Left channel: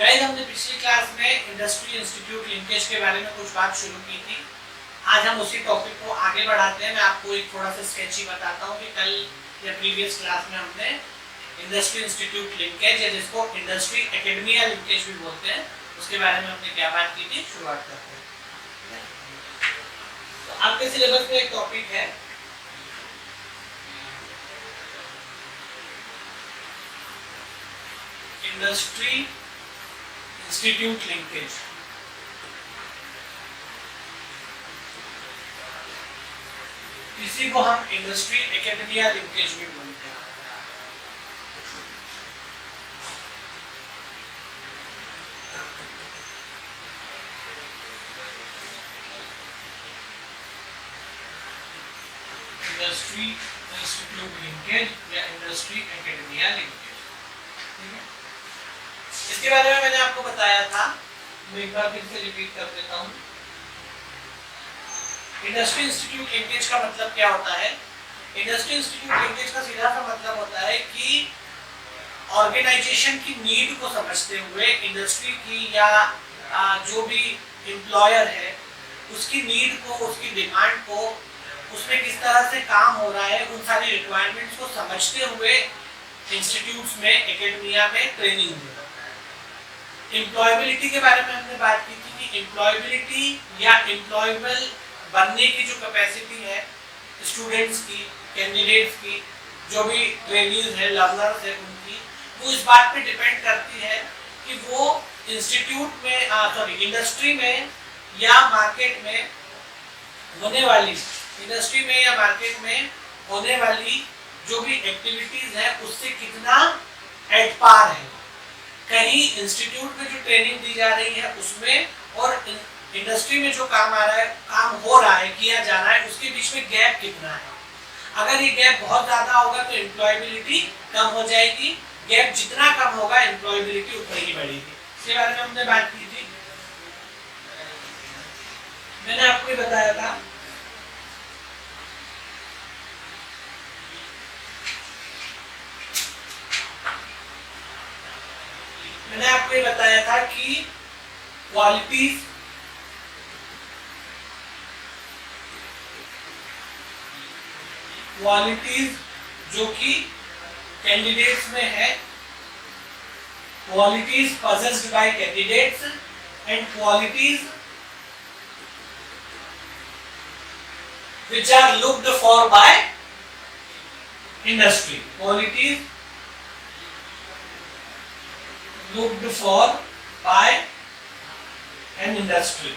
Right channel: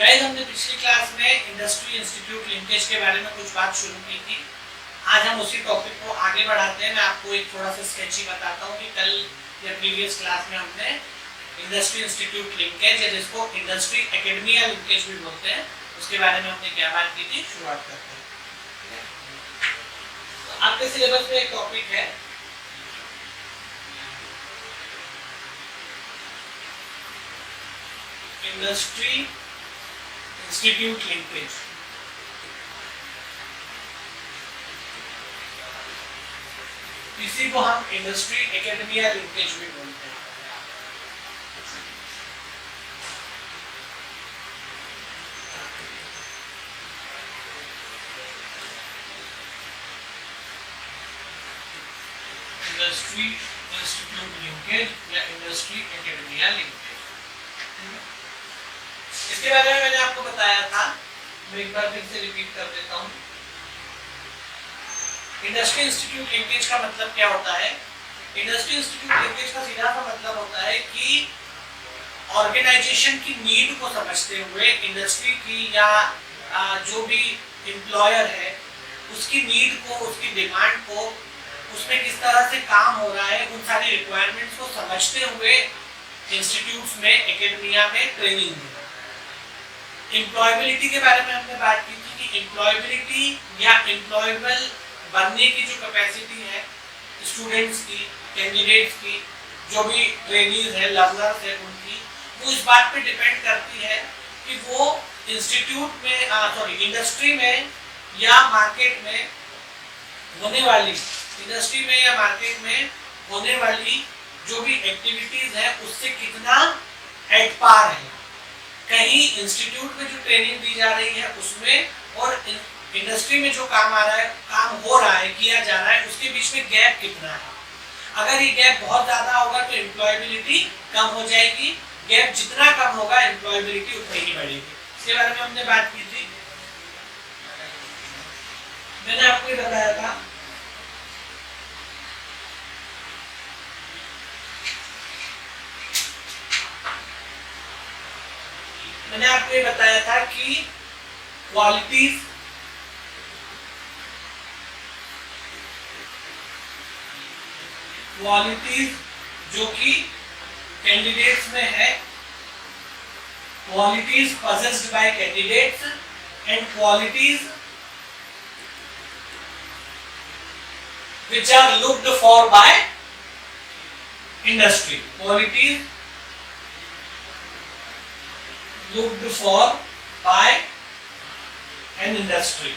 Guys हमने पिछली class में इंडस्ट्री इंस्टीट्यूट लिंकेज के बारे में कुछ बात शुरू की थी। आज हम उसी टॉपिक को आगे बढ़ाते हैं। मैं आपको एक थोड़ा सा स्केच ही बताता हूँ कि कल या प्रीवियस क्लास में हमने इंडस्ट्री इंस्टीट्यूट लिंकेज या जिसको इंडस्ट्री एकेडमिया लिंकेज भी बोलते हैं उसके बारे में हमने क्या बात की थी। शुरुआत करते हैं। तो आपके सिलेबस में एक टॉपिक है इंडस्ट्री इंस्टीट्यूट लिंकेज। इसी को हम इंडस्ट्री एकेडमिया लिंकेज भी बोलते हैं। इंडस्ट्री इंस्टीट्यूट लिंकेज या इंडस्ट्री एकेडमिया लिंकेज। इसके बारे में मैंने आपको बताया था, मैं एक बार फिर से रिपीट कर देता हूँ। इंडस्ट्री इंस्टीट्यूट लिंकेज का मतलब क्या होता है? इंडस्ट्री इंस्टीट्यूट लिंकेज का सीधा सा मतलब होता है कि ऑर्गेनाइजेशन की नीड को समझते हुए इंडस्ट्री की या जो भी एम्प्लॉयर है उसकी नीड को, उसकी डिमांड को, उसमें किस तरह से काम हो रहा है, उन सारी रिक्वायरमेंट्स को समझते हुए इंस्टीट्यूट्स में, एकेडमिया में ट्रेनिंग देना। एम्प्लॉयबिलिटी के बारे में हमने बात की थी कि एम्प्लॉयबिलिटी या एम्प्लॉयबल बनने की जो कैपेसिटी है स्टूडेंट्स की, कैंडिडेट्स की, जो भी ट्रेनीज है, लर्नर्स है, उनकी, वो इस बात पे डिपेंड करती है कि वो इंस्टीट्यूट में इंडस्ट्री में या मार्केट में होने वाली, इंडस्ट्री में या मार्केट में होने वाली जो भी एक्टिविटीज है उससे कितना एट पार है। कहीं इंस्टीट्यूट में जो ट्रेनिंग दी जा रही है उसमें और इंडस्ट्री में जो काम आ रहा है, काम हो रहा है, किया जा रहा है, उसके बीच में गैप कितना है। अगर ये गैप बहुत ज्यादा होगा तो एम्प्लॉयबिलिटी कम हो जाएगी। गैप जितना कम होगा एम्प्लॉयबिलिटी उतनी ही बढ़ेगी। इसके बारे में हमने बात की थी। मैंने आपको ये बताया था कि क्वालिटीज जो कि कैंडिडेट्स में है, qualities possessed by candidates and qualities which are looked for by industry. Qualities looked for by an industry.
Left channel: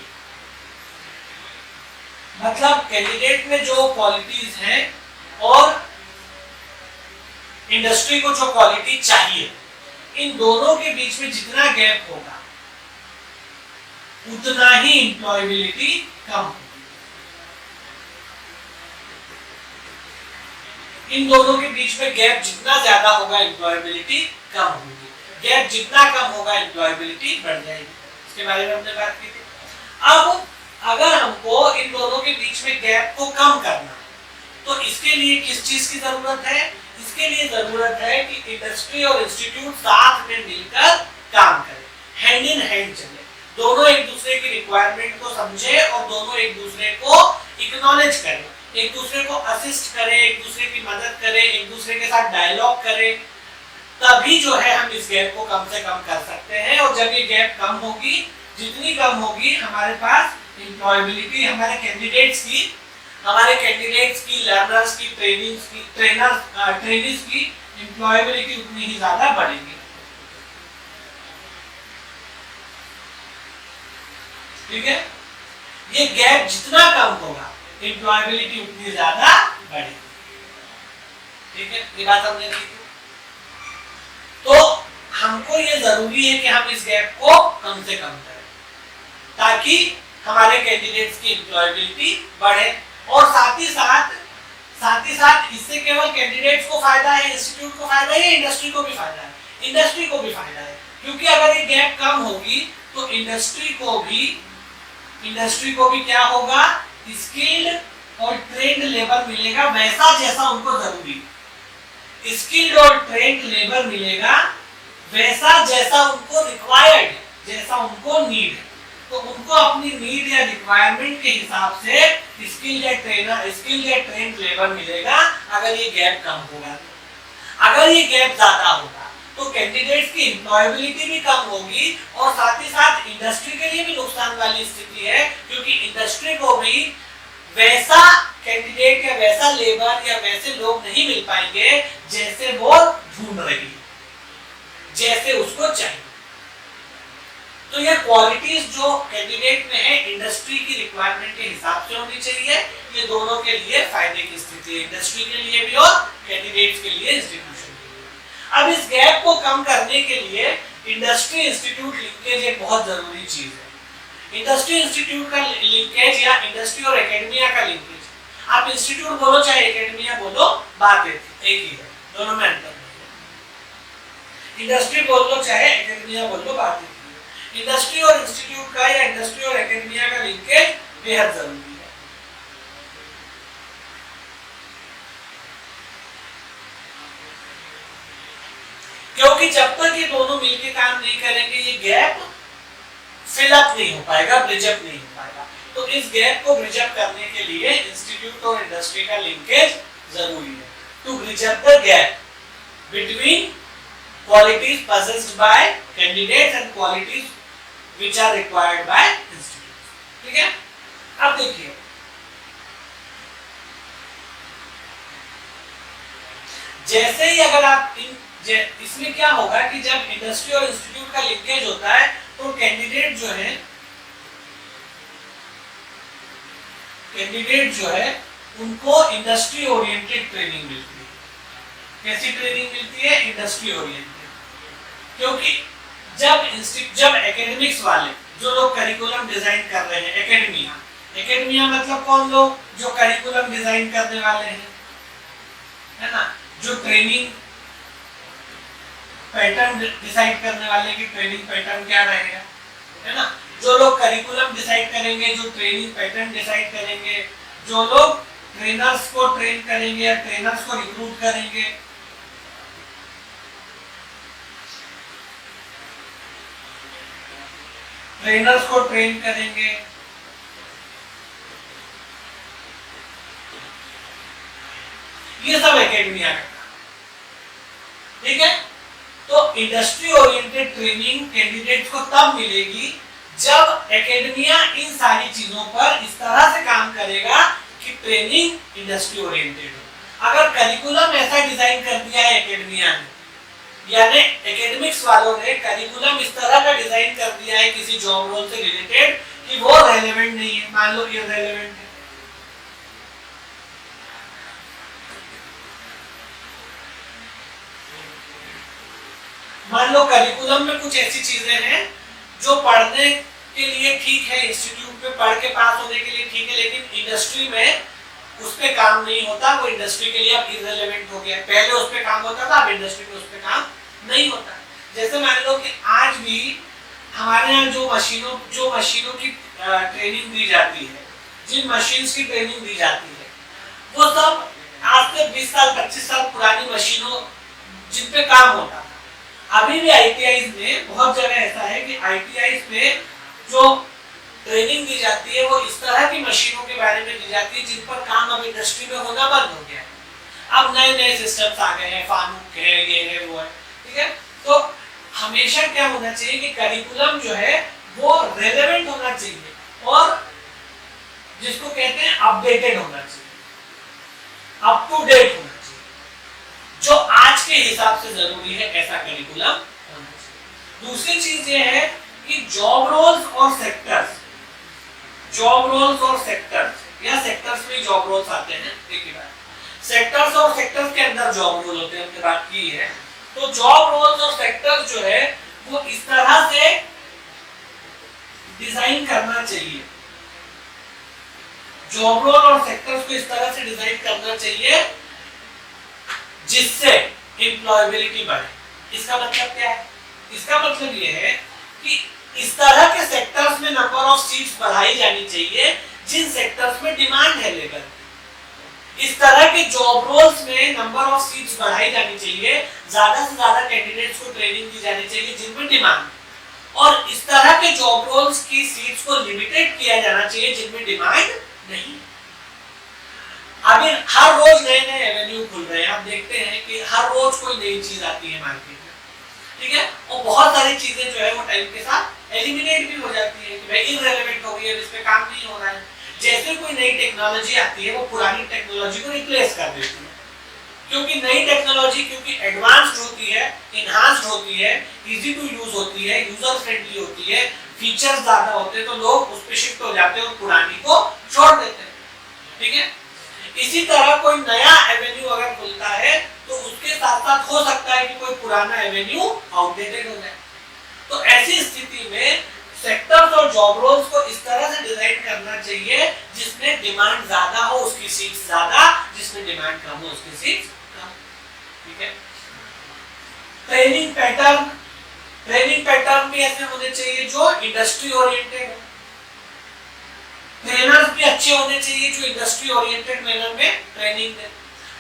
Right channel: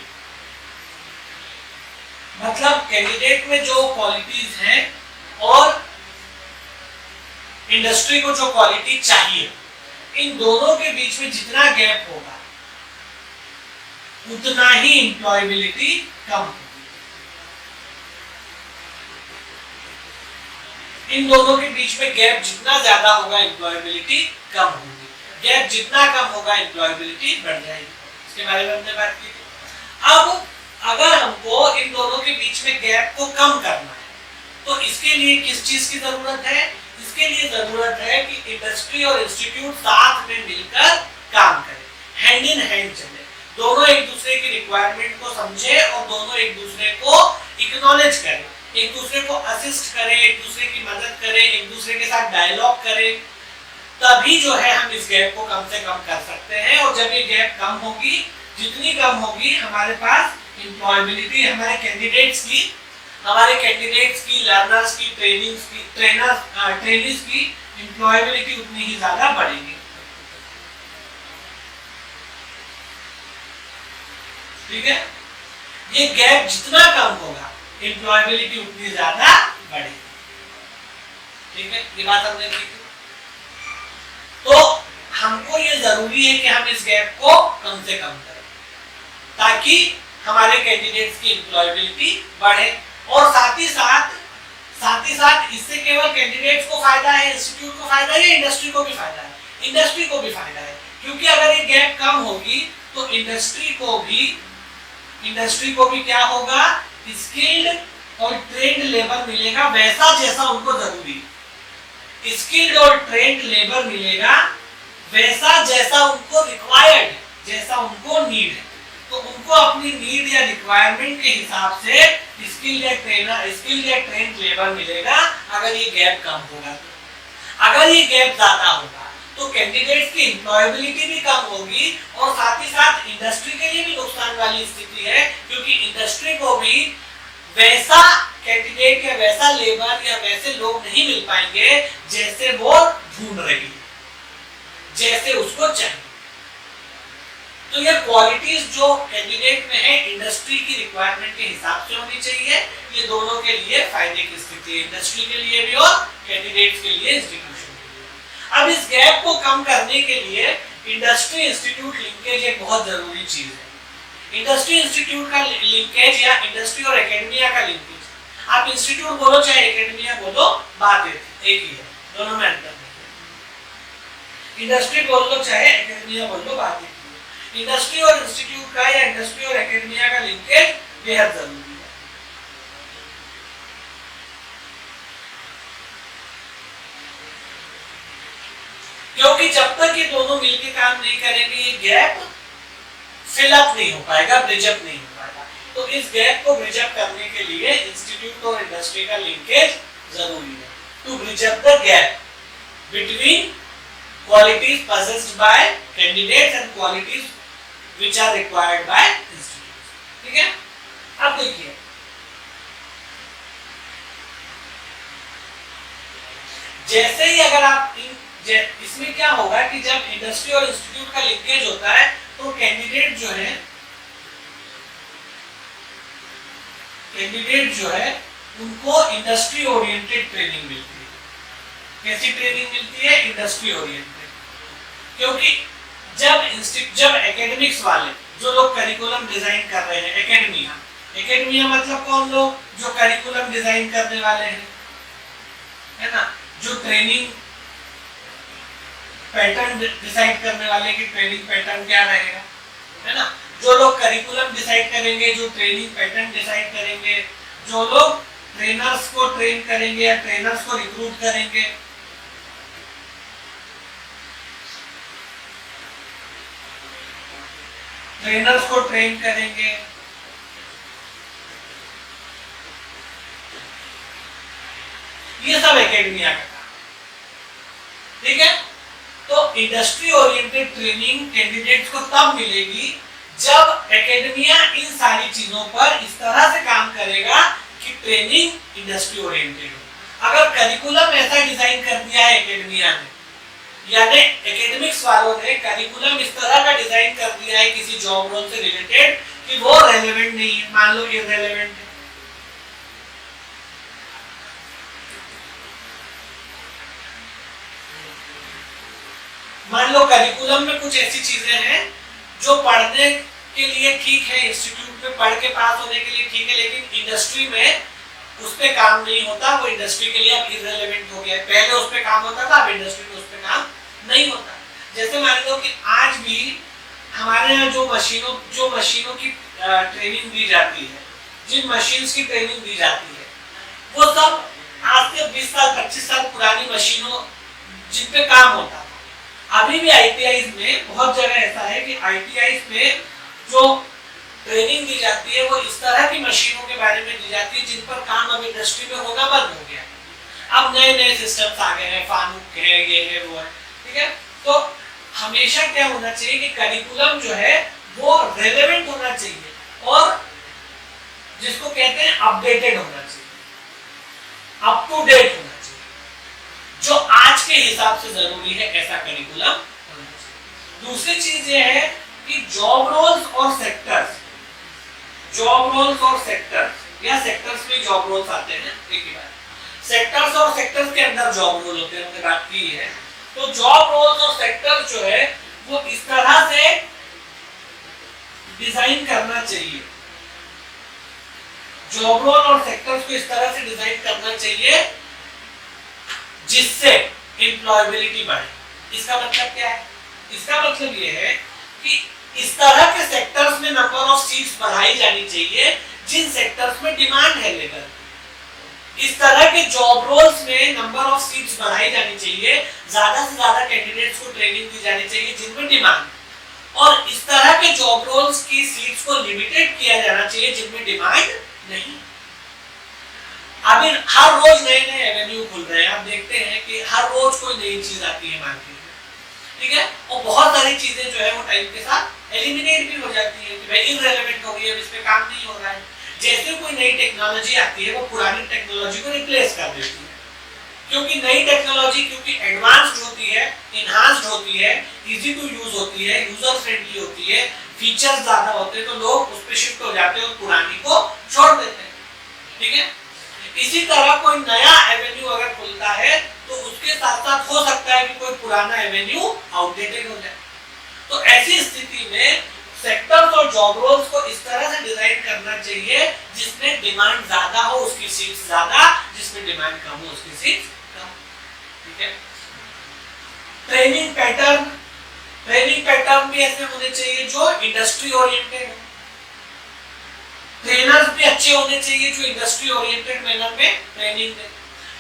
मतलब कैंडिडेट में जो क्वालिटीज हैं और इंडस्ट्री को जो क्वालिटी चाहिए, इन दोनों के बीच में जितना गैप होगा उतना ही एम्प्लॉयबिलिटी कम होगी। इन दोनों के बीच में गैप जितना ज्यादा होगा एम्प्लॉयबिलिटी कम होगी, गैप जितना कम होगा एम्प्लॉयबिलिटी बढ़ जाएगी। इसके बारे में हमने बात की थी। अब अगर हमको इन दोनों के बीच में गैप को कम करना है तो इसके लिए किस चीज की जरूरत है? इसके लिए जरूरत है कि इंडस्ट्री और इंस्टीट्यूट साथ में मिलकर काम करें, हैंड इन हैंड चले, दोनों एक दूसरे की रिक्वायरमेंट को समझे और दोनों एक दूसरे को एक्नॉलेज करें, एक दूसरे को असिस्ट करें, एक दूसरे की मदद करें, एक दूसरे के साथ डायलॉग करें। तभी जो है हम इस गैप को कम से कम कर सकते हैं। और जब ये गैप कम होगी, जितनी कम होगी हमारे पास एम्प्लॉयबिलिटी, हमारे कैंडिडेट्स की, लर्नर्स की, ट्रेनीज की एम्प्लॉयबिलिटी उतनी ही ज्यादा बढ़ेगी। ठीक है, ये गैप जितना कम होगा एम्प्लॉयबिलिटी उतनी ज्यादा बढ़ेगी। ठीक है, ये बात हमने की थी। तो हमको ये जरूरी है कि हम इस गैप को कम से कम करें ताकि हमारे कैंडिडेट्स की एम्प्लॉयबिलिटी बढ़े। और साथ ही साथ इससे केवल कैंडिडेट्स को फायदा है, इंस्टीट्यूट को फायदा है, इंडस्ट्री को भी फायदा है, इंडस्ट्री को भी फायदा है। क्योंकि अगर ये गैप कम होगी तो इंडस्ट्री को भी क्या होगा? स्किल्ड और ट्रेंड लेबर मिलेगा वैसा जैसा उनको जरूरी है। स्किल्ड और ट्रेंड लेबर मिलेगा वैसा जैसा उनको रिक्वायर्ड है, जैसा उनको नीड है। तो उनको अपनी नीड या रिक्वायरमेंट के हिसाब से स्किल या ट्रेन लेबर मिलेगा अगर ये गैप कम होगा। अगर ये गैप ज्यादा होगा तो कैंडिडेट्स की एम्प्लॉयबिलिटी भी कम होगी और साथ ही साथ इंडस्ट्री के लिए भी नुकसान वाली स्थिति है, क्योंकि इंडस्ट्री को भी वैसा कैंडिडेट या वैसा लेबर या वैसे लोग नहीं मिल पाएंगे जैसे वो ढूंढ रही है, जैसे उसको चाहिए। तो ये क्वालिटीज जो कैंडिडेट में है इंडस्ट्री की रिक्वायरमेंट के हिसाब से होनी चाहिए। ये दोनों के लिए फायदे की स्थिति है, इंडस्ट्री के लिए भी और कैंडिडेट्स के लिए, इंस्टीट्यूशन के लिए। अब इस गैप को कम करने के लिए इंडस्ट्री इंस्टीट्यूट लिंकेज एक बहुत जरूरी चीज है। इंडस्ट्री इंस्टीट्यूट का लिंकेज या इंडस्ट्री और एकेडमिया का लिंकेज, आप इंस्टीट्यूट बोलो चाहे एकेडमिया बोलो, बात एक ही है, दोनों में अंतर है। इंडस्ट्री बोल लो चाहे एकेडमिया बोल लो, बात एक ही है। इंडस्ट्री और इंस्टीट्यूट का या इंडस्ट्री और एकेडमिया का लिंकेज बेहद जरूरी है। क्योंकि जब तक ये दोनों मिलकर काम नहीं करेंगे ये गैप फिलअप नहीं हो पाएगा, ब्रिजअप नहीं हो पाएगा। तो इस गैप को ब्रिजअप करने के लिए इंस्टीट्यूट और इंडस्ट्री का लिंकेज जरूरी है, to bridge up the gap between qualities possessed by candidates and qualities which are required by institutes। ठीक है, अब देखिए जैसे ही अगर आप इसमें क्या होगा कि जब इंडस्ट्री और इंस्टीट्यूट का लिंकेज होता है तो कैंडिडेट जो है उनको इंडस्ट्री ओरिएंटेड ट्रेनिंग मिलती है। कैसी ट्रेनिंग मिलती है? Industry oriented. क्योंकि जब एकेडमिक्स वाले जो लोग करिकुलम डिजाइन कर रहे हैं, एकेडमिया मतलब कौन लोग? जो करिकुलम डिजाइन करने वाले हैं, है ना, जो ट्रेनिंग पैटर्न डिसाइड करने वाले कि ट्रेनिंग पैटर्न क्या रहेगा, है ना, जो लोग करिकुलम डिसाइड करेंगे, जो ट्रेनिंग पैटर्न डिसाइड करेंगे, जो लोग ट्रेनर्स को ट्रेन करेंगे या ट्रेनर्स को रिक्रूट करेंगे, ट्रेनर्स को ट्रेन करेंगे, ये सब एकेडमिया का काम। ठीक है, तो इंडस्ट्री ओरिएंटेड ट्रेनिंग कैंडिडेट्स को तब मिलेगी जब एकेडमिया इन सारी चीजों पर इस तरह से काम करेगा कि ट्रेनिंग इंडस्ट्री ओरिएंटेड हो। अगर करिकुलम ऐसा डिजाइन कर दिया है एकेडमिया ने, यानी एकेडमिक्स वालों ने करिकुलम इस तरह का डिजाइन कर दिया है किसी जॉब रोल से रिलेटेड कि वो रेलेवेंट नहीं है, मान लो इररेलेवेंट है, मान लो करिकुलम में कुछ ऐसी चीजें हैं जो पढ़ने के लिए ठीक है, इंस्टीट्यूट में पढ़ के पास होने के लिए ठीक है, लेकिन इंडस्ट्री में उस पे काम नहीं होता, वो इंडस्ट्री के लिए अब इररेलेवेंट हो गया। पहले उस पे काम होता था, अब इंडस्ट्री में उस पे काम नहीं होता। जैसे मान लो कि आज भी हमारे यहाँ जो मशीनों की ट्रेनिंग दी जाती है, जिन मशीन्स की ट्रेनिंग दी जाती है, वो सब आज से 20 साल 25 साल पुरानी मशीनों जिन पे काम होता था। अभी भी आईटीआईज में बहुत जगह ऐसा है कि आईटीआईज में जो ट्रेनिंग दी जाती है वो इस तरह की मशीनों के बारे में दी जाती है जिन पर काम अब इंडस्ट्री में होना बंद हो गया है। अब नए सिस्टम्स आ गए हैं, फानुक है, ये है, वो है। ठीक है, तो हमेशा क्या होना चाहिए कि करिकुलम जो है वो रेलेवेंट होना चाहिए और जिसको कहते हैं अपडेटेड होना चाहिए, अप टू डेट होना चाहिए, जो आज के हिसाब से जरूरी है ऐसा करिकुलम होना चाहिए। दूसरी चीज ये है कि जॉब रोल्स और सेक्टर्स या सेक्टर्स में जॉब रोल्स आते हैं। एक ही बात, सेक्टर्स और सेक्टर्स के अंदर जॉब रोल होते हैं, हमने बात की है। तो जॉब रोल्स और सेक्टर्स जो है वो इस तरह से डिजाइन करना चाहिए, जॉब रोल और सेक्टर्स को इस तरह से डिजाइन करना चाहिए जिससे एम्प्लॉयबिलिटी बढ़े। इसका मतलब क्या है? इसका मतलब ये है कि इस तरह के सेक्टर्स में नंबर ऑफ सीट्स बढ़ाई जानी चाहिए जिन सेक्टर्स में डिमांड है लेबर की। इस तरह के जॉब रोल्स में नंबर ऑफ सीट्स बढ़ाई जानी चाहिए, ज्यादा से ज्यादा कैंडिडेट्स को ट्रेनिंग दी जानी चाहिए जिनमें डिमांड, और इस तरह के जॉब रोल्स की सीट्स को लिमिटेड किया जाना चाहिए जिनमें डिमांड नहीं। अभी हर रोज नए नए एवेन्यू खुल रहे हैं, आप देखते हैं कि हर रोज कोई नई चीज आती है मार्केट में, ठीक है, और बहुत सारी चीजें जो है वो टाइम के साथ एलिमिनेट भी हो जाती है कि भाई इररिलेवेंट हो गई है, इस पे काम नहीं हो रहा है। जैसे कोई नई टेक्नोलॉजी आती है वो पुरानी टेक्नोलॉजी को रिप्लेस कर देती है, क्योंकि नई टेक्नोलॉजी क्योंकि एडवांस्ड होती है, इनहांस्ड होती है, इजी टू यूज होती है, यूजर फ्रेंडली होती है, फीचर्स ज्यादा होते हैं, तो लोग उस पे शिफ्ट हो जाते हैं और पुरानी को छोड़ देते हैं, ठीक है। इसी तरह कोई नया एवेन्यू अगर खुलता है तो उसके साथ साथ हो सकता है कि कोई पुराना एवेन्यू आउटडेटेड हो जाए। तो ऐसी स्थिति में सेक्टर्स और जॉब रोल्स को इस तरह से डिजाइन करना चाहिए जिसमें डिमांड ज्यादा हो उसकी सीट्स ज्यादा, जिसमें डिमांड कम हो उसकी सीट्स कम, ठीक है। ट्रेनिंग पैटर्न भी ऐसे होने चाहिए जो इंडस्ट्री ओरिएंटेड है, ट्रेनर्स भी अच्छे होने चाहिए जो इंडस्ट्री ओरिएंटेड मैनर में ट्रेनिंग दें।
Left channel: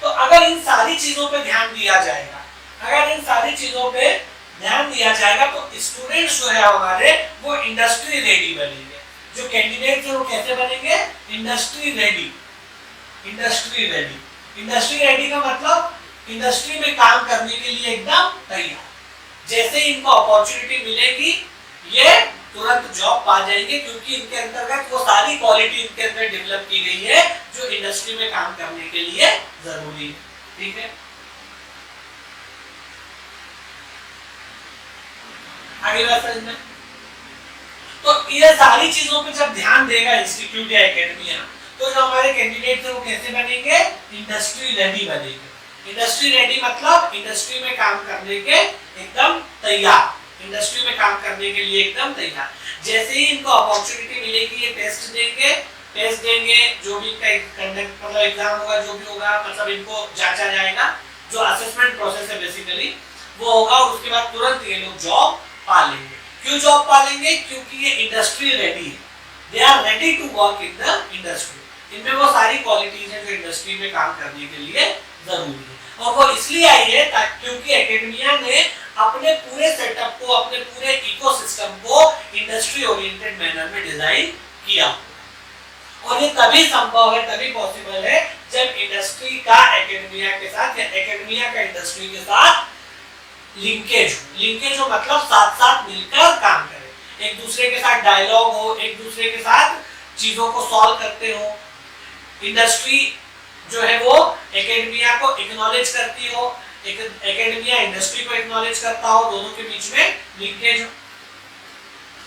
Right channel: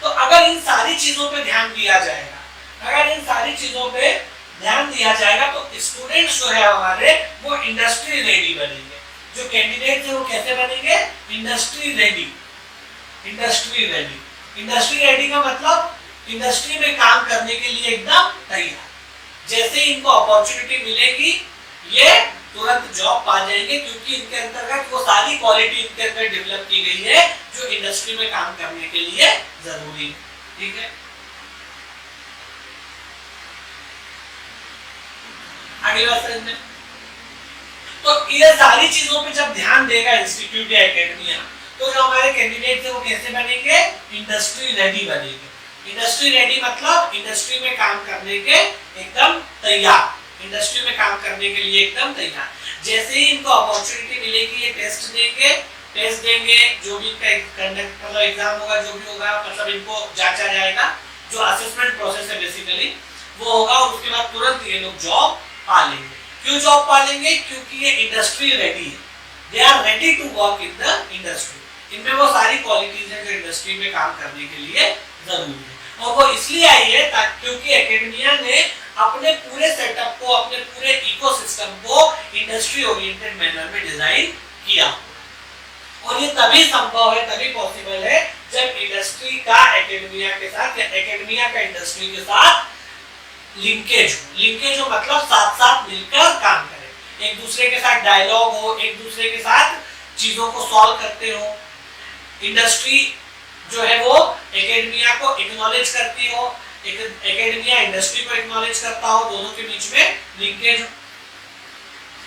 तो अगर इन सारी चीजों पे ध्यान दिया जाएगा, तो स्टूडेंट्स जो है हमारे वो इंडस्ट्री रेडी बनेंगे। जो कैंडिडेट है वो कैसे बनेंगे? इंडस्ट्री रेडी का मतलब इंडस्ट्री में काम करने के लिए एकदम तैयार। जैसे इनको अपॉर्चुनिटी मिलेगी ये तुरंत जॉब पा जाएंगे, क्योंकि इनके अंतर्गत वो सारी क्वालिटी इनके अंदर डेवलप की गई है जो इंडस्ट्री में काम करने के लिए जरूरी है, ठीक है। आगे बात समझना। तो ये सारी चीजों पे जब ध्यान देगा इंस्टीट्यूट या एकेडमिया, तो जो हमारे कैंडिडेट है वो कैसे बनेंगे? इंडस्ट्री रेडी बनेंगे। इंडस्ट्री रेडी मतलब इंडस्ट्री में काम करने के एकदम तैयार, इंडस्ट्री में काम करने के लिए एकदम तैयार। जैसे ही इनको अपॉर्चुनिटी मिलेगी ये टेस्ट देंगे, जो भी कंडक्ट मतलब एग्जाम होगा, जो भी होगा, मतलब इनको जांचा जाएगा, जो असेसमेंट प्रोसेस है बेसिकली वो होगा, और उसके बाद तुरंत ये लोग जॉब पा लेंगे। क्यों जॉब पा लेंगे? क्योंकि ये इंडस्ट्री रेडी है, they are ready to work in the industry. इनमें वो सारी क्वालिटीज है जो इंडस्ट्री में काम करने के लिए जरूरी है, और वो इसलिए आई है क्योंकि एकेडमिया ने अपने पूरे सेटअप को, अपने पूरे इकोसिस्टम को इंडस्ट्री ओरिएंटेड मैनर में डिजाइन किया, और ये तभी संभव है, तभी पॉसिबल है जब इंडस्ट्री का एकेडमिया के साथ या एकेडमिया का इंडस्ट्री के साथ लिंकेज हो मतलब साथ साथ मिलकर काम करें, एक दूसरे के साथ डायलॉग हो, एक दूसरे के साथ चीजों को सॉल्व करते हो। इंडस्ट्री जो है वो एकेडमिया को एक्नॉलेज करती हो, एकेडमिया इंडस्ट्री को एक्नॉलेज करता हो, दोनों के बीच में लिंकेज हो।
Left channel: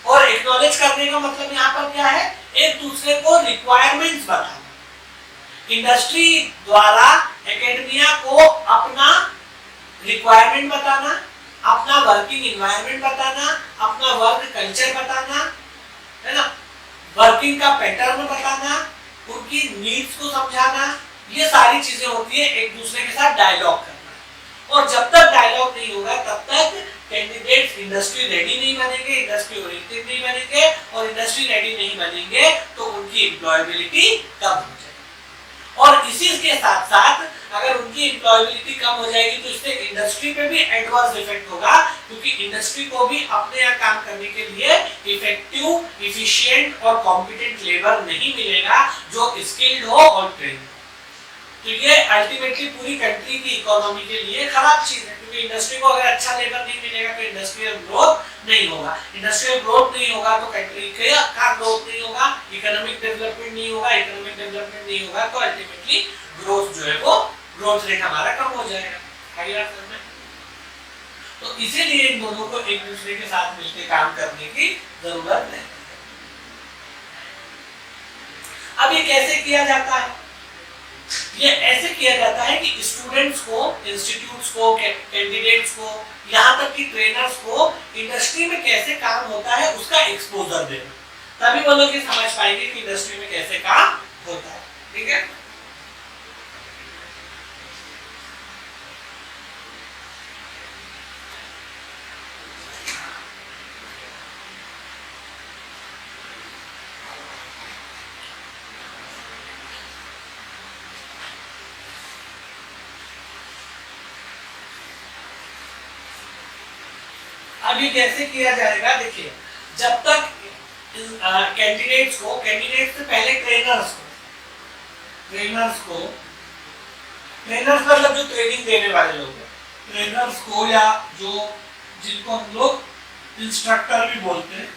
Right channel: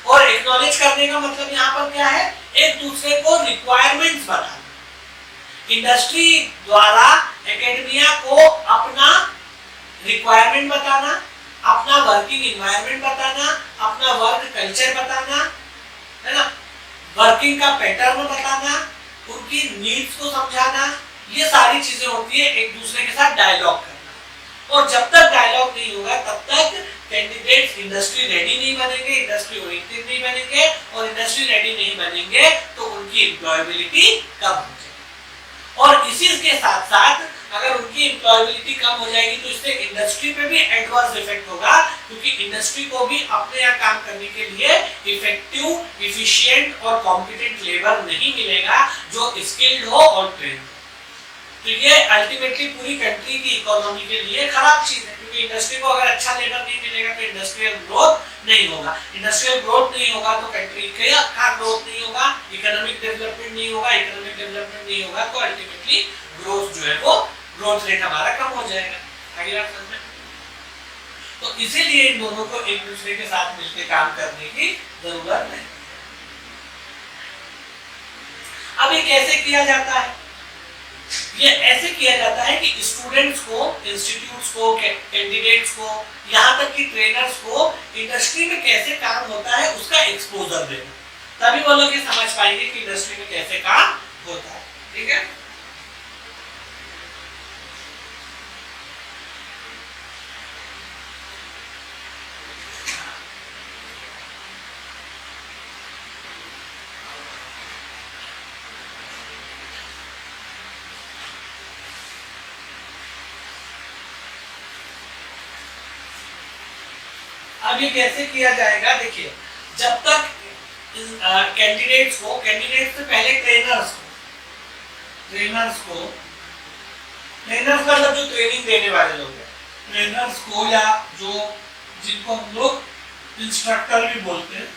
और एक्नॉलेज करने का मतलब यहाँ पर क्या है? एक दूसरे को रिक्वायरमेंट्स बताना। इंडस्ट्री द्वारा एकेडमिया को अपना रिक्वायरमेंट बताना, अपना वर्किंग एनवायरनमेंट बताना, अपना वर्क कल्चर बताना, है ना, वर्किंग का पैटर्न बताना, उनकी नीड्स को समझाना, ये सारी चीजें होती है एक दूसरे के साथ डायलॉग करना। और जब तक डायलॉग नहीं होगा तब तक कैंडिडेट्स इंडस्ट्री रेडी नहीं बनेंगे, इंडस्ट्री ओरिएंटेड नहीं बनेंगे, और इंडस्ट्री रेडी नहीं बनेंगे तो उनकी एम्प्लॉयबिलिटी कम हो जाएगी। और इसी के साथ साथ अगर उनकी एम्प्लॉयबिलिटी कम हो जाएगी तो इससे इंडस्ट्री पे भी एडवर्स इफेक्ट होगा, क्योंकि इंडस्ट्री को भी अपने यहाँ काम करने के लिए इफेक्टिव, एफिशिएंट और कॉम्पिटेंट लेबर नहीं मिलेगा जो स्किल्ड हो और ट्रेन्ड हो। तो ये अल्टीमेटली पूरी कंट्री की इकोनॉमी के लिए खराब चीज है, क्योंकि इंडस्ट्री को अगर अच्छा लेबर नहीं मिलेगा तो इंडस्ट्रियल ग्रोथ नहीं होगा, इंडस्ट्रियल ग्रोथ नहीं होगा तो कंट्री का ग्रोथ नहीं होगा, इकोनॉमिक डेवलपमेंट नहीं होगा, इकोनॉमिक डेवलपमेंट नहीं होगा तो अल्टीमेटली ग्रोथ जो है वो ग्रोथ रेट हमारा कम हो जाएगा। आगे बात समझ में? तो इसीलिए इन दोनों को एक दूसरे के साथ मिलकर काम करने की जरूरत है। अब ये कैसे किया जाता है? ये ऐसे किया जाता है कि स्टूडेंट्स को, इंस्टीट्यूट्स को, कैंडिडेट्स को, यहाँ तक कि ट्रेनर्स को इंडस्ट्री में कैसे काम होता है उसका एक्सपोजर देना, तभी वो लोग ये समझ पाएंगे कि इंडस्ट्री में कैसे काम होता है, ठीक है। अब ये कैसे किया जाएगा, देखिए जब तक कैंडिडेट्स से पहले ट्रेनर्स मतलब जो ट्रेनिंग देने वाले लोग हैं, ट्रेनर्स को या जो जिनको हम लोग इंस्ट्रक्टर भी बोलते हैं।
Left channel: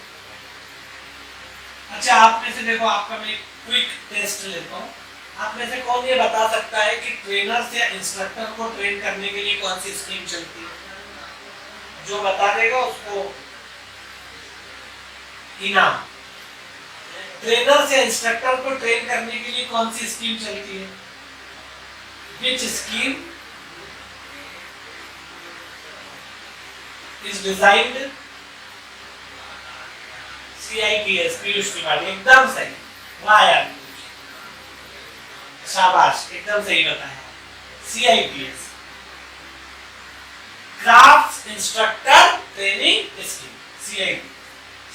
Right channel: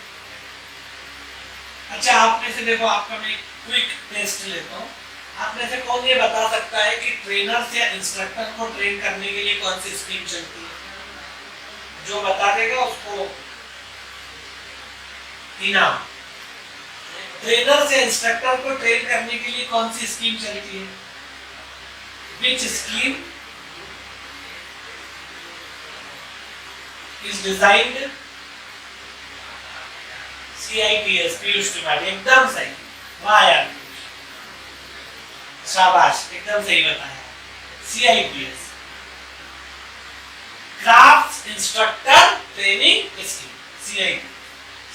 अच्छा, आप में से देखो, आपका मैं क्विक टेस्ट लेता हूँ। आप में से कौन ये बता सकता है कि ट्रेनर्स या इंस्ट्रक्टर को ट्रेन करने के लिए कौन सी स्कीम चलती है? जो बता देगा उसको इनाम। ट्रेनर्स या इंस्ट्रक्टर को ट्रेन करने के लिए कौन सी स्कीम चलती है? Which scheme is designed? CIPS, Piyush Tripathi, एकदम सही। वाह यार, शाबाश, एकदम सही बताया। CIPS, craft instructor training scheme,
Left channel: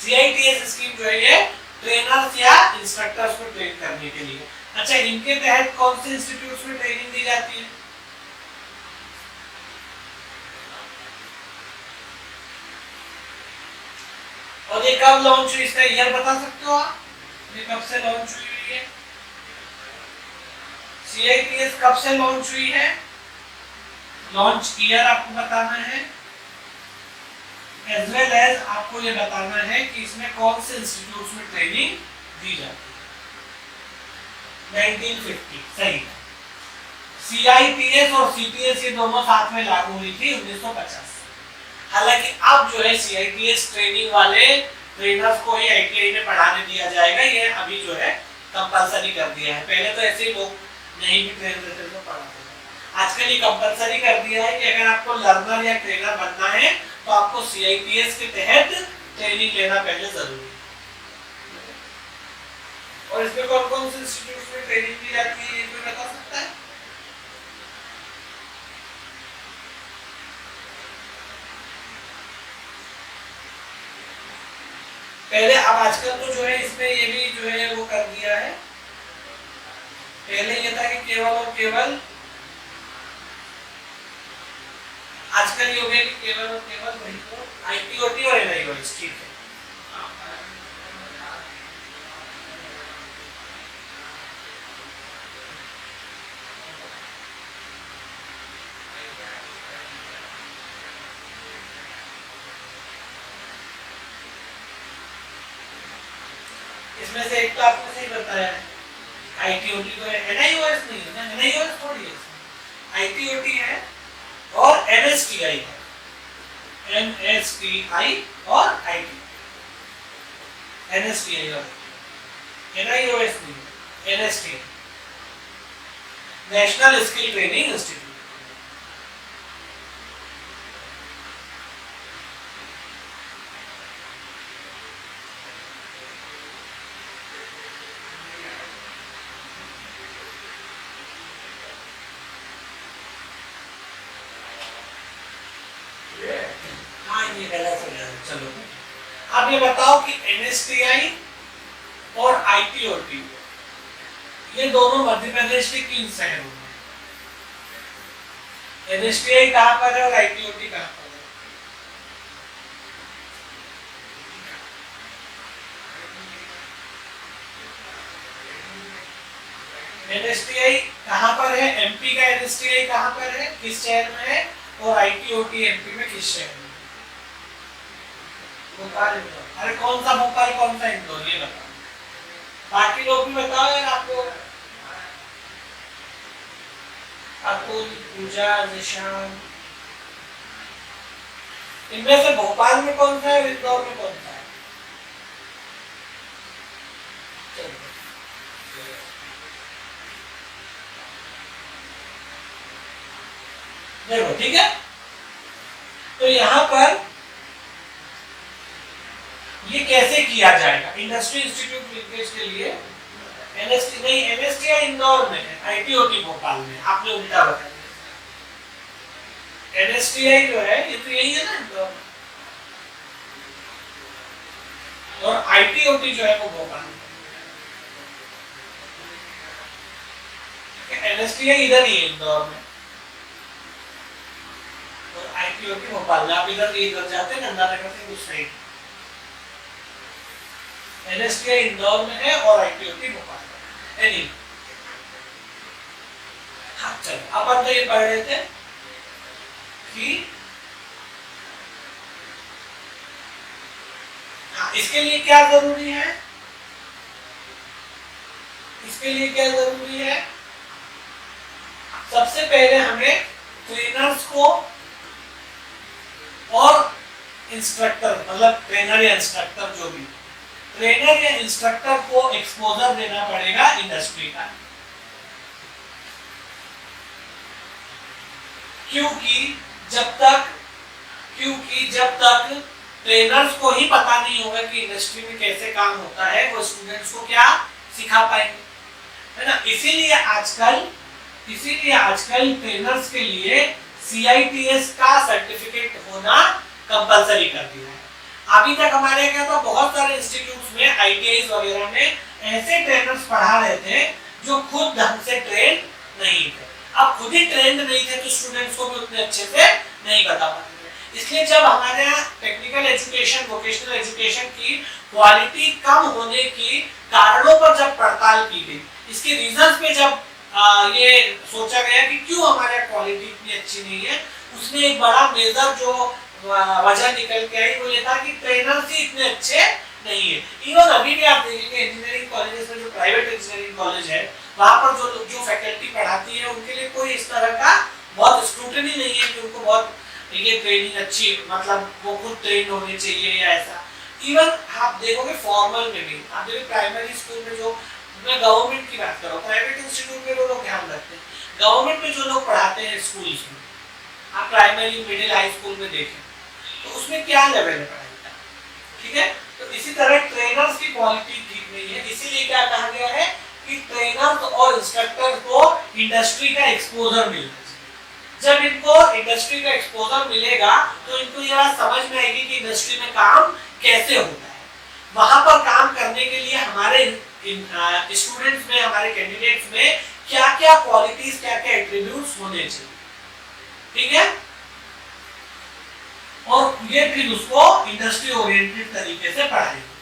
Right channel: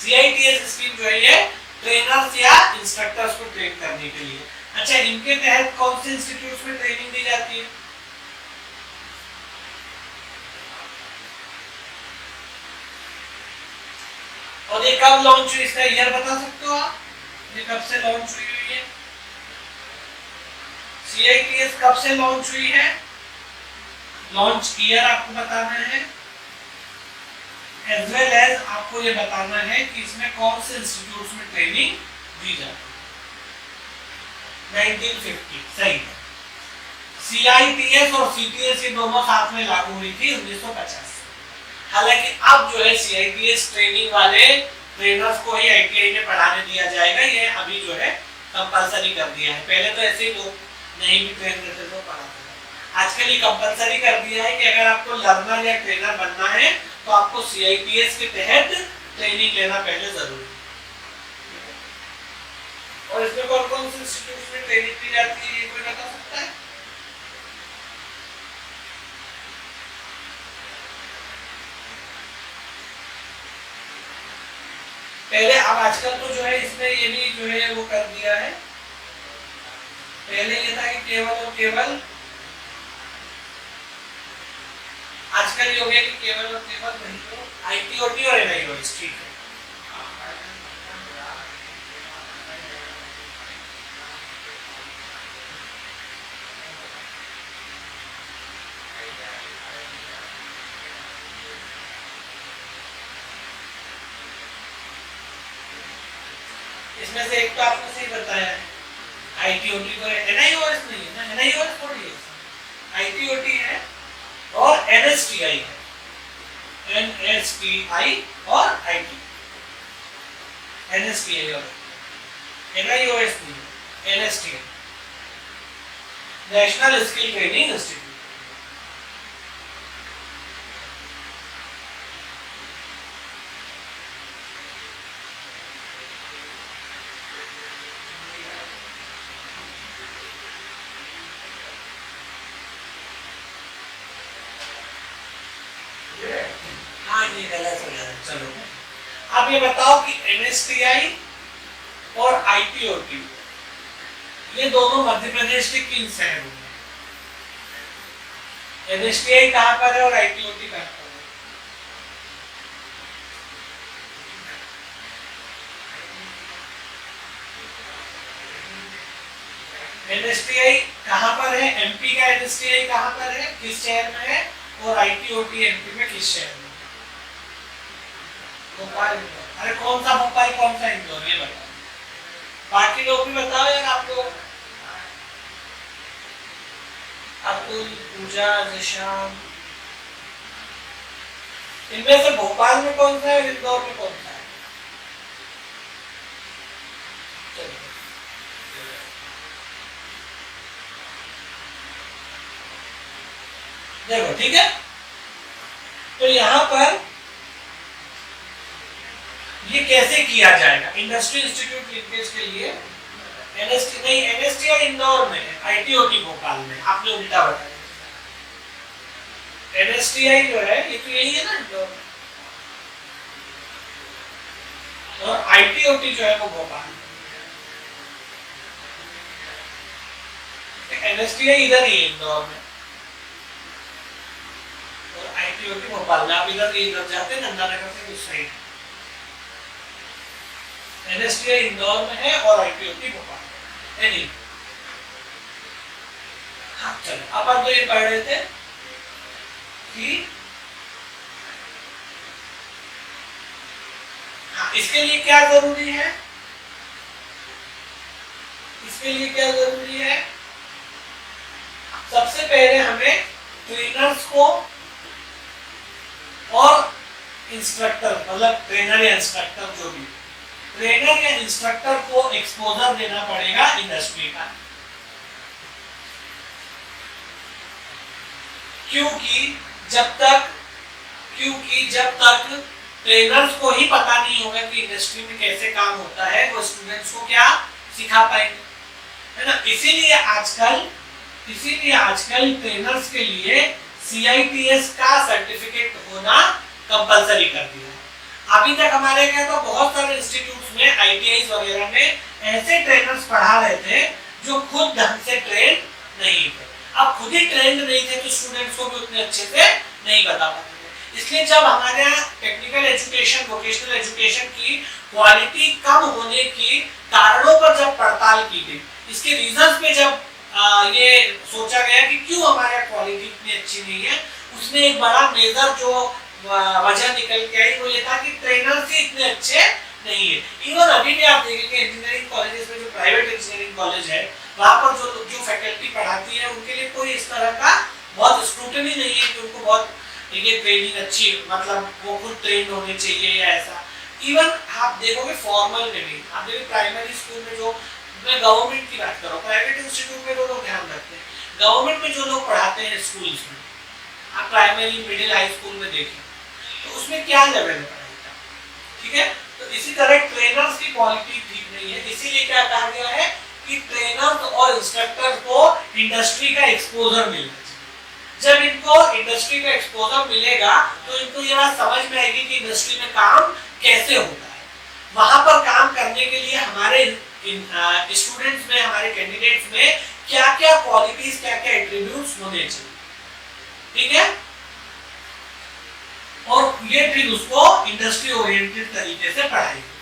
CITS scheme जो है ये ट्रेनर्स या इंस्ट्रक्टर्स को ट्रेन करने के लिए। अच्छा, इनके तहत कौन से इंस्टीट्यूट्स में ट्रेनिंग दी जाती है? और ये कब लॉन्च हुई, इसका ईयर बता सकते हो आप? ये कब से लॉन्च हुई है? CITS कब से लॉन्च हुई है? लॉन्च ईयर आपको बताना है, एज वेल एज आपको ये बताना है कि इसमें कौन से इंस्टीट्यूट्स में ट्रेनिंग दी जाती है। 1950, सही है। CITS और CTS ये दोनों साथ में लागू हुई थी 1950। हालांकि अब जो है CITS ट्रेनिंग वाले ट्रेनर्स को ही ITI में पढ़ाने दिया जाएगा, ये अभी जो है कंपलसरी कर दिया है। पहले तो ऐसे ही लोग नहीं भी ट्रेन करते थे, पढ़ाते थे। आजकल ये कंपलसरी कर दिया है कि अगर आपको लर्नर या ट्रेनर बनना है तो आपको CITS के तहत ट्रेनिंग लेना पहले जरूरी है। और इसमें कौन कौन से इंस्टीट्यूट्स में ट्रेनिंग दी जाती है, ये कोई बता सकता है? पहले, अब आजकल तो जो है इसमें ये भी जो है वो कर दिया है। पहले ये था कि केवल और केवल, आजकल ये हो गया कि केवल और केवल वही तो ITOT और NIOS, ठीक है। इसमें से एक तो आपने सही बताया है, ITOT तो है, NIOS नहीं है ना, NIOS थोड़ी है, ITOT है और NSTI है, NSTI और IT, NSTI और NIOS नहीं है, NSTI, national skill training institute. चलो, अब ये बताओ कि NSTI और ITOT ये दोनों मध्य प्रदेश के किन शहरों में? NSTI कहां पर है और ITOT कहां पर है? NSTI कहां पर है? MP का NSTI कहां पर है, किस शहर में है? और ITOT MP में किस शहर में? भोपाल। अरे कौन सा भोपाल, कौन सा इंदौर, ये बताओ। बाकी लोग भी बताओ यार, आप लोग। अतुल, पूजा, निशान, इनमें से भोपाल में कौन सा है, इंदौर में कौन सा है? देखो, ठीक है। तो यहां पर ये कैसे किया जाएगा? इंडस्ट्री इंस्टीट्यूट लिंकेज के लिए NSTI इंदौर में है, ITOT भोपाल में, आपने उल्टा बताया। NSTI जो है ये तो यही है ना, इंदौर में, और ITOT जो है वो भोपाल में। NSTI इधर ही है, इंदौर में, और ITOT भोपाल में। आप इधर जाते हैं गंगानगर से उस साइड, NSTI इंदौर में है और ITOT भोपाल में। एनी हाँ चलो, अपन तो ये पढ़ रहे थे कि हाँ, इसके लिए क्या जरूरी है, इसके लिए क्या जरूरी है, सबसे पहले हमें ट्रेनर्स को और इंस्ट्रक्टर, मतलब ट्रेनर या इंस्ट्रक्टर, जो भी ट्रेनर या इंस्ट्रक्टर को एक्सपोजर देना पड़ेगा इंडस्ट्री का। क्योंकि जब तक ट्रेनर्स को ही पता नहीं होगा कि इंडस्ट्री में कैसे काम होता है, वो स्टूडेंट्स को क्या सिखा पाएंगे, है ना। इसीलिए आजकल ट्रेनर्स के लिए CITS का सर्टिफिकेट होना कंपलसरी कर दिया है। अभी तक हमारे क्या था, बहुत सारे इंस्टीट्यूट्स में, ITIs वगैरह में ऐसे ट्रेनर्स पढ़ा रहे थे जो खुद ढंग से ट्रेन नहीं थे। अब खुद ही ट्रेंड नहीं थे तो स्टूडेंट्स को भी उतने अच्छे से नहीं बता पाते थे। इसलिए जब हमारे यहाँ टेक्निकल एजुकेशन, वोकेशनल एजुकेशन की क्वालिटी कम होने की कारणों पर जब पड़ताल की गई, इसके रीजंस पे जब ये सोचा गया कि क्यों हमारे यहाँ क्वालिटी इतनी अच्छी नहीं है, उसमें एक बड़ा मेजर जो वजह निकल के आई वो ये था कि ट्रेनर्स ही इतने अच्छे नहीं है। इवन अभी भी आप देखेंगे इंजीनियरिंग कॉलेजेस में, जो प्राइवेट इंजीनियरिंग कॉलेज है, वहां पर जो फैकल्टी पढ़ाती है उनके लिए कोई इस तरह का बहुत स्क्रूटनी नहीं है कि उनको बहुत ये ट्रेनिंग अच्छी, मतलब वो खुद ट्रेन होने चाहिए या ऐसा। इवन आप देखोगे फॉर्मल में भी, आप देखोगे प्राइमरी स्कूल में, जो मैं गवर्नमेंट की बात कर रहा हूँ, प्राइवेट इंस्टीट्यूट में वो लोग ध्यान रखते हैं, गवर्नमेंट में जो लोग पढ़ाते हैं स्कूल्स में, आप प्राइमरी, मिडिल, हाई स्कूल में देखें तो उसमें क्या लेवल है पढ़ाई का, ठीक है। तो इसी तरह ट्रेनर्स की क्वालिटी ठीक नहीं है, इसीलिए क्या कहा गया है कि ट्रेनर्स और इंस्ट्रक्टर्स को इंडस्ट्री का एक्सपोजर मिलना चाहिए। जब इनको इंडस्ट्री का एक्सपोजर मिलेगा तो इनको ये बात समझ में आएगी कि इंडस्ट्री में काम कैसे होता है। वहां पर काम करने के लिए हमारे स्टूडेंट्स में, हमारे कैंडिडेट्स में क्या क्या क्वालिटीज, क्या क्या एट्रीब्यूट्स होने चाहिए, ठीक है। और ये फिर उसको इंडस्ट्री ओरिएंटेड तरीके से पढ़ाएंगे।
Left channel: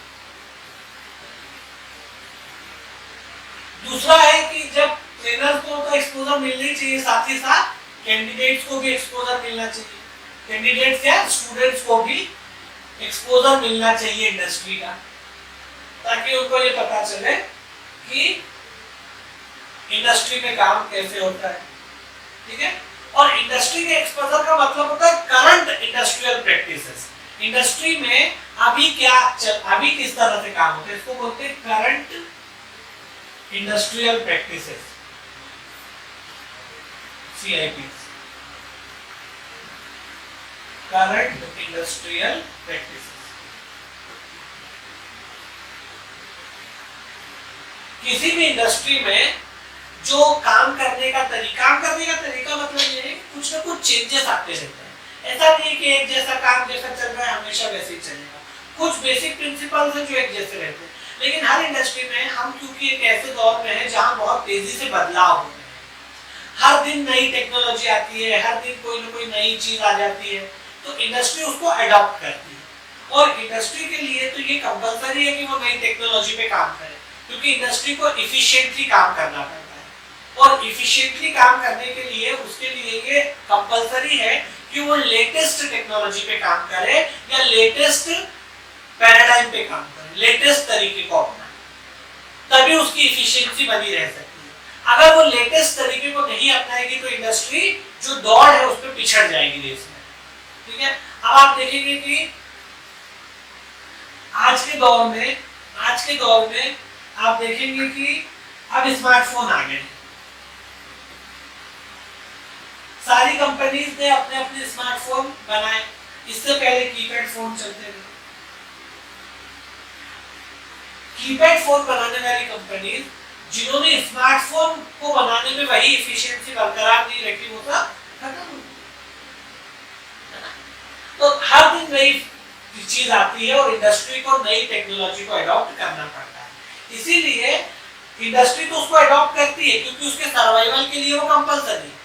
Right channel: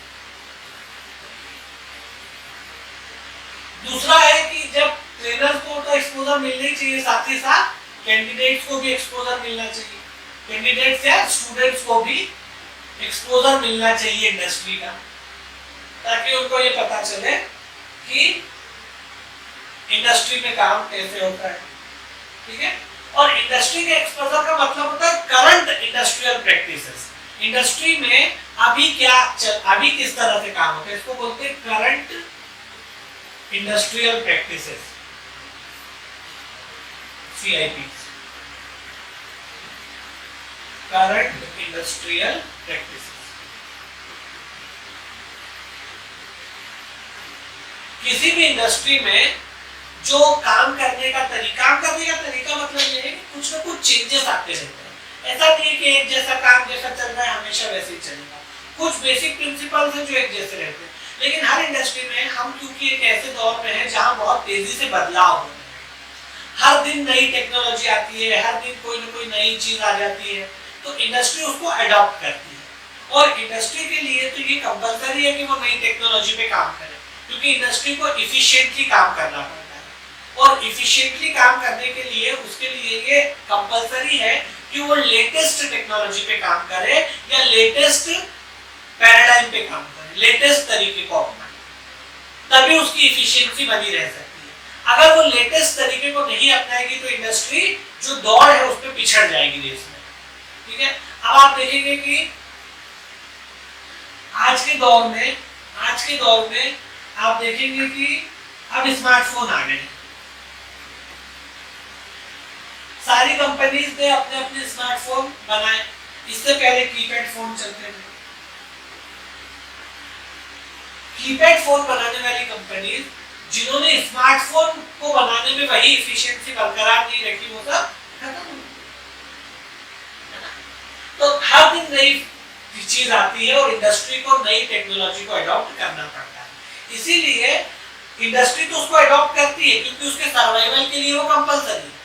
दूसरा है कि जब ट्रेनर्स को तो एक्सपोजर मिलना ही चाहिए, साथ ही साथ कैंडिडेट्स को भी एक्सपोजर मिलना चाहिए, कैंडिडेट्स या स्टूडेंट्स को भी एक्सपोजर मिलना चाहिए इंडस्ट्री का, ताकि उनको ये पता चले कि इंडस्ट्री में काम कैसे होता है, ठीक है। और इंडस्ट्री के एक्सपोजर का मतलब होता है करंट इंडस्ट्रियल प्रैक्टिसेस। इंडस्ट्री में अभी अभी किस तरह से काम होता है, इसको बोलते हैं current industrial practices, CIPs, current industrial practices. किसी भी इंडस्ट्री में जो काम करने का तरीका मतलब ये है कि कुछ ना कुछ चेंजेस आते रहते हैं। ऐसा नहीं है कि एक जैसा काम जैसा चल रहा है हमेशा वैसे ही चलेगा, कुछ बेसिक प्रिंसिपल्स हैं जो एक जैसे रहते हैं। लेकिन हर इंडस्ट्री में हम, क्योंकि एक ऐसे दौर में है जहां बहुत तेजी से बदलाव होते हैं, हर दिन नई टेक्नोलॉजी आती है, हर दिन कोई ना कोई नई चीज आ जाती है, तो इंडस्ट्री उसको अडॉप्ट करती है। और इंडस्ट्री के लिए तो ये कंपलसरी है कि वो नई टेक्नोलॉजी पे काम करे, क्योंकि इंडस्ट्री को इफिशिएंटली काम करना पड़ता है। और इफिशिएंटली काम करने के लिए उसके लिए ये कंपलसरी है कि वो लेटेस्ट टेक्नोलॉजी पे काम करे या लेटेस्ट पैराडाइम पे काम करे, लेटेस्ट तरीके को अपनाए, तभी उसकी इफिशिएंसी बनी रह सकती है। अगर वो लेटेस्ट तरीके को नहीं अपनाएगी तो इंडस्ट्री जो दौड़ है उस पर पिछड़ जाएगी देश में, ठीक है। अब आप देखेंगे कि आज के दौर में आप देखेंगे कि अब स्मार्टफोन आ गए, सारी कंपनीज ने अपने अपने स्मार्टफोन बनाए। इससे पहले कीपैड फोन चलते थे। कीपैड फोन बनाने वाली कंपनीज जिन्होंने स्मार्टफोन को बनाने में वही एफिशिएंसी बरकरार नहीं रखी, वो सब खत्म हो गई। तो हर दिन नई चीज आती है और इंडस्ट्री को नई टेक्नोलॉजी को अडॉप्ट करना पड़ता है। इसीलिए इंडस्ट्री तो उसको अडॉप्ट करती है क्योंकि उसके सर्वाइवल के लिए वो कंपलसरी है।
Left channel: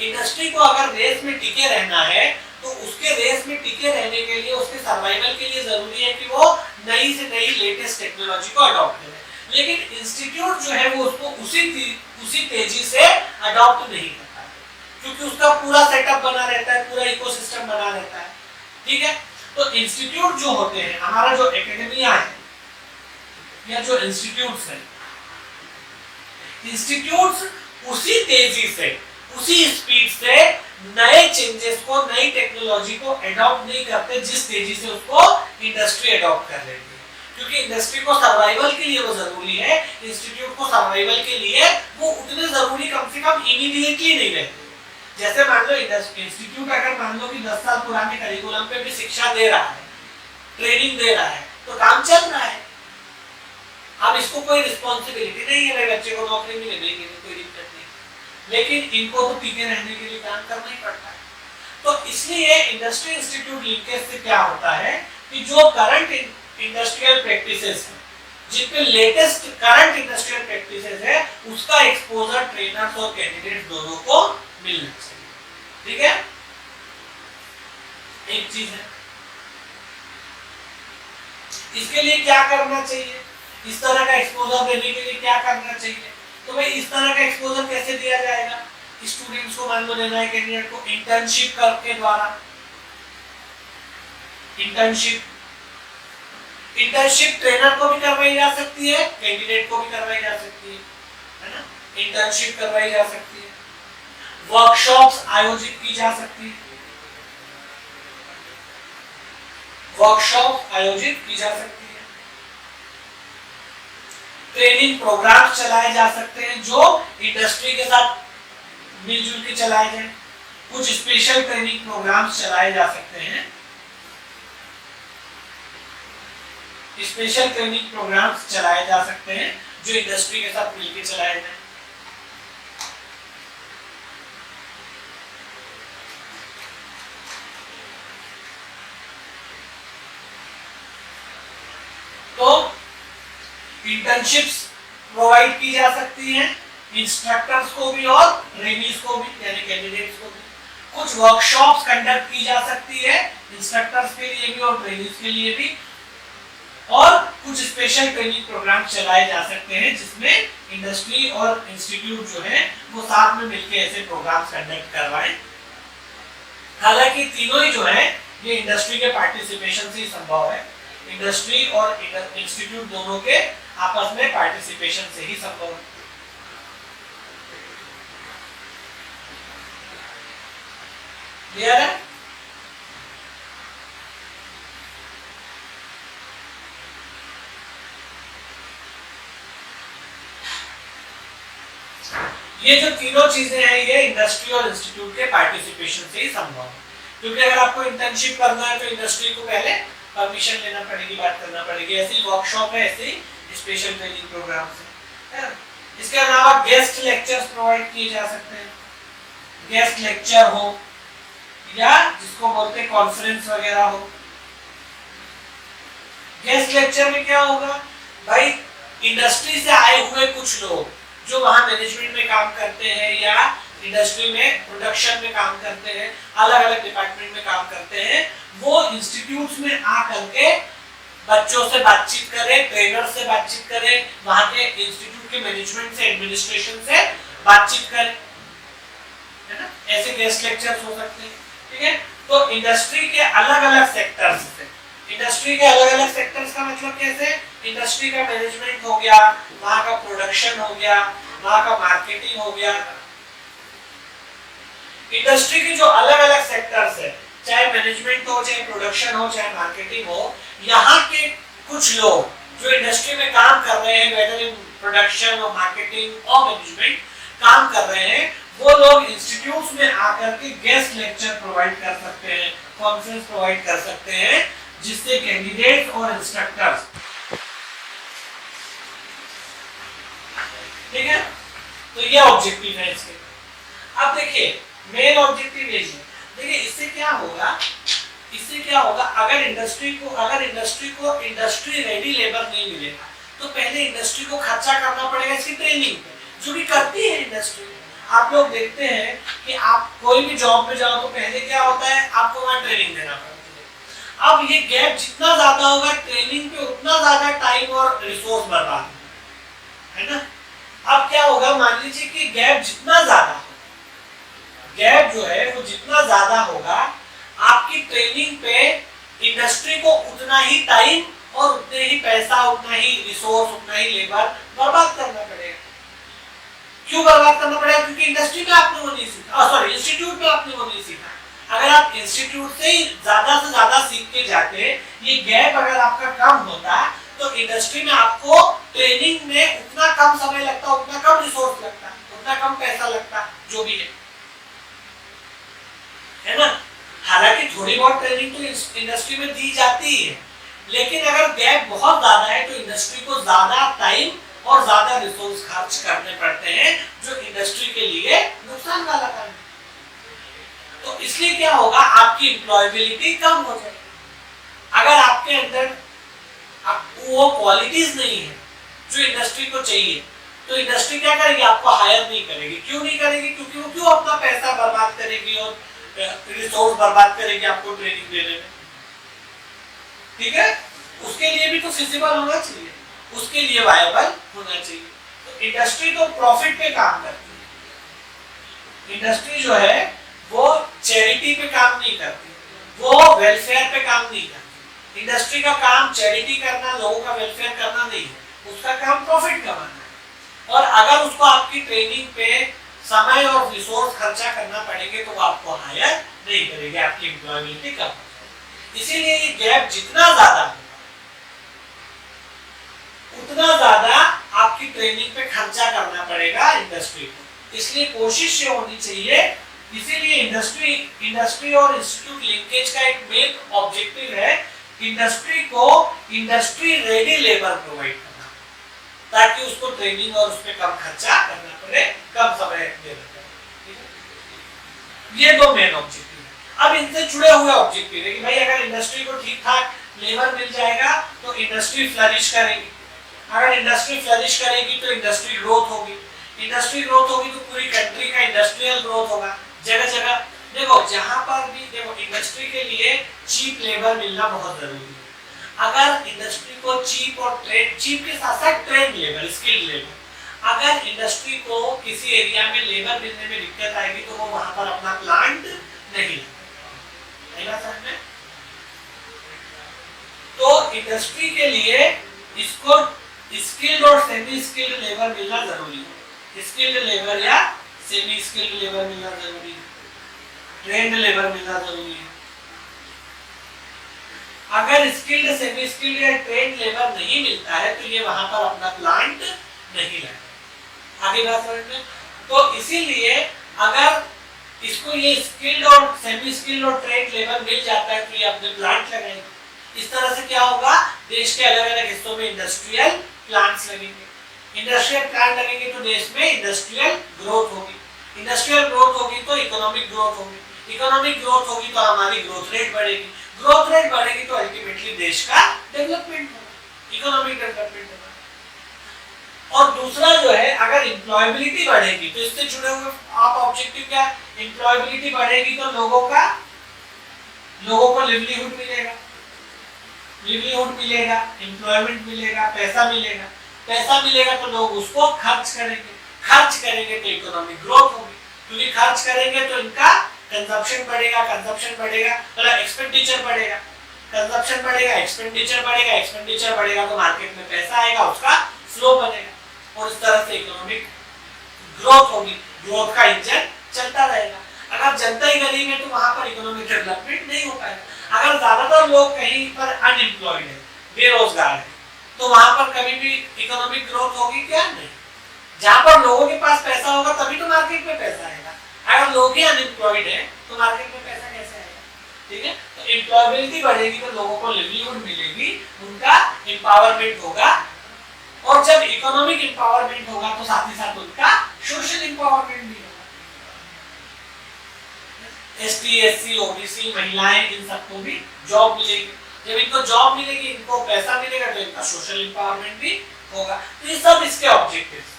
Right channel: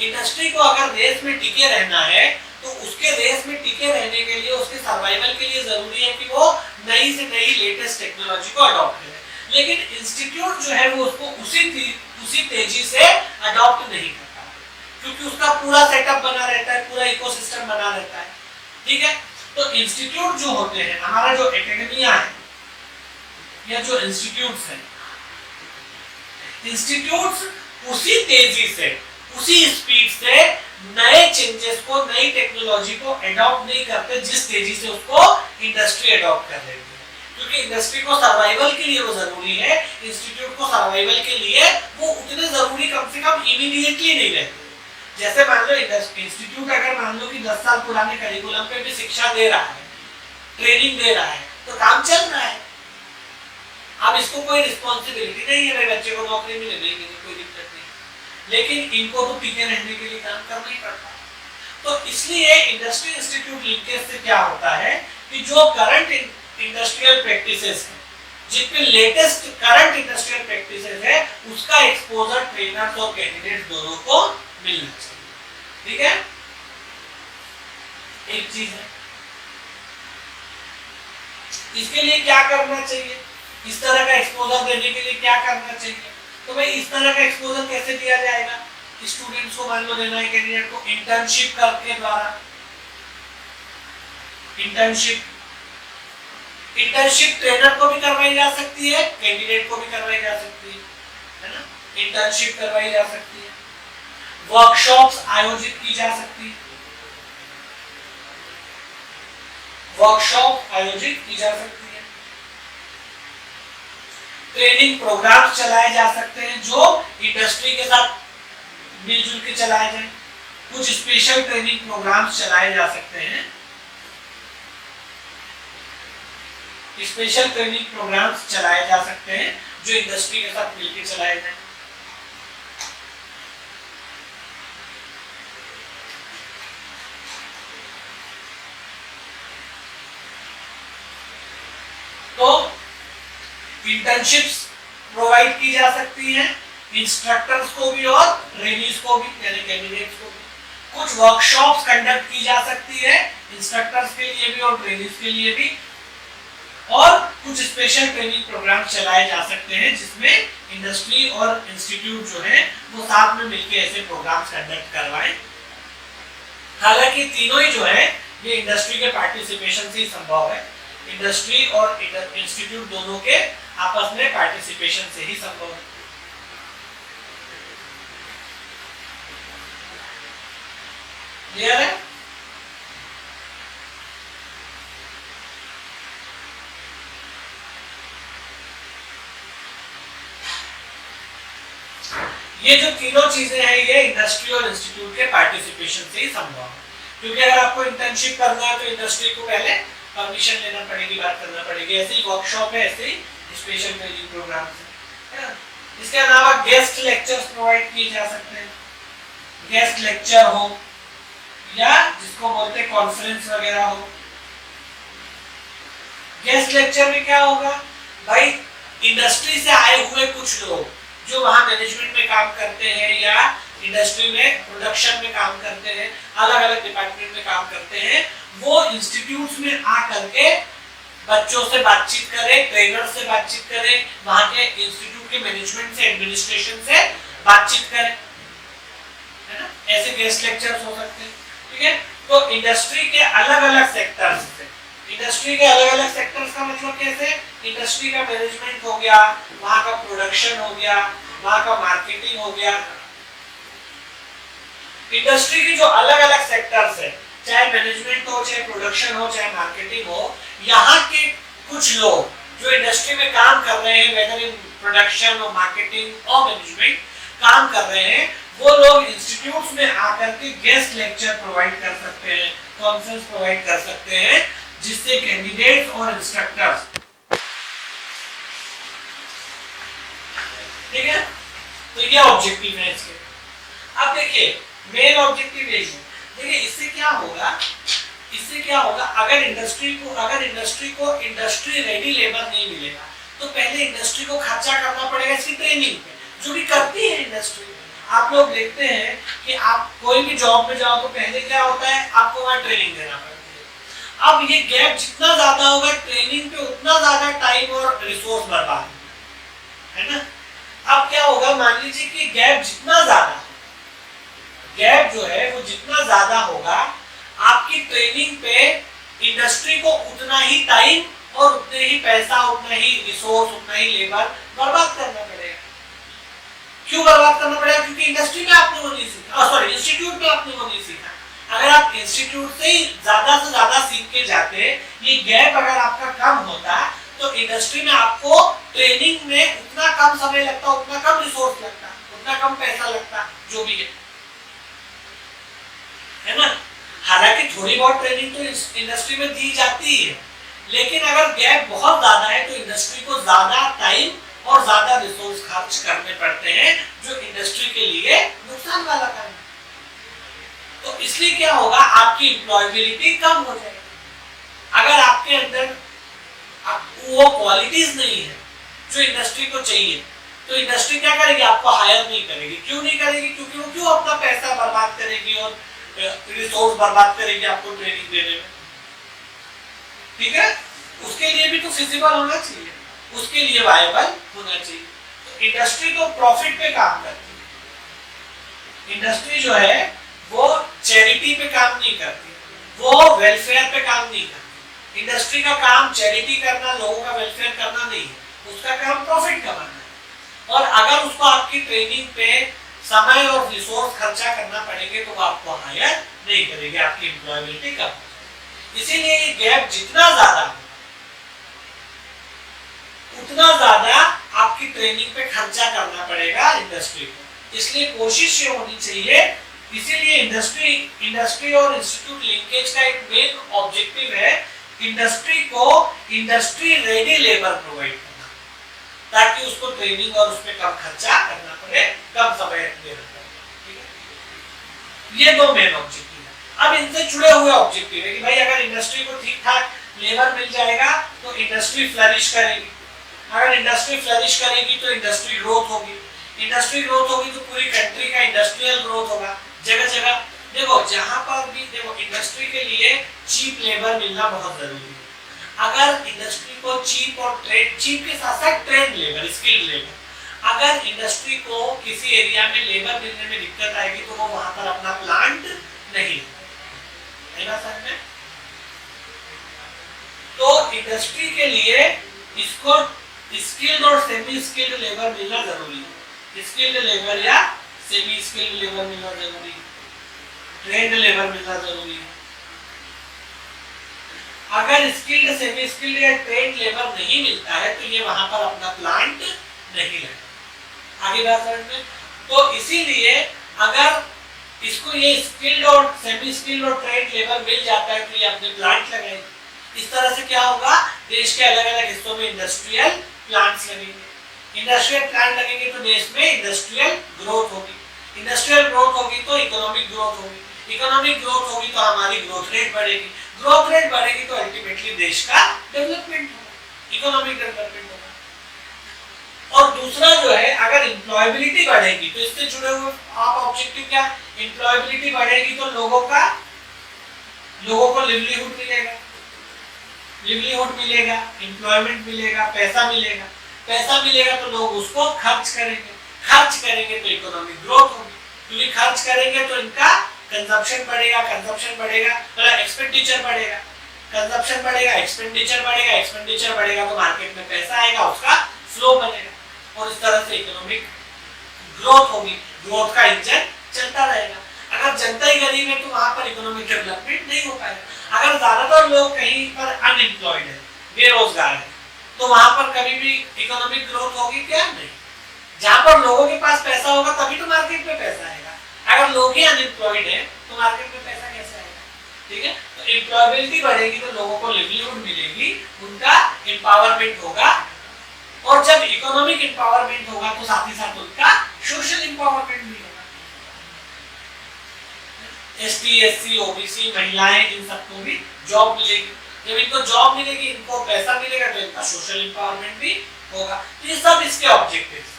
इंडस्ट्री को अगर देश में टिके रहना है तो उसके रेस में टिके रहने के लिए, उसके सर्वाइवल के लिए जरूरी है कि वो नई से नई लेटेस्ट टेक्नोलॉजी को अडॉप्ट करे। लेकिन इंस्टीट्यूट जो है वो उसको उसी तेजी से अडॉप्ट नहीं करता, क्योंकि उसका पूरा सेटअप बना रहता है, पूरा इकोसिस्टम बना रहता है। ठीक है, तो इंस्टीट्यूट जो होते हैं, हमारा जो एकेडमिया है या जो इंस्टीट्यूट्स हैं, इंस्टीट्यूट्स उसी तेजी से, उसी स्पीड से नए चेंजेस को, नई टेक्नोलॉजी को अडॉप्ट नहीं करते जिस तेजी से उसको इंडस्ट्री अडॉप्ट कर रही है। क्योंकि इंडस्ट्री को सर्वाइवल के लिए वो जरूरी है, इंस्टीट्यूट को सर्वाइवल के लिए वो उतने जरूरी कम से कम इमीडिएटली नहीं रहते। जैसे मान लो इंस्टीट्यूट अगर मान लो कि 10 साल पुराने करिकुलम पे भी शिक्षा दे रहा है, ट्रेनिंग दे रहा है, तो काम चल रहा है। अब इसको कोई रिस्पॉन्सिबिलिटी नहीं है, मेरे बच्चे को नौकरी मिले नहीं मिले कोई दिक्कत नहीं, लेकिन इनको तो टिके रहने के लिए काम करना ही पड़ता है। तो इसलिए इंडस्ट्री इंस्टीट्यूट लिंकेज से क्या होता है कि जो करंट इंडस्ट्रियल प्रैक्टिसेस है, जिन पे लेटेस्ट करंट इंडस्ट्रियल प्रैक्टिसेस है, उसका एक्सपोजर ट्रेनर्स और कैंडिडेट्स दोनों को मिलना चाहिए। ठीक है, एक चीज है। इसके लिए क्या करना चाहिए, इस तरह का एक्सपोजर देने के लिए क्या करना चाहिए? तो भाई इस तरह का एक्सपोजर कैसे दिया जाएगा? स्टूडेंट्स को मान लो देना है, कैंडिडेट को इंटर्नशिप करके द्वारा। इंटर्नशिप ट्रेनर को भी करवाई जा सकती है, कैंडिडेट को भी करवाई जा सकती है ना? इंटर्नशिप करवाई जा सकती है, वर्कशॉप्स आयोजित की जा सकती है, वर्कशॉप आयोजित की जा सकती है, ट्रेनिंग प्रोग्राम चलाए जा सकते हैं जो इंडस्ट्री के साथ मिलजुल के चलाए जाएं। कुछ स्पेशल ट्रेनिंग प्रोग्राम्स चलाए जा सकते हैं, स्पेशल ट्रेनिंग प्रोग्राम्स चलाए जा सकते हैं जो इंडस्ट्री के साथ मिलकर चलाए जाएं। तो इंटर्नशिप्स प्रोवाइड की जा सकती हैं इंस्ट्रक्टर्स को भी और ट्रेनीज को भी, यानी कैंडिडेट्स को भी। कुछ वर्कशॉप्स कंडक्ट की जा सकती है इंस्ट्रक्टर्स के लिए भी और ट्रेनीज के लिए भी, और कुछ स्पेशल ट्रेनिंग प्रोग्राम चलाए जा सकते हैं जिसमें इंडस्ट्री और इंस्टीट्यूट जो है वो साथ में मिलकर ऐसे प्रोग्राम्स कंडक्ट करवाएं। हालांकि तीनों ही जो है ये इंडस्ट्री के पार्टिसिपेशन से ही संभव है, इंडस्ट्री और इंस्टीट्यूट दोनों के आपस में पार्टिसिपेशन से ही संभव है। क्लियर है? ये जो तीनों चीजें हैं ये इंडस्ट्री और इंस्टीट्यूट के पार्टिसिपेशन से ही संभव है। क्योंकि अगर आपको इंटर्नशिप करना है तो इंडस्ट्री को पहले परमिशन लेना पड़ेगी, बात करना पड़ेगी। ऐसे ही वर्कशॉप है, ऐसे ही स्पेशल ट्रेनिंग प्रोग्राम्स है। इसके अलावा गेस्ट लेक्चर्स प्रोवाइड किए जा सकते हैं, गेस्ट लेक्चर हो या जिसको बोलते हैं कॉन्फ्रेंस वगैरह हो। गेस्ट लेक्चर में क्या होगा भाई, इंडस्ट्री से आए हुए कुछ लोग जो वहां मैनेजमेंट में काम करते हैं या इंडस्ट्री में प्रोडक्शन में काम करते हैं, अलग अलग डिपार्टमेंट में काम करते हैं, वो इंस्टीट्यूट्स में आकर के बच्चों से बातचीत करें, ट्रेनर से बातचीत करें, वहां के इंस्टीट्यूट के मैनेजमेंट से, एडमिनिस्ट्रेशन से बातचीत करें, है ना? ऐसे गेस्ट लेक्चर्स हो सकते हैं। ठीक है, तो इंडस्ट्री के अलग अलग सेक्टर्स से, इंडस्ट्री के अलग अलग सेक्टर्स का मतलब कैसे, इंडस्ट्री का मैनेजमेंट हो गया, वहां का प्रोडक्शन हो गया, वहां का मार्केटिंग हो गया। इंडस्ट्री के जो अलग अलग सेक्टर्स है, चाहे मैनेजमेंट हो, चाहे प्रोडक्शन हो, चाहे मार्केटिंग हो, यहाँ के कुछ लोग जो इंडस्ट्री में काम कर रहे हैं, वेदर इन प्रोडक्शन और मार्केटिंग और मैनेजमेंट काम कर रहे हैं, वो लोग इंस्टीट्यूट्स में आकर के गेस्ट लेक्चर प्रोवाइड कर सकते हैं, कॉन्फ्रेंस प्रोवाइड कर सकते हैं, जिससे कैंडिडेट्स और इंस्ट्रक्टर्स, ठीक है, तो ये ऑब्जेक्टिव है इसके। अब देखिए मेन ऑब्जेक्टिव यही है। देखिए इससे क्या होगा, अगर इंडस्ट्री को इंडस्ट्री रेडी लेबर नहीं मिलेगा तो पहले इंडस्ट्री को खर्चा करना पड़ेगा इसकी ट्रेनिंग पे, जो भी करती है इंडस्ट्री। आप लोग देखते हैं कि आप कोई भी जॉब में जाओ तो पहले क्या होता है, आपको वहां ट्रेनिंग देना पड़ती है। अब ये गैप जितना ज्यादा होगा ट्रेनिंग पे उतना ज्यादा टाइम और रिसोर्स बर्बाद होगा, है ना। अब क्या होगा, मान लीजिए कि गैप जितना ज्यादा, गैप जो है वो जितना ज्यादा होगा, आपकी ट्रेनिंग पे इंडस्ट्री को उतना ही टाइम और उतने ही पैसा, उतना ही रिसोर्स, उतना ही लेबर बर्बाद करना पड़ेगा। क्यों बर्बाद करना पड़ेगा? क्योंकि इंडस्ट्री में आपने वो नहीं सीखा, सॉरी इंस्टीट्यूट में आपने वो नहीं सीखा। अगर आप इंस्टीट्यूट से ही ज्यादा से ज्यादा सीख के जाते, ये गैप अगर आपका कम होता, तो इंडस्ट्री में आपको ट्रेनिंग में उतना कम समय लगता, उतना कम रिसोर्स लगता, उतना कम पैसा लगता, जो भी है ना। हालांकि थोड़ी बहुत ट्रेनिंग तो इंडस्ट्री में दी जाती है, लेकिन अगर गैप बहुत ज्यादा है तो इंडस्ट्री को ज्यादा टाइम और ज्यादा रिसोर्स खर्च करने पड़ते हैं, जो इंडस्ट्री के लिए नुकसान वाला काम है। तो इसलिए क्या होगा, आपकी एम्प्लॉयबिलिटी कम हो जाएगी। अगर आपके अंदर वो क्वालिटीज नहीं है जो इंडस्ट्री को चाहिए, तो इंडस्ट्री क्या करेगी, आपको हायर नहीं करेगी। क्यों नहीं करेगी? क्योंकि वो क्यों अपना पैसा बर्बाद करेगी और रिसोर्स बर्बाद करेगी आपको ट्रेनिंग देने में, ठीक है। उसके लिए भी तो फिजिबल होना चाहिए, उसके लिए वायबल होना चाहिए। तो इंडस्ट्री तो प्रॉफिट पे काम करती है। इंडस्ट्री जो है वो चैरिटी पे काम नहीं करती, वो वेलफेयर पे काम नहीं करती। इंडस्ट्री का काम चैरिटी करना, लोगों का वेलफेयर करना नहीं है, उसका काम प्रॉफिट कमाना है। और अगर उसको आपकी ट्रेनिंग पे समय और रिसोर्स खर्चा करना पड़ेंगे तो वो आपको हायर नहीं करेंगे, आपकी एम्प्लॉयबिलिटी कम हो जाएगी। इसीलिए ये गैप जितना ज्यादा उतना ज्यादा आपकी ट्रेनिंग पे खर्चा करना पड़ेगा इंडस्ट्री को। इसलिए कोशिश ये होनी चाहिए, इसीलिए इंडस्ट्री और इंस्टीट्यूट लिंकेज का एक मेन ऑब्जेक्टिव है इंडस्ट्री को इंडस्ट्री रेडी लेबर प्रोवाइड करना, ताकि उसको ट्रेनिंग और उस पर कम खर्चा करना पड़े, कम समय देना पड़े। ये दो मेन ऑब्जेक्टिव है। अब इनसे जुड़े हुए ऑब्जेक्टिव है कि भाई अगर इंडस्ट्री को ठीक ठाक लेबर मिल जाएगा तो इंडस्ट्री फ्लरिश करेगी। अगर इंडस्ट्री फ्लरिश करेगी तो इंडस्ट्री ग्रोथ होगी। इंडस्ट्री ग्रोथ होगी तो पूरी कंट्री का इंडस्ट्रियल ग्रोथ होगा। जगह जगह देखो, जहां पर भी देखो, इंडस्ट्री के लिए चीप लेबर मिलना बहुत जरूरी है। अगर इंडस्ट्री को चीप और ट्रेन, चीप के साथ साथ ट्रेन लेबर, स्किल्ड लेबर, अगर इंडस्ट्री को किसी एरिया में लेबर मिलने में दिक्कत आएगी तो वो वहां पर अपना प्लांट नहीं समझ में। तो इंडस्ट्री के लिए इसको स्किल्ड और सेमी स्किल्ड लेबर मिलना जरूरी है। स्किल्ड लेबर या सेमी स्किल्ड लेबर मिलना जरूरी है, ट्रेंड लेबर मिलना जरूरी है। अगर स्किल्ड, सेमी स्किल्ड या ट्रेंड लेबर नहीं मिलता है तो ये वहां पर अपना प्लांट नहीं लगा। आगे बात समझ में। तो इसीलिए अगर इसको ये स्किल्ड और सेमी स्किल्ड और ट्रेंड लेबर मिल जाता है तो ये अपने प्लांट लगाएंगे। इस तरह से क्या होगा, देश के अलग अलग हिस्सों में इंडस्ट्रियल प्लांट्स लगेंगे। इंडस्ट्रियल प्लांट लगेंगे तो देश में इंडस्ट्रियल ग्रोथ होगी। इंडस्ट्रियल ग्रोथ होगी तो इकोनॉमिक ग्रोथ होगी। इकोनॉमिक ग्रोथ होगी तो हमारी ग्रोथ रेट बढ़ेगी। ग्रोथ रेट बढ़ेगी तो अल्टीमेटली देश का डेवलपमेंट होगा, इकोनॉमिक डेवलपमेंट होगा। और दूसरा जो है, अगर एम्प्लॉयबिलिटी बढ़ेगी तो इससे जुड़े हुए आप ऑब्जेक्टिव क्या है, एम्प्लॉयबिलिटी बढ़ेगी तो लोगों को लिवलीहुड मिलेगा, एम्प्लॉयमेंट मिलेगा, पैसा मिलेगा। पैसा मिलेगा तो लोग उसको खर्च करेंगे तो इकोनॉमिक ग्रोथ होगी, क्योंकि खर्च करेंगे तो इनका कंजप्शन बढ़ेगा मतलब एक्सपेंडिचर बढ़ेगा, कंजप्शन बढ़ेगा, एक्सपेंडिचर बढ़ेगा तो मार्केट में पैसा आएगा, उसका फ्लो बनेगा और इस तरह से इकोनॉमिक ग्रोथ होगी। ग्रोथ का इंजन चलता रहेगा। अगर जनता ही गरीब है तो वहां पर इकोनॉमिक डेवलपमेंट नहीं हो पाएगा। अगर ज्यादातर लोग कहीं पर अनएम्प्लॉयड है, बेरोजगार है, तो वहां पर कभी भी इकोनॉमिक ग्रोथ होगी क्या? नहीं। जहां पर लोगों के पास पैसा होगा तभी तो मार्केट में पैसा आएगा। अगर लोग ही अनएम्प्लॉयड है तो मार्केट में पैसा कैसे आएगा? ठीक है। तो एम्प्लॉयबिलिटी बढ़ेगी तो लोगों को लिवलीहुड मिलेगी, उनका एम्पावरमेंट होगा, और जब इकोनॉमिक एम्पावरमेंट होगा तो साथ ही साथ उनका सोशल एम्पावरमेंट भी होगा। एसटी, एससी, ओबीसी, महिलाएं, इन सबको भी जॉब मिलेगी। जब इनको जॉब मिलेगी, इनको पैसा मिलेगा, तो इनका सोशल एम्पावरमेंट भी होगा। तो ये सब इसके ऑब्जेक्टिव्स।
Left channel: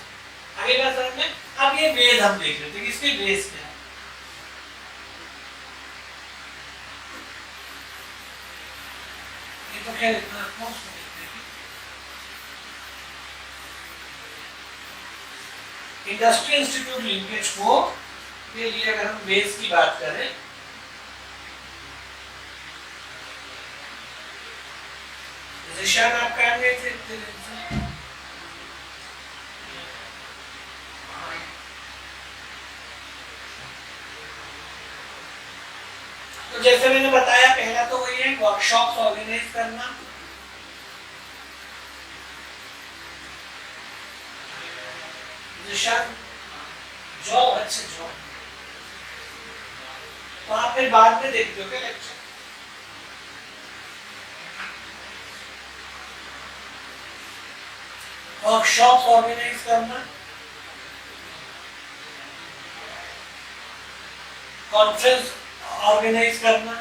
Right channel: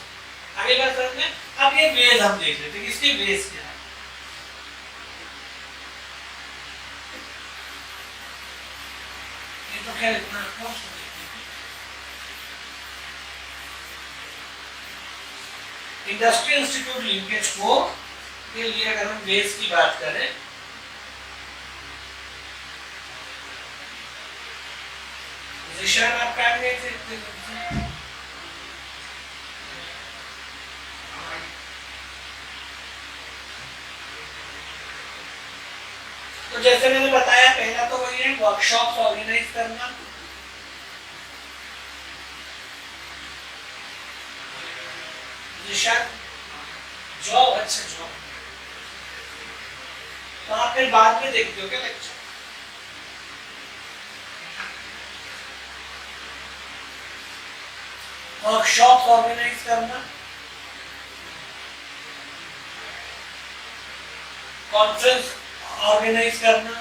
आगे बात समझ में। अब ये वेज हम देख लेते हैं कि इसके वेज क्या है। ये तो खैर इतना कॉस्ट इंडस्ट्रियल इंस्टीट्यूट लिंकेज को के लिए अगर हम बेस की बात करें निशान आप क्या देख सकते हैं। तो जैसे मैंने बताया पहला तो वही है वर्कशॉप ऑर्गेनाइज करना, निशान जॉब, अच्छा जॉब तो आप फिर बाद में देखते हो क्या लेक्चर। वर्कशॉप ऑर्गेनाइज करना, कॉन्फ्रेंस ऑर्गेनाइज करना,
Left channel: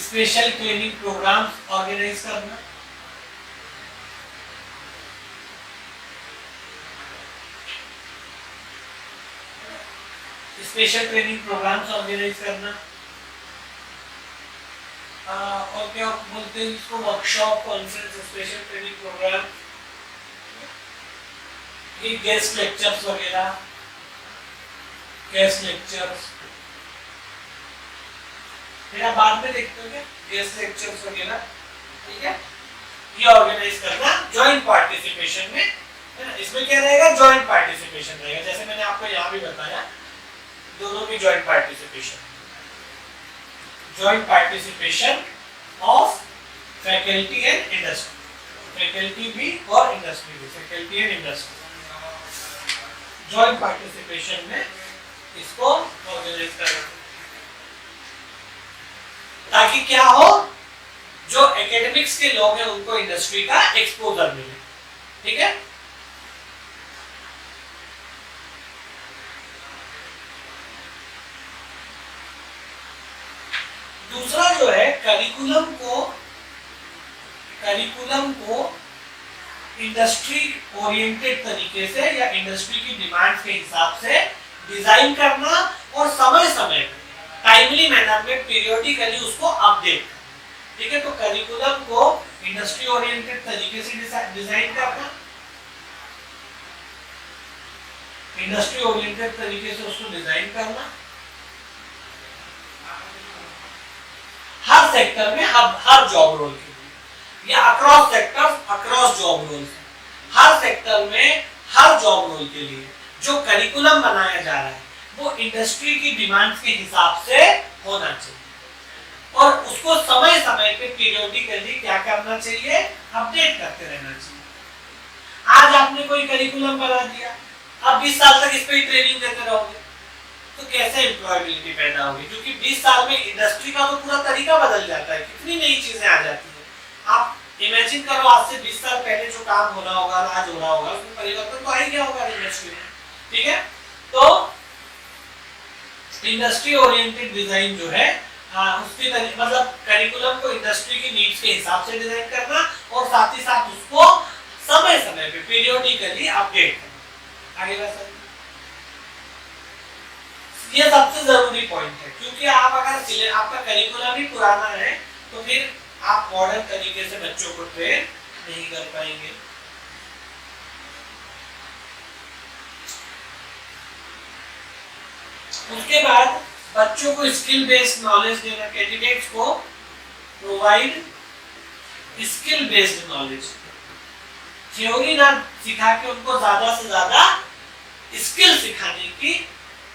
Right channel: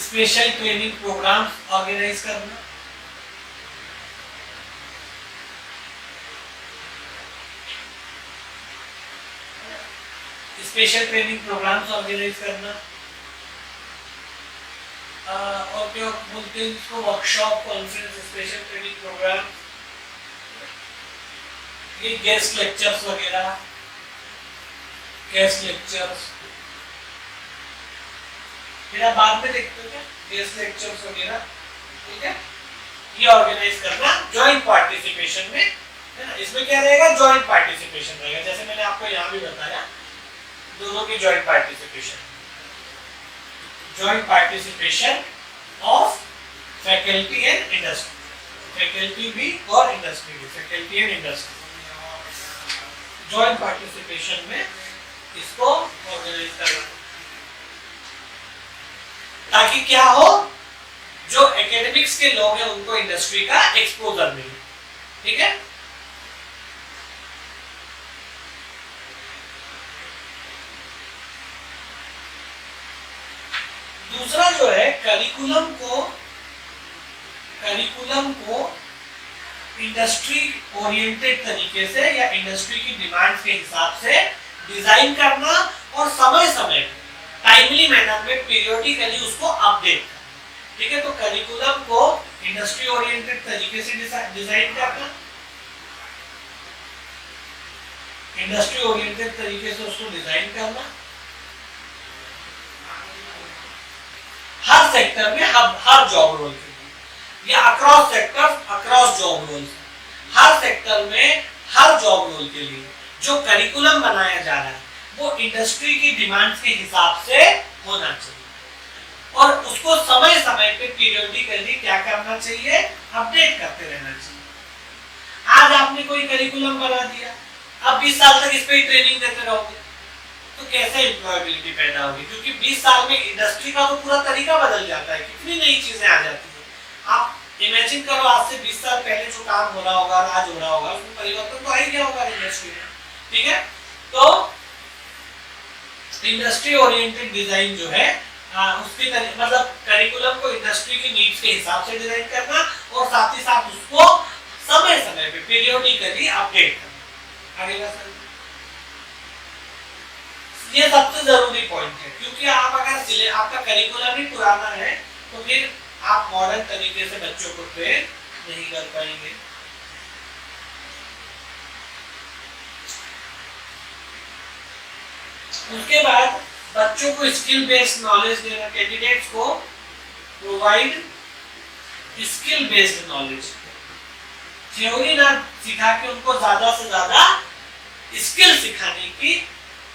स्पेशल ट्रेनिंग प्रोग्राम्स ऑर्गेनाइज करना, स्पेशल ट्रेनिंग प्रोग्राम्स ऑर्गेनाइज करना, और क्या बोलते हैं इसको, workshop, conference, special training programme, ये गेस्ट लेक्चर्स वगैरह, गेस्ट लेक्चर्स फिर आप बाद में देखते हो क्या गेस्ट लेक्चर्स वगैरह, ठीक है। ये ऑर्गेनाइज करना जॉइंट पार्टिसिपेशन में, है ना। इसमें क्या रहेगा, जॉइंट पार्टिसिपेशन रहेगा, जैसे मैंने आपको यहाँ भी बताया दोनों की joint participation of faculty and industry, faculty भी और इंडस्ट्री भी, faculty and industry joint participation में इसको ऑर्गेनाइज करना, ताकि क्या हो, जो एकेडमिक्स के लोग हैं उनको इंडस्ट्री का एक्सपोजर मिले, ठीक है। दूसरा जो है करिकुलम को इंडस्ट्री ओरिएंटेड तरीके से या इंडस्ट्री की डिमांड्स के हिसाब से डिजाइन करना और समय समय टाइमली मैनर में पीरियोडिकली उसको अपडेट करना, ठीक है। तो करिकुलम को इंडस्ट्री ओरिएंटेड तरीके से डिजाइन करना, इंडस्ट्री ओरिएंटेड तरीके से उसको डिजाइन करना, हर सेक्टर में हर जॉब रोल के लिए या across sectors across job role, हर सेक्टर में हर जॉब रोल के लिए जो करिकुलम बनाया जा रहा है वो इंडस्ट्री की डिमांड्स के हिसाब से होना चाहिए और उसको समय समय पे पीरियोडिकली क्या करना चाहिए, अपडेट करते रहना चाहिए। आज आपने कोई करिकुलम बना दिया, अब 20 साल तक इस पे ट्रेनिंग देते रहोगे तो कैसे एम्प्लॉयबिलिटी पैदा होगी, क्योंकि 20 साल में इंडस्ट्री का तो पूरा तरीका बदल जाता है, कितनी नई चीजें आ जाती है। आप इमेजिन करो आज से 20 साल पहले जो काम हो रहा होगा आज हो रहा होगा, उसमें परिवर्तन तो आ ही गया होगा इंडस्ट्री में, ठीक है। तो इंडस्ट्री ओरिएंटेड डिजाइन जो है उसके मतलब करिकुलम को इंडस्ट्री की नीड्स के हिसाब से डिजाइन करना और साथ ही साथ उसको समय समय पे पीरियोडिकली अपडेट करना। आगे बढ़ ये सबसे जरूरी पॉइंट है, क्योंकि आप अगर आपका करिकुलम ही पुराना है तो फिर आप मॉडर्न तरीके से बच्चों को ट्रेन नहीं कर पाएंगे। उसके बाद बच्चों को स्किल बेस्ड नॉलेज देना, कैंडिडेट्स को provide skill based knowledge, theory ना सिखा के उनको ज्यादा से ज्यादा स्किल सिखाने की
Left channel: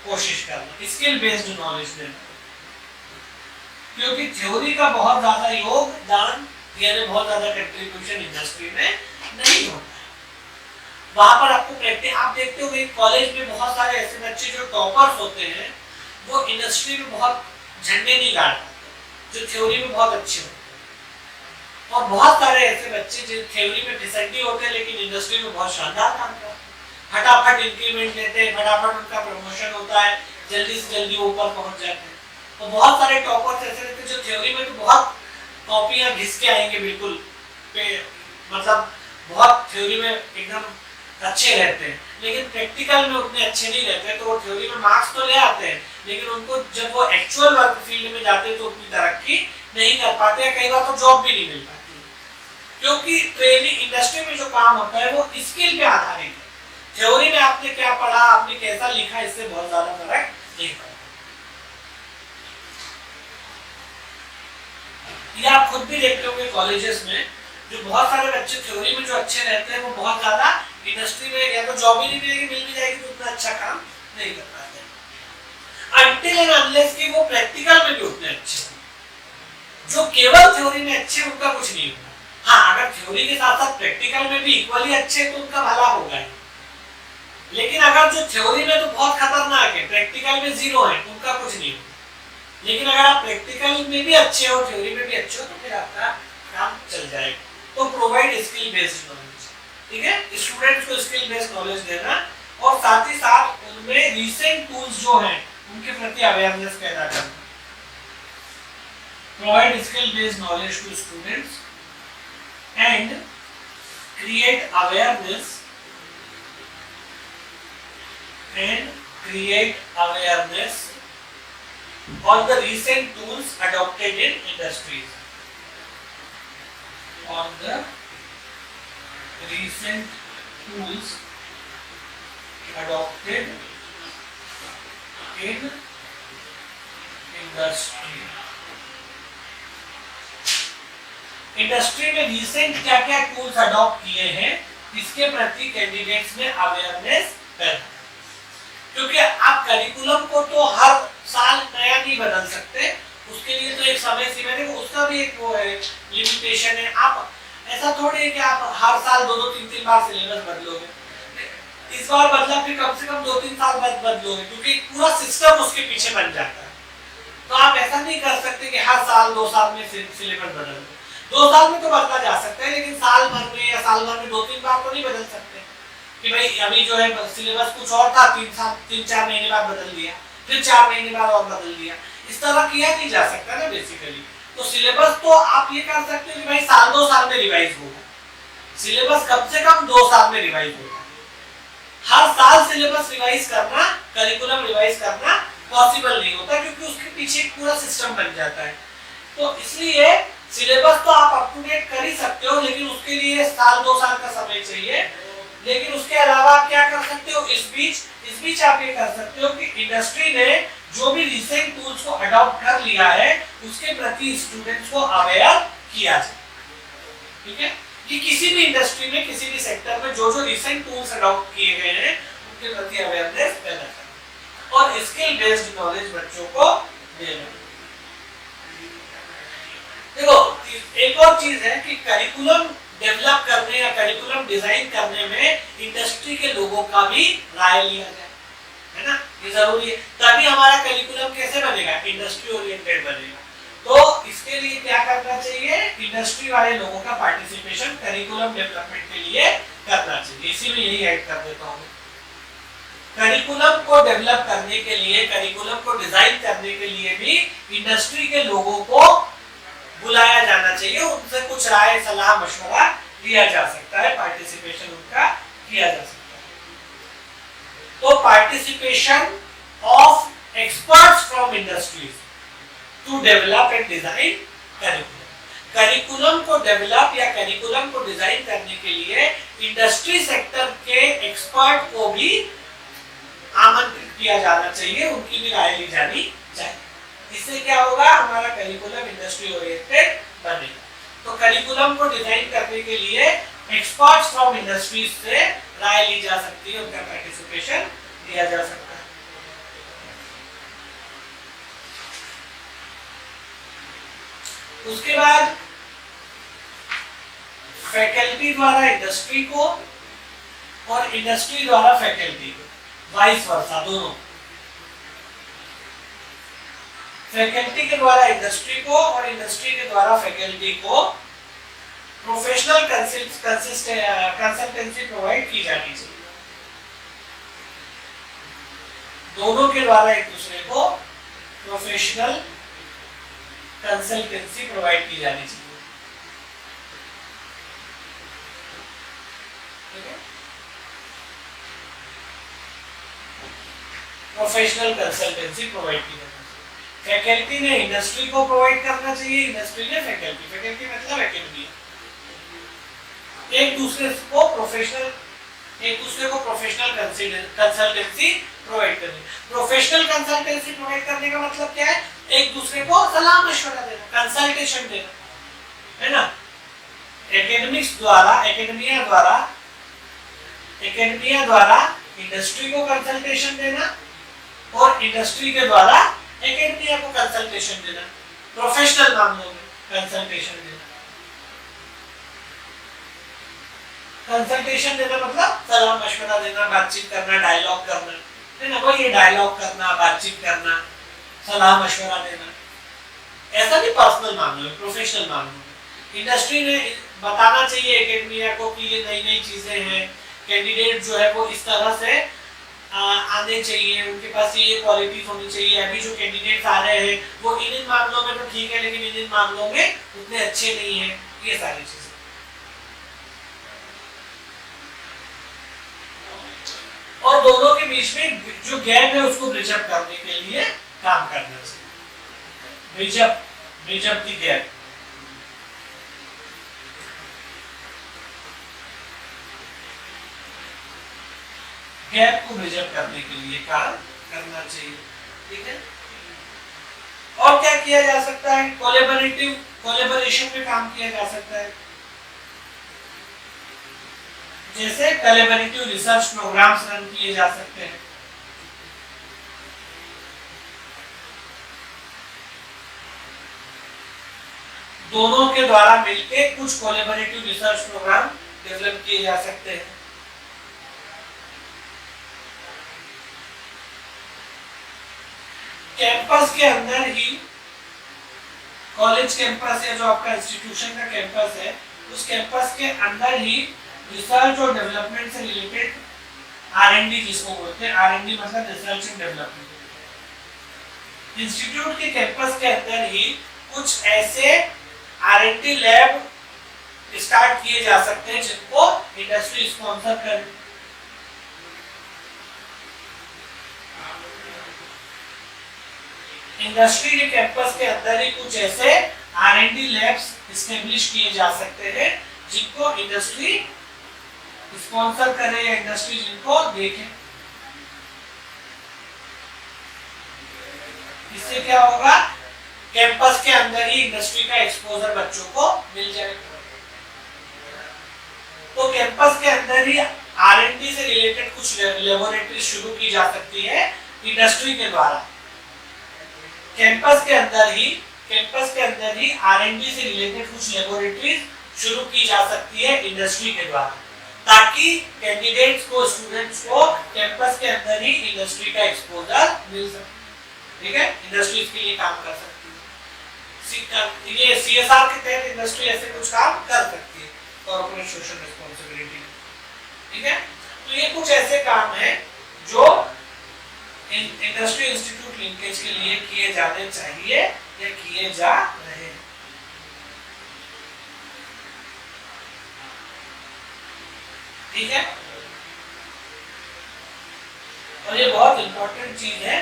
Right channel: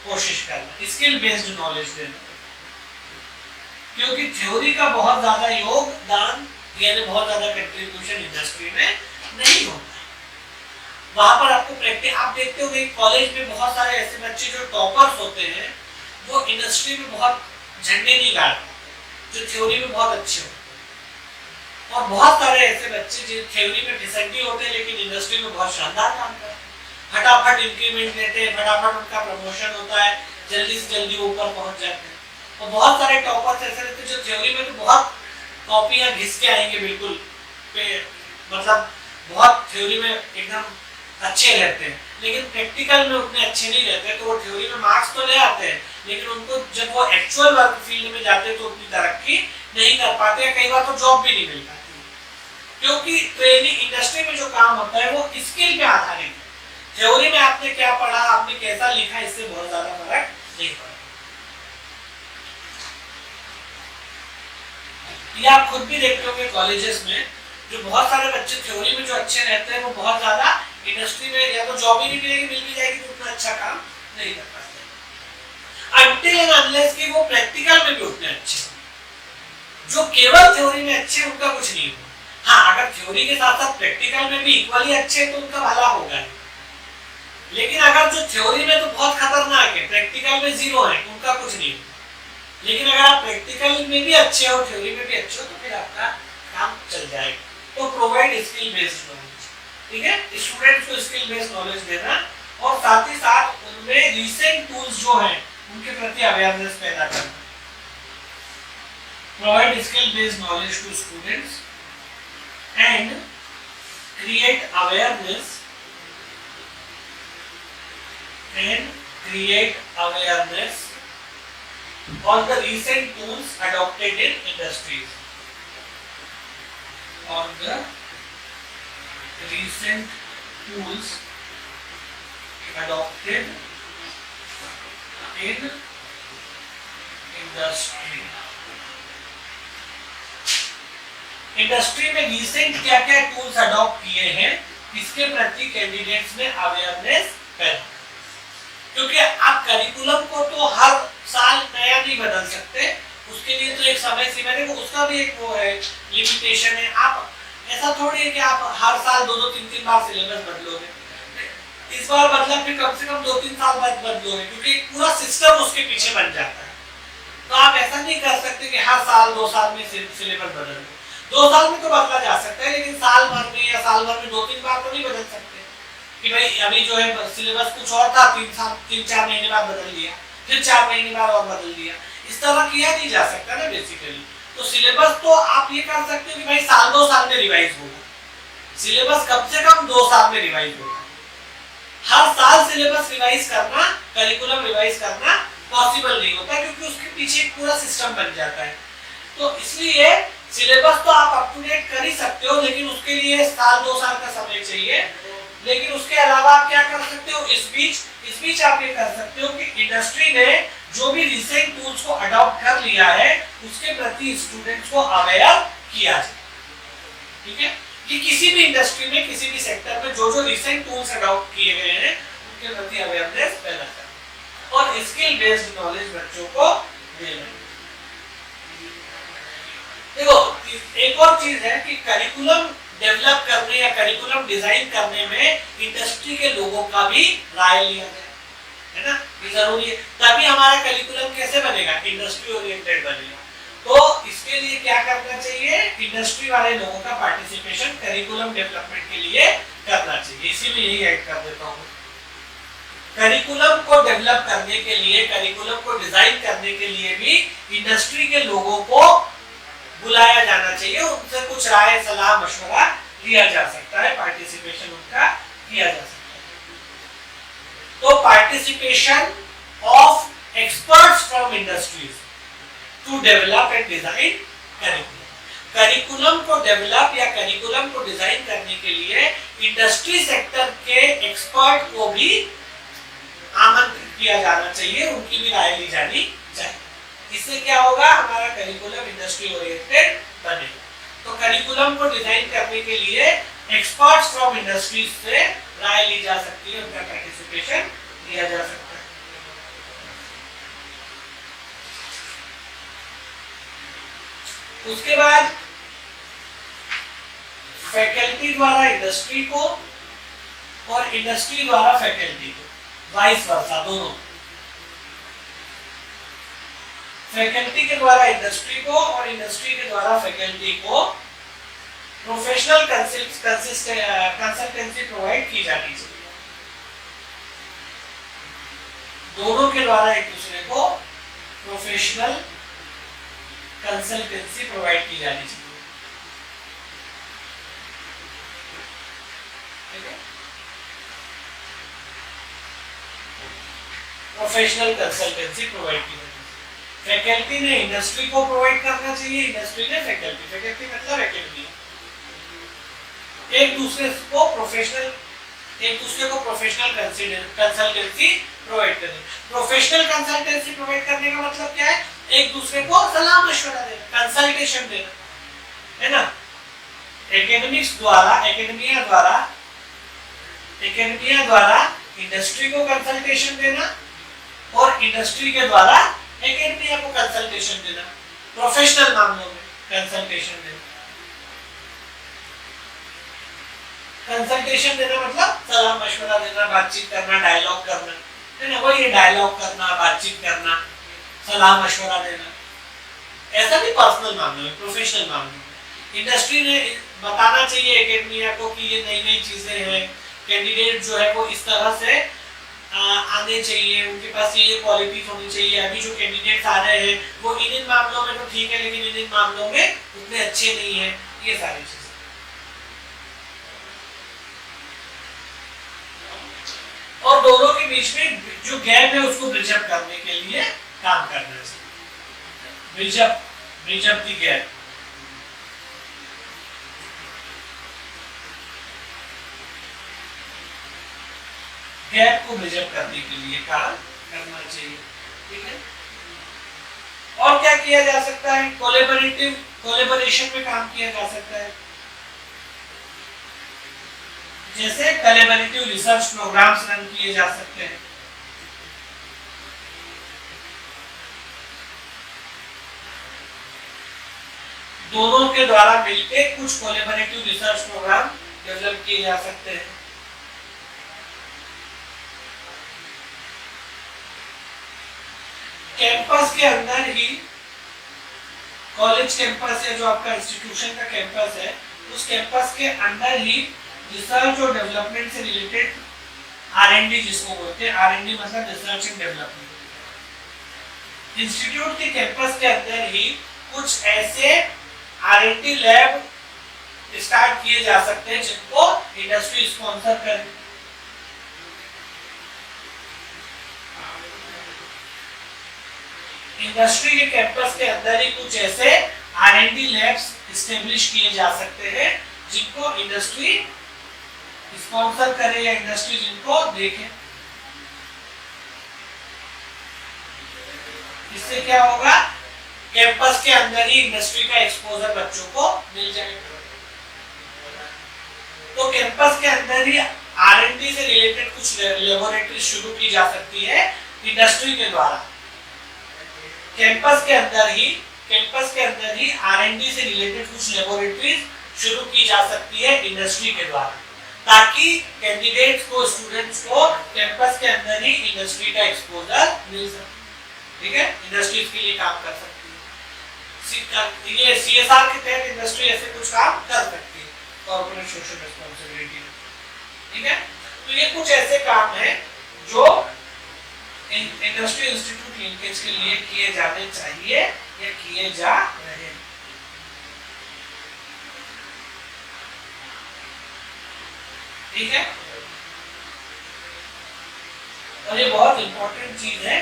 कोशिश करना, स्किल बेस्ड नॉलेज देना, क्योंकि थ्योरी का बहुत ज्यादा योगदान यानी बहुत ज्यादा कंट्रीब्यूशन इंडस्ट्री में नहीं होता है। वहां पर आपको प्रैक्टिस, आप देखते होंगे कॉलेज में बहुत सारे ऐसे बच्चे जो टॉपर्स होते हैं वो इंडस्ट्री में बहुत झंडे नहीं गाड़ पाते, जो थ्योरी में बहुत अच्छे होते हैं, और बहुत सारे ऐसे बच्चे जो थ्योरी में फिसड्डी होते हैं लेकिन इंडस्ट्री में बहुत शानदार काम करते हैं, फटाफट इंक्रीमेंट लेते हैं, फटाफट उनका प्रमोशन होता है, जल्दी से जल्दी ऊपर पहुंच जाते हैं। और बहुत सारे टॉपर्स ऐसे रहते हैं जो थ्योरी में तो बहुत कॉपियां घिस के आएंगे बिल्कुल पे, मतलब बहुत थ्योरी में एकदम अच्छे रहते हैं, लेकिन प्रैक्टिकल में उतने अच्छे नहीं रहते। तो वो थ्योरी में मार्क्स तो ले आते हैं, लेकिन उनको जब वो एक्चुअल वर्क फील्ड में जाते हैं तो उतनी तरक्की नहीं कर पाते, कई बार तो जॉब भी नहीं मिल पाती, क्योंकि ट्रेनिंग इंडस्ट्री में जो काम होता है वो स्किल पे आधारित है। थ्योरी में आपने क्या पढ़ा, आपने कैसा लिखा, इससे बहुत ज्यादा फर्क नहीं पड़ता। ये आप खुद भी देखते होंगे कॉलेजेस में, जो बहुत सारे बच्चे थ्योरी में जो अच्छे रहते हैं वो बहुत ज्यादा इंडस्ट्री में या तो जॉब ही नहीं मिलेगी, मिल भी जाएगी तो उतना अच्छा काम नहीं कर पाते, अनटिल एंड अनलेस कि वो प्रैक्टिकल में भी उतने अच्छे हो। जो केवल थ्योरी में अच्छे उनका कुछ नहीं होगा। हाँ, अगर थ्योरी के साथ साथ प्रैक्टिकल में भी इक्वली अच्छे तो उनका भला होगा ही। लेकिन अगर जो थ्योरी में तो बहुत खतरनाक है, प्रैक्टिकल में जीरो है, उनका कुछ नहीं होगा। लेकिन अगर आप प्रैक्टिकल में भी अच्छे हो, थ्योरी में भी अच्छे हो, तो फिर आपका काम चल जाएगा। तो प्रोवाइड स्किल बेस्ड नॉलेज, ठीक है, स्टूडेंट्स को स्किल बेस्ड नॉलेज देना और साथ ही साथ उनमें रीसेंट टूल्स जो हैं उनके प्रति अवेयरनेस पैदा करना। Provide skill based knowledge to students and create awareness on the recent tools adopted in industries. On the recent tools adopted in industry. Industry में रिसेंट क्या क्या टूल्स अडॉप्ट किए हैं, इसके प्रति कैंडिडेट्स में अवेयरनेस पैदा, क्योंकि आप करिकुलम को तो हर साल नया नहीं बदल सकते, उसके लिए तो एक समय सीमा है, उसका भी एक वो है, लिमिटेशन है। आप ऐसा थोड़ी है कि आप हर साल 2-2, 3-3 बार सिलेबस बदलोगे, इस बार बदला फिर कम से कम 2-3 साल बाद बदलोगे, क्योंकि पूरा सिस्टम उसके पीछे बन जाता है। तो आप ऐसा नहीं कर सकते कि हर साल 2 साल में सिलेबस बदल दो। 2 साल में तो बदला जा सकता है, लेकिन साल भर में या साल भर में 2-3 बार तो नहीं बदल सकते कि भाई अभी जो है सिलेबस कुछ और था, 3-4 महीने बाद बदल दिया, फिर 4 महीने बाद और बदल दिया, इस तरह किया नहीं जा सकता ना बेसिकली। तो सिलेबस तो आप ये कर सकते हो कि भाई साल 2 साल में रिवाइज होगा, सिलेबस कम से कम 2 साल में रिवाइज होगा। हर साल सिलेबस रिवाइज करना, करिकुलम रिवाइज करना पॉसिबल नहीं होता, क्योंकि उसके पीछे एक पूरा सिस्टम बन जाता है। तो इसलिए सिलेबस तो आप अप टू डेट कर ही सकते हो, लेकिन उसके लिए साल 2 साल का समय चाहिए। लेकिन उसके अलावा आप क्या कर सकते हो, इस बीच आप ये कर सकते हो कि इंडस्ट्री ने जो भी रिसेंट टूल्स को अडॉप्ट कर लिया है उसके प्रति स्टूडेंट्स को अवेयर किया जाए, ठीक है, कि किसी भी इंडस्ट्री में, किसी भी सेक्टर में जो रिसेंट टूल्स अडॉप्ट किए गए हैं उनके प्रति अवेयरनेस पैदा करना और स्किल बेस्ड नॉलेज बच्चों को देना। देखो, एक और चीज है कि करिकुलम डेवलप करने या करिकुलम डिजाइन करने में इंडस्ट्री के लोगों का भी राय लिया जाए, है ना, ये जरूरी है। तभी हमारा करिकुलम कैसे बनेगा, इंडस्ट्री ओरिएंटेड बनेगा। तो इसके लिए क्या करना चाहिए, इंडस्ट्री वाले लोगों का पार्टिसिपेशन करिकुलम डेवलपमेंट के लिए करना चाहिए। इसी में यही ऐड कर देता हूँ, करिकुलम को डेवलप करने के लिए, करिकुलम को डिजाइन करने के लिए भी इंडस्ट्री के लोगों को बुलाया जाना चाहिए, उनसे कुछ राय सलाह मशवरा लिया जा सकता है, पार्टिसिपेशन उनका किया जा सकता है। तो participation of experts from industries to develop and design curriculum. Curriculum को डेवलप या करिकुलम को डिजाइन करने के लिए इंडस्ट्री सेक्टर के एक्सपर्ट को भी आमंत्रित किया जाना चाहिए, उनकी भी राय ली जानी चाहिए। इससे क्या होगा, हमारा करिकुलम इंडस्ट्री ओरिएंटेड बनेगा। तो करिकुलम को डिजाइन करने के लिए एक्सपर्ट्स फ्रॉम इंडस्ट्रीज से राय ली जा सकती है, उनका पार्टिसिपेशन लिया जा सकता है। उसके बाद फैकल्टी द्वारा इंडस्ट्री को और इंडस्ट्री द्वारा फैकल्टी को, वाइस वर्सा, दोनों। फैकल्टी के द्वारा इंडस्ट्री को और इंडस्ट्री के द्वारा फैकल्टी को प्रोफेशनल कंसल्टेंसी प्रोवाइड की जानी चाहिए। दोनों के द्वारा एक दूसरे को प्रोफेशनल कंसल्टेंसी प्रोवाइड की जानी चाहिए, ठीक है। प्रोफेशनल कंसल्टेंसी प्रोवाइड की जाती है। फैकल्टी ने इंडस्ट्री को प्रोवाइड करना चाहिए, इंडस्ट्री ने फैकल्टी, फैकल्टी मतलब एकेडमिया, एक दूसरे को प्रोफेशनल कंसल्टेंसी प्रोवाइड करनी। प्रोफेशनल कंसल्टेंसी प्रोवाइड करने का मतलब क्या है? एक दूसरे को सलाह मशवरा देना, कंसल्टेशन देना, है ना। एकेडमिया द्वारा इंडस्ट्री को कंसल्टेशन देना और इंडस्ट्री के द्वारा एकेडमिया को कंसल्टेशन देना, प्रोफेशनल मामलों में कंसल्टेशन देना। कंसल्टेशन देना मतलब सलाह मशवरा देना, बातचीत करना, डायलॉग करना, है ना। वही डायलॉग करना, बातचीत करना, सलाह मशवरा देना, ऐसा नहीं पर्सनल मामलों में, प्रोफेशनल मामलों में। इंडस्ट्री ने बताना चाहिए एकेडमिया को कि ये नई नई चीजें हैं, कैंडिडेट जो है वो इस तरह से आने चाहिए, उनके पास ये क्वालिटीज होनी चाहिए। अभी जो कैंडिडेट्स आ रहे हैं वो इन मामलों में तो ठीक है, लेकिन इन मामलों में उतने अच्छे नहीं है, ये सारी चीजें। और दोनों के बीच में जो गैप है उसको ब्रिज अप करने के लिए काम करना चाहिए। Bridge up the gap. Gap को ब्रिज अप करने के लिए काम करना चाहिए, ठीक है। और क्या किया जा सकता है? कोलैबोरेशन में काम किया जा सकता है, जैसे कोलैबोरेटिव रिसर्च प्रोग्राम्स रन किए जा सकते हैं। दोनों के द्वारा मिलकर कुछ कोलैबोरेटिव रिसर्च प्रोग्राम डेवलप किए जा सकते हैं। कैंपस के अंदर ही, कॉलेज कैंपस या जो आपका इंस्टीट्यूशन का कैंपस है, उस कैंपस के अंदर ही रिसर्च और डेवलपमेंट से रिलेटेड R&D जिसको बोलते हैं, R&D मतलब रिसर्च एंड डेवलपमेंट, इंस्टीट्यूट के कैंपस के अंदर ही कुछ ऐसे R&D लैब स्टार्ट किए जा सकते हैं जिनको इंडस्ट्री स्पॉन्सर करे। इंडस्ट्री के कैंपस के अंदर ही कुछ ऐसे R&D लैब्स एस्टेब्लिश किए जा सकते हैं जिनको इंडस्ट्री स्पॉन्सर करे या इंडस्ट्री जिनको देखे। इससे क्या होगा? कैंपस के अंदर ही इंडस्ट्री का एक्सपोजर बच्चों को मिल जाएगा। तो कैंपस के अंदर ही R&D से रिलेटेड कुछ लेबोरेटरी शुरू की जा सकती है इंडस्ट्री के द्वारा। कैंपस के अंदर ही R&D से रिलेटेड कुछ लेबोरेटरीज शुरू की जा सकती है इंडस्ट्री के द्वारा, ताकि कैंडिडेट्स को, स्टूडेंट्स को कैंपस के अंदर ही इंडस्ट्री का एक्सपोजर मिल सके, ठीक है। इंडस्ट्री इसके लिए काम कर सकती है। ये CSR के तहत इंडस्ट्री ऐसे कुछ काम कर सकती है, कॉर्पोरेट सोशल रिस्पांसिबिलिटी, ठीक है। तो ये कुछ ऐसे काम हैं जो इंडस्ट्री इंस्टीट्यूट लिंकेज के लिए किए जाने चाहिए या किए जा रहे हैं। ठीक है, और ये बहुत इंपॉर्टेंट चीज है।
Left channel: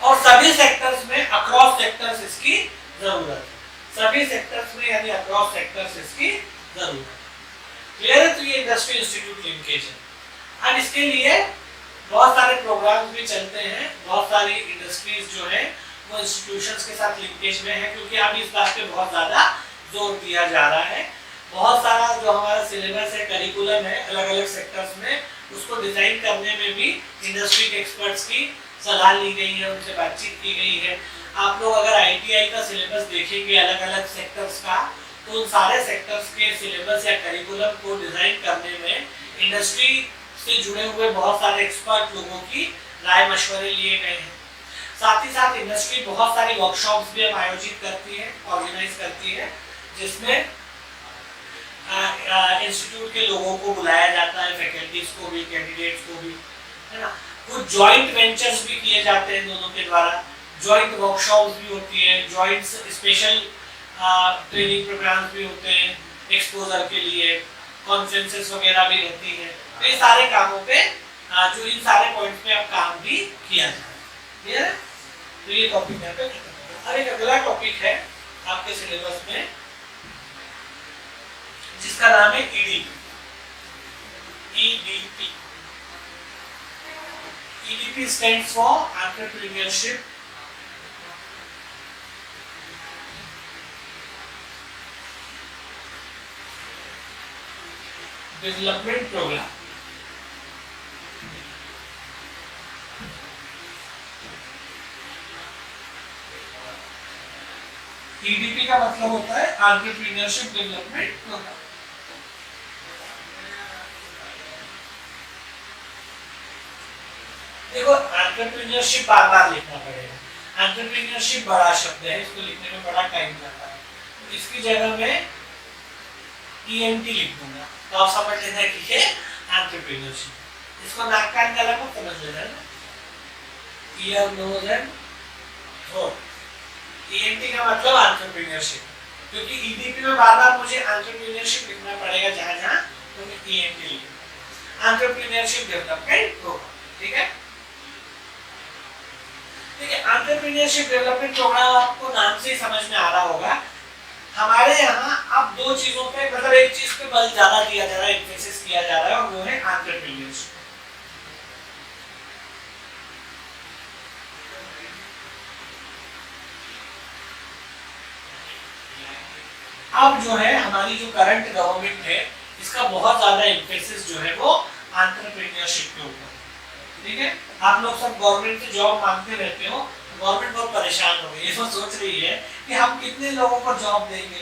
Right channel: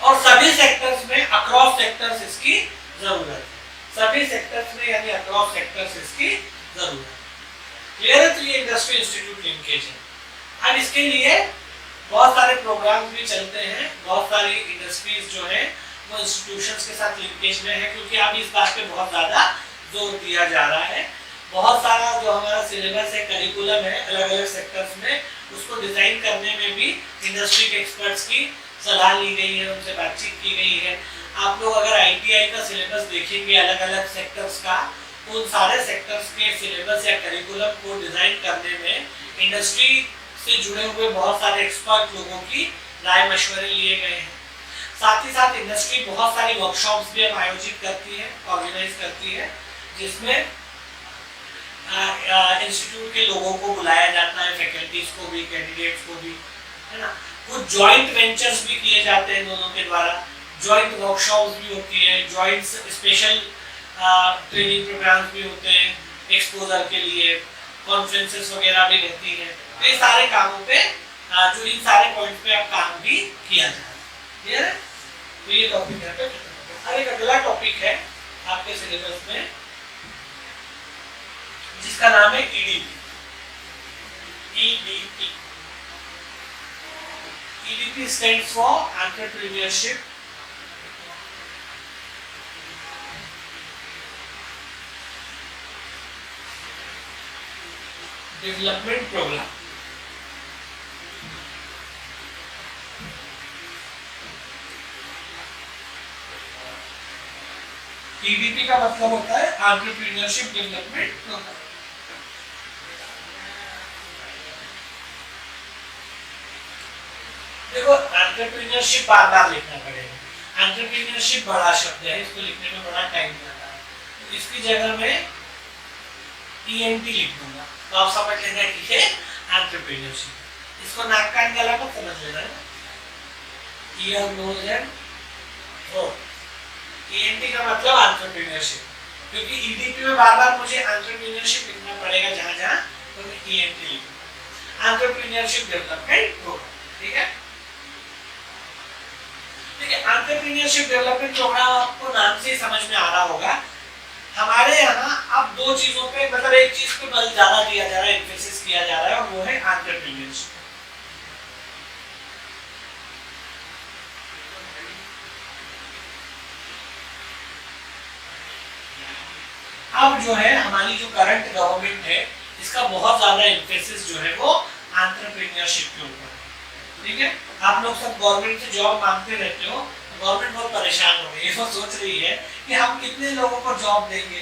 और सभी सेक्टर्स में, अक्रॉस सेक्टर्स इसकी जरूरत है। सभी सेक्टर्स में यानी अक्रॉस सेक्टर्स इसकी जरूरत है। क्लियर है? तो ये इंडस्ट्री इंस्टीट्यूट लिंकेज है। अब इसके लिए बहुत सारे प्रोग्राम भी चलते हैं, बहुत सारी इंडस्ट्रीज जो है वो इंस्टीट्यूशंस के साथ लिंकेज में है, क्योंकि अभी इस बात पे बहुत ज्यादा जोर दिया जा रहा है। बहुत सारा जो हमारा सिलेबस है, करिकुलम है अलग अलग सेक्टर्स में, उसको डिजाइन करने में भी इंडस्ट्री के एक्सपर्ट्स की सलाह ली गई है, उनसे बातचीत की गई है। आप लोग अगर ITI का सिलेबस देखेंगे अलग अलग सेक्टर्स का, तो उन सारे सेक्टर्स के सिलेबस या करिकुलम को डिजाइन करने में इंडस्ट्री से जुड़े हुए बहुत सारे एक्सपर्ट लोगों की राय मशवरे लिए गए हैं। साथ ही साथ इंडस्ट्री बहुत सारी वर्कशॉप्स भी आयोजित करती है, ऑर्गेनाइज करती है, जिसमें इंस्टीट्यूट के लोगों को बुलाया जाता है, फैकल्टीज को भी, कैंडिडेट्स को भी, है ना। कुछ जॉइंट वेंचर्स भी किए जाते हैं दोनों के द्वारा, जॉइंट वर्कशॉप्स भी होती है, जॉइंट स्पेशल ट्रेनिंग प्रोग्राम्स भी होते हैं एक्सपोजर के लिए, कॉन्फ्रेंसेस वगैरह भी रहती है। तो ये सारे कामों पे जो इन सारे पॉइंट्स पे अब काम भी किया जाए। क्लियर है? तो ये टॉपिक यहाँ पे खत्म हो गया। एक अगला टॉपिक है आपके सिलेबस में जिसका नाम है EDP. EDP EDP stands for entrepreneurship development programme. EDP का मतलब होता है एंटरप्रेन्योरशिप डेवलपमेंट प्रोग्राम। देखो एंटरप्रेन्योरशिप बार बार लिखना पड़ेगा। एंटरप्रेन्योरशिप बड़ा शब्द है, इसको लिखने में बड़ा टाइम लगता है, तो इसकी जगह में ईएनटी लिख दूंगा तो आप समझ लेना ठीक है एंटरप्रेन्योरशिप। इसको नाक कान गला मत समझ लेना है, ear nose and throat. ENT का मतलब एंटरप्रेन्योरशिप, क्योंकि ईडीपी में बार बार मुझे एंटरप्रेन्योरशिप लिखना पड़ेगा जहां जहां, तो मैं ईएनटी लिखूंगा, एंटरप्रेन्योरशिप डेवलपमेंट प्रोग्राम। ठीक है, एंटरप्रेन्योरशिप डेवलपमेंट प्रोग्राम आपको नाम से ही समझ में आ रहा होगा। हमारे यहाँ अब दो चीजों पे मतलब एक चीज पे बल ज्यादा दिया जा रहा है, एम्फेसिस किया जा रहा है, और वो है एंटरप्रेन्योरशिप। अब जो है हमारी जो करंट गवर्नमेंट है इसका बहुत ज्यादा एम्फेसिस जो है वो एंटरप्रेन्योरशिप के ऊपर। ठीक है, आप लोग सब गवर्नमेंट से जॉब मांगते रहते हो, गवर्नमेंट बहुत परेशान हो गई है, वो सोच रही है कि हम कितने लोगों को जॉब देंगे,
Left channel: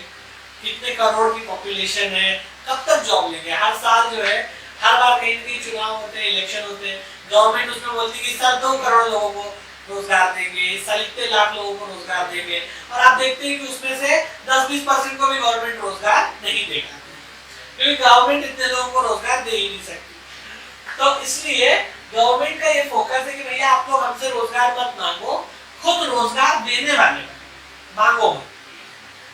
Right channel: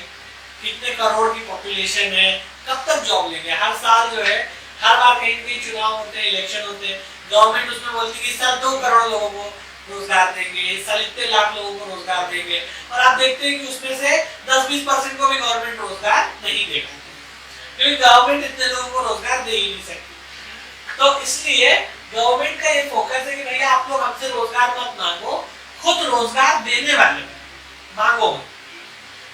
कितने करोड़ की पॉपुलेशन है, कब तक जॉब लेंगे। हर साल जो है हर बार कहीं ना कहीं चुनाव होते हैं, इलेक्शन होते हैं, गवर्नमेंट उसमें बोलती है कि इस साल 2 करोड़ लोगों को रोजगार देंगे, इस साल इतने लाख लोगों को रोजगार देंगे, और आप देखते हैं कि उसमें से 10-20% को भी गवर्नमेंट रोजगार नहीं देगा, क्योंकि गवर्नमेंट इतने लोगों को रोजगार दे ही नहीं सकती। तो इसलिए गवर्नमेंट का ये फोकस है कि भैया आप लोग हमसे रोजगार मत मांगो, खुद रोजगार देने वाले मांगो मत।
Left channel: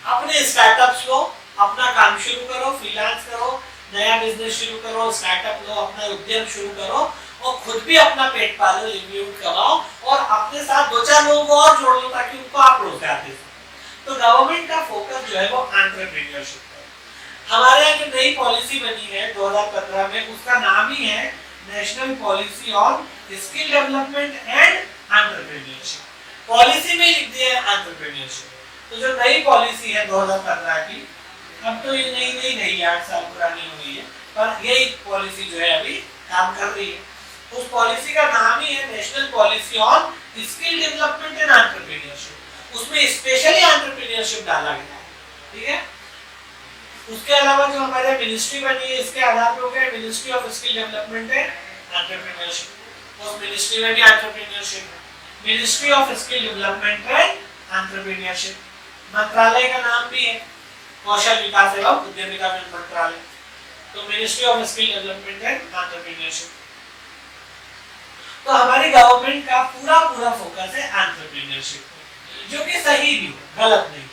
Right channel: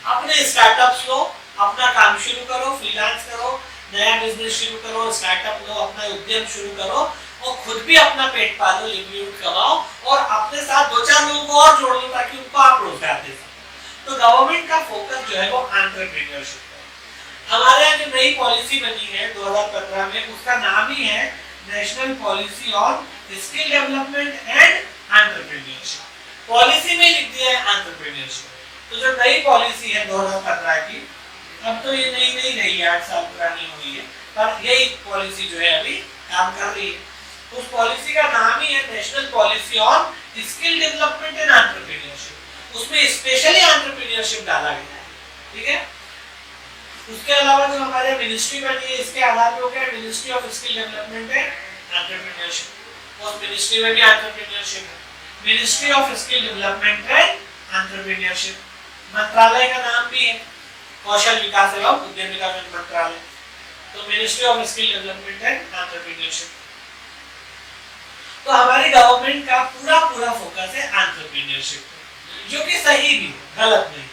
अपने स्टार्टअप्स लो, अपना काम शुरू करो, फ्रीलांस करो, नया बिजनेस शुरू करो, स्टार्टअप लो, अपना उद्यम शुरू करो, और खुद भी अपना पेट पालो, लिवलीहुड कमाओ, और अपने साथ 2-4 लोगों को और जोड़ लो ताकि उनको आप रोजगार दे सको। तो गवर्नमेंट का फोकस जो है वो एंटरप्रेन्योरशिप है। हमारे यहाँ जो नई पॉलिसी बनी है 2015 में, उसका नाम ही है national policy on skill development and entrepreneurship. Policy में लिख दिया है एंटरप्रेन्योरशिप। तो जो नई पॉलिसी है 2015 की, अब तो ये नई नहीं रही, 8 साल पुरानी हो गई है, पर यही पॉलिसी जो है अभी काम कर रही है। उस पॉलिसी का नाम ही है national policy on skill development and entrepreneurship. उसमें स्पेशली एंटरप्रेन्योरशिप डाला गया है। ठीक है, उसके अलावा जो हमारे मिनिस्ट्री बनी है इसके आधार पर हो गया ministry of skill development and entrepreneurship. उस मिनिस्ट्री में भी एंटरप्रेन्योरशिप है, ministry of skill development and entrepreneurship. मंत्रालय का नाम भी है कौशल विकास एवं उद्यमिता मंत्रालय। तो ministry of skill development and entrepreneurship. तो हमारी गवर्नमेंट का पूरा फोकस है एंटरप्रेन्योरशिप पे, जो कि सही भी है, गलत नहीं।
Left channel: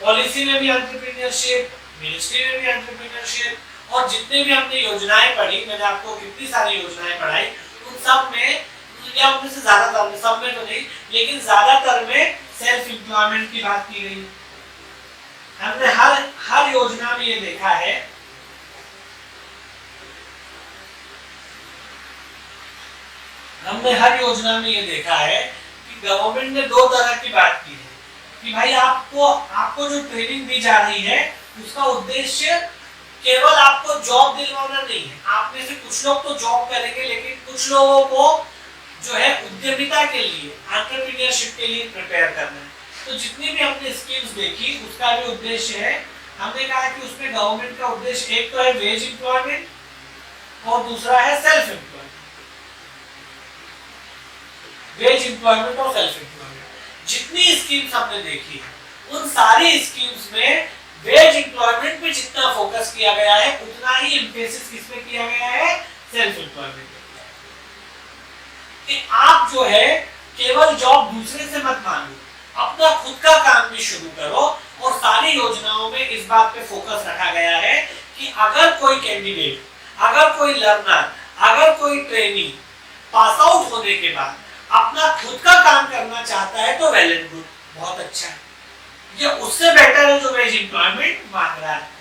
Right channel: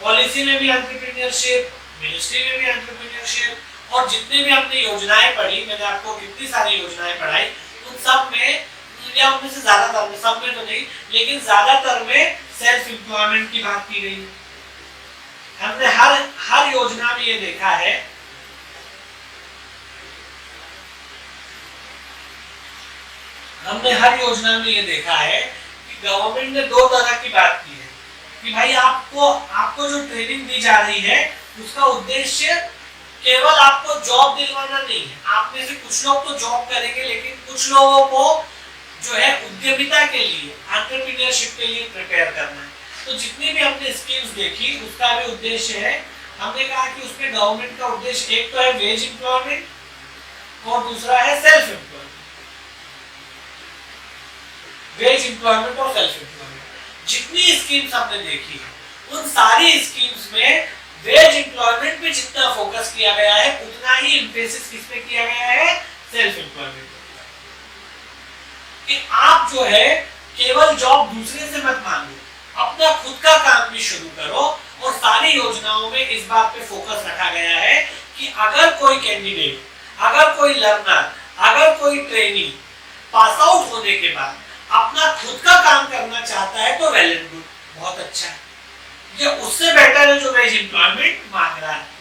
पॉलिसी में भी एंटरप्रेन्योरशिप, मिनिस्ट्री में भी एंटरप्रेन्योरशिप, और जितने भी हमने योजनाएं पढ़ी, मैंने आपको कितनी सारी योजनाएं पढ़ाई, उन सब में या उनमें से ज्यादातर में, सब में तो नहीं लेकिन ज्यादातर में सेल्फ एम्प्लॉयमेंट की बात की गई। हमने हर योजना में ये देखा है कि गवर्नमेंट ने 2 तरह की बात की है कि भाई आपको जो ट्रेनिंग दी जा रही है उसका उद्देश्य केवल आपको जॉब दिलवाना नहीं है। आप में से कुछ लोग तो जॉब करेंगे, लेकिन कुछ लोगों को जो है उद्यमिता के लिए, एंटरप्रेन्योरशिप के लिए प्रिपेयर करना है। तो जितनी भी हमने स्कीम्स देखी उसका भी उद्देश्य है, हमने कहा कि उसमें गवर्नमेंट का उद्देश्य एक तो है वेज एम्प्लॉयमेंट और दूसरा है सेल्फ एम्प्लॉयमेंट। वेज एम्प्लॉयमेंट और सेल्फ एम्प्लॉयमेंट। जितनी स्कीम्स हमने देखी है उन सारी स्कीम्स में वेज एम्प्लॉयमेंट पे जितना फोकस किया गया है उतना ही एम्फेसिस किस पे किया गया है, सेल्फ एम्प्लॉयमेंट। कि आप जो है केवल जॉब दूसरे से मत मांगो, अपना खुद का काम भी शुरू करो। और सारी योजनाओं में इस बात पे फोकस रखा गया है कि अगर कोई कैंडिडेट, अगर कोई लर्नर, अगर कोई ट्रेनी पास आउट होने के बाद अपना खुद का काम करना चाहता है तो वेल एंड गुड, बहुत अच्छा है, ये उससे बेटर है जो वेज एम्प्लॉयमेंट मांग रहा है।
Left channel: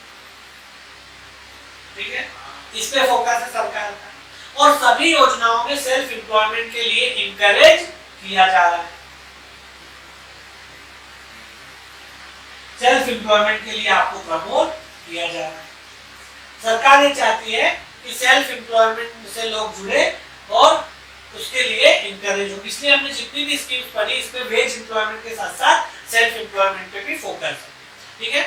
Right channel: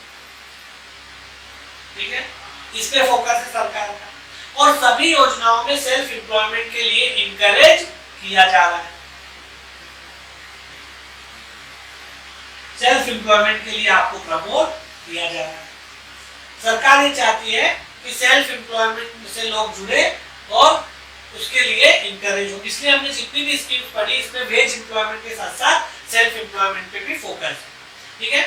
ठीक है, इस पे फोकस है सरकार का। और सभी योजनाओं में सेल्फ एम्प्लॉयमेंट के लिए इंकरेज किया जा रहा है। सेल्फ एम्प्लॉयमेंट के लिए आपको प्रमोट किया जा रहा है। सरकार ये चाहती है कि सेल्फ एम्प्लॉयमेंट से लोग जुड़े और उसके लिए इंकरेज हो। इसलिए हमने जितनी भी स्कीम्स पढ़ी इसमें वेज एम्प्लॉयमेंट के साथ साथ सेल्फ एम्प्लॉयमेंट पे भी फोकस है। ठीक है,